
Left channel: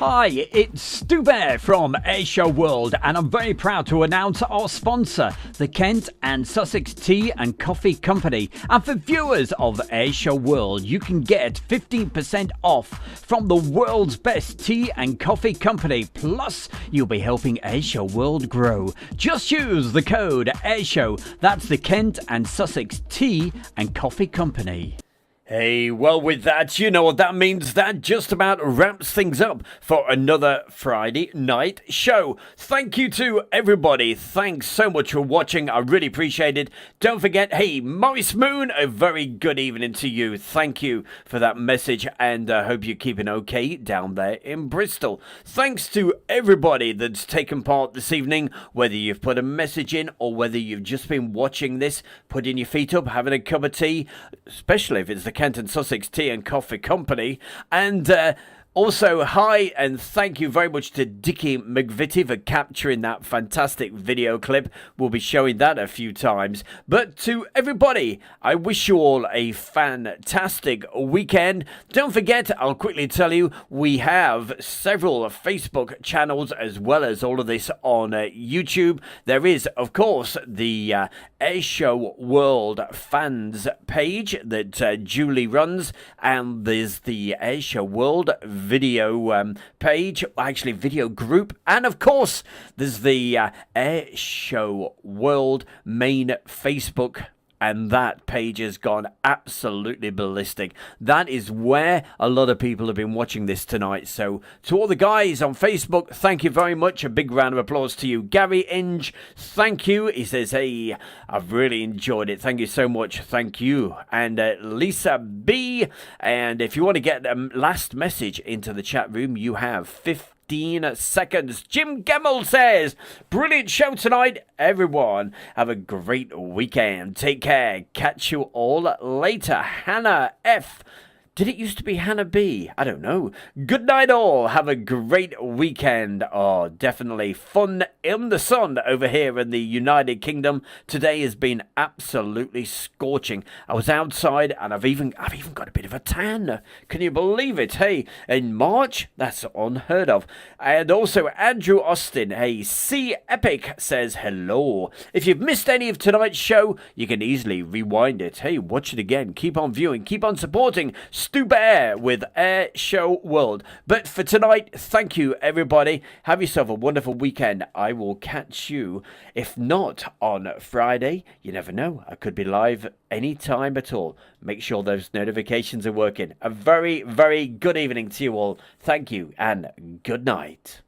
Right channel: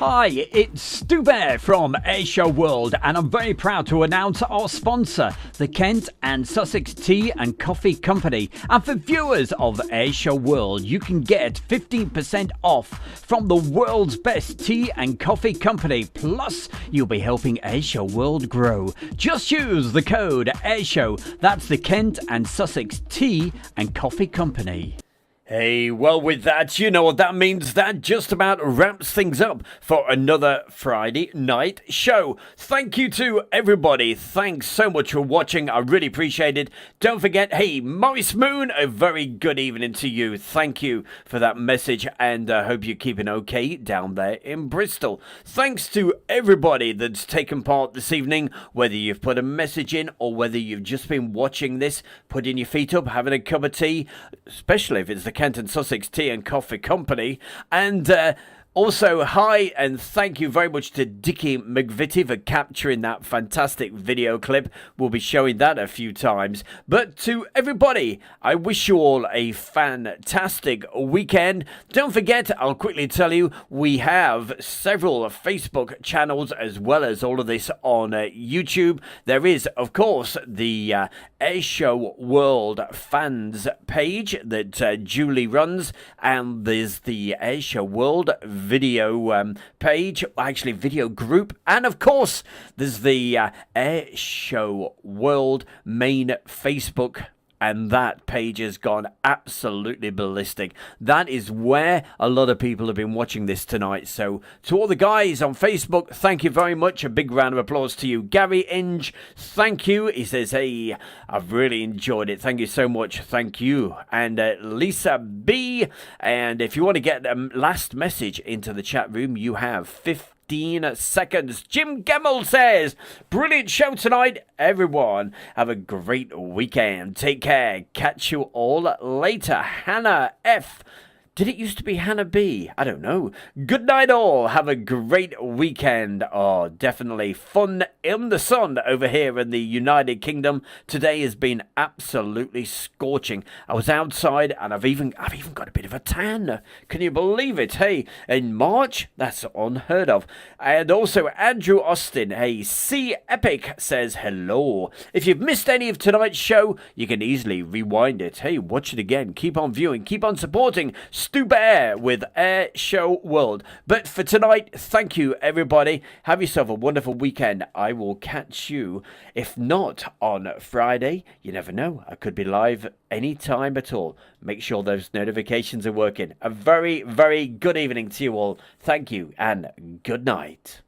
Hi, it's Stu Bear from Airshow World, and I'm very proud to announce our sponsor, the Kent and Sussex Tea and Coffee Company. And for viewers of Airshow World, you can get 15% off from the world's best tea and coffee company. Plus, you'll be helping Airshow World grow. Just use the code Airshow. That's the Kent and Sussex Tea and Coffee Company. Hey, well, with that, you know what that means. That just about wraps things up for another Friday night show. Thank you to everybody. Thanks so much for watching. I really appreciate it. Don't forget, hey, Maurice Moon, a very good evening to you. Thank you for that message, and I hope you're keeping okay down there in Bristol. Thanks to everybody that's taken part this evening, whether you've put a message in or whether you've just been watching this, putting your feet up, having a cup of tea, especially if it's the Kent and Sussex Tea and Coffee Company. And also, hi and thank you very much to Dickie McVitie for capturing that fantastic video clip. We'll be showing that a few times. But to everybody, I wish you all a fantastic weekend. Don't forget, I'll quickly tell you, we have several Facebook channels as well as all of this on YouTube. There is, of course, the Airshow World fans page that Julie runs, and there's the Airshow World video page, actually video group, and of course there's the Airshow World main Facebook, and that page has gone absolutely ballistic. That is where a lot of people have been watching this tonight. So to all the guys on Facebook, thank you very much. A big round of applause to you. Gary Inge, thank you. He says, hey, I've really enjoyed it. Thank you so much. Thank you. And Lisa B, and if you want to get a last message into the chat room, you have 15 seconds. Jim Gemmell says, brilliant show tonight, everyone. Have a great weekend. Take care. Catch you all later. Hannah F. Did it used to be Hannah B? I don't know. Good night all. Have a great weekend. Oh, definitely fun in the sun over here in the United Kingdom. Today has been absolutely scorching. I was outside and I've even got a bit of a tan. Can you believe it? Hey, in March? That's unheard of. And also Andrew Austin, hey, C Epic says hello. If you've missed any of tonight's show, you can easily rewind it. Hey, watch it again. Keep on viewing. Keep on supporting Stu Bear with Airshow World. But for tonight, thank you everybody. Have yourself a wonderful weekend. I will catch you, if not on Friday, you never know, I could be live any time at all. Make sure those notifications are working. A very, very good evening to you all. Thank you and good night.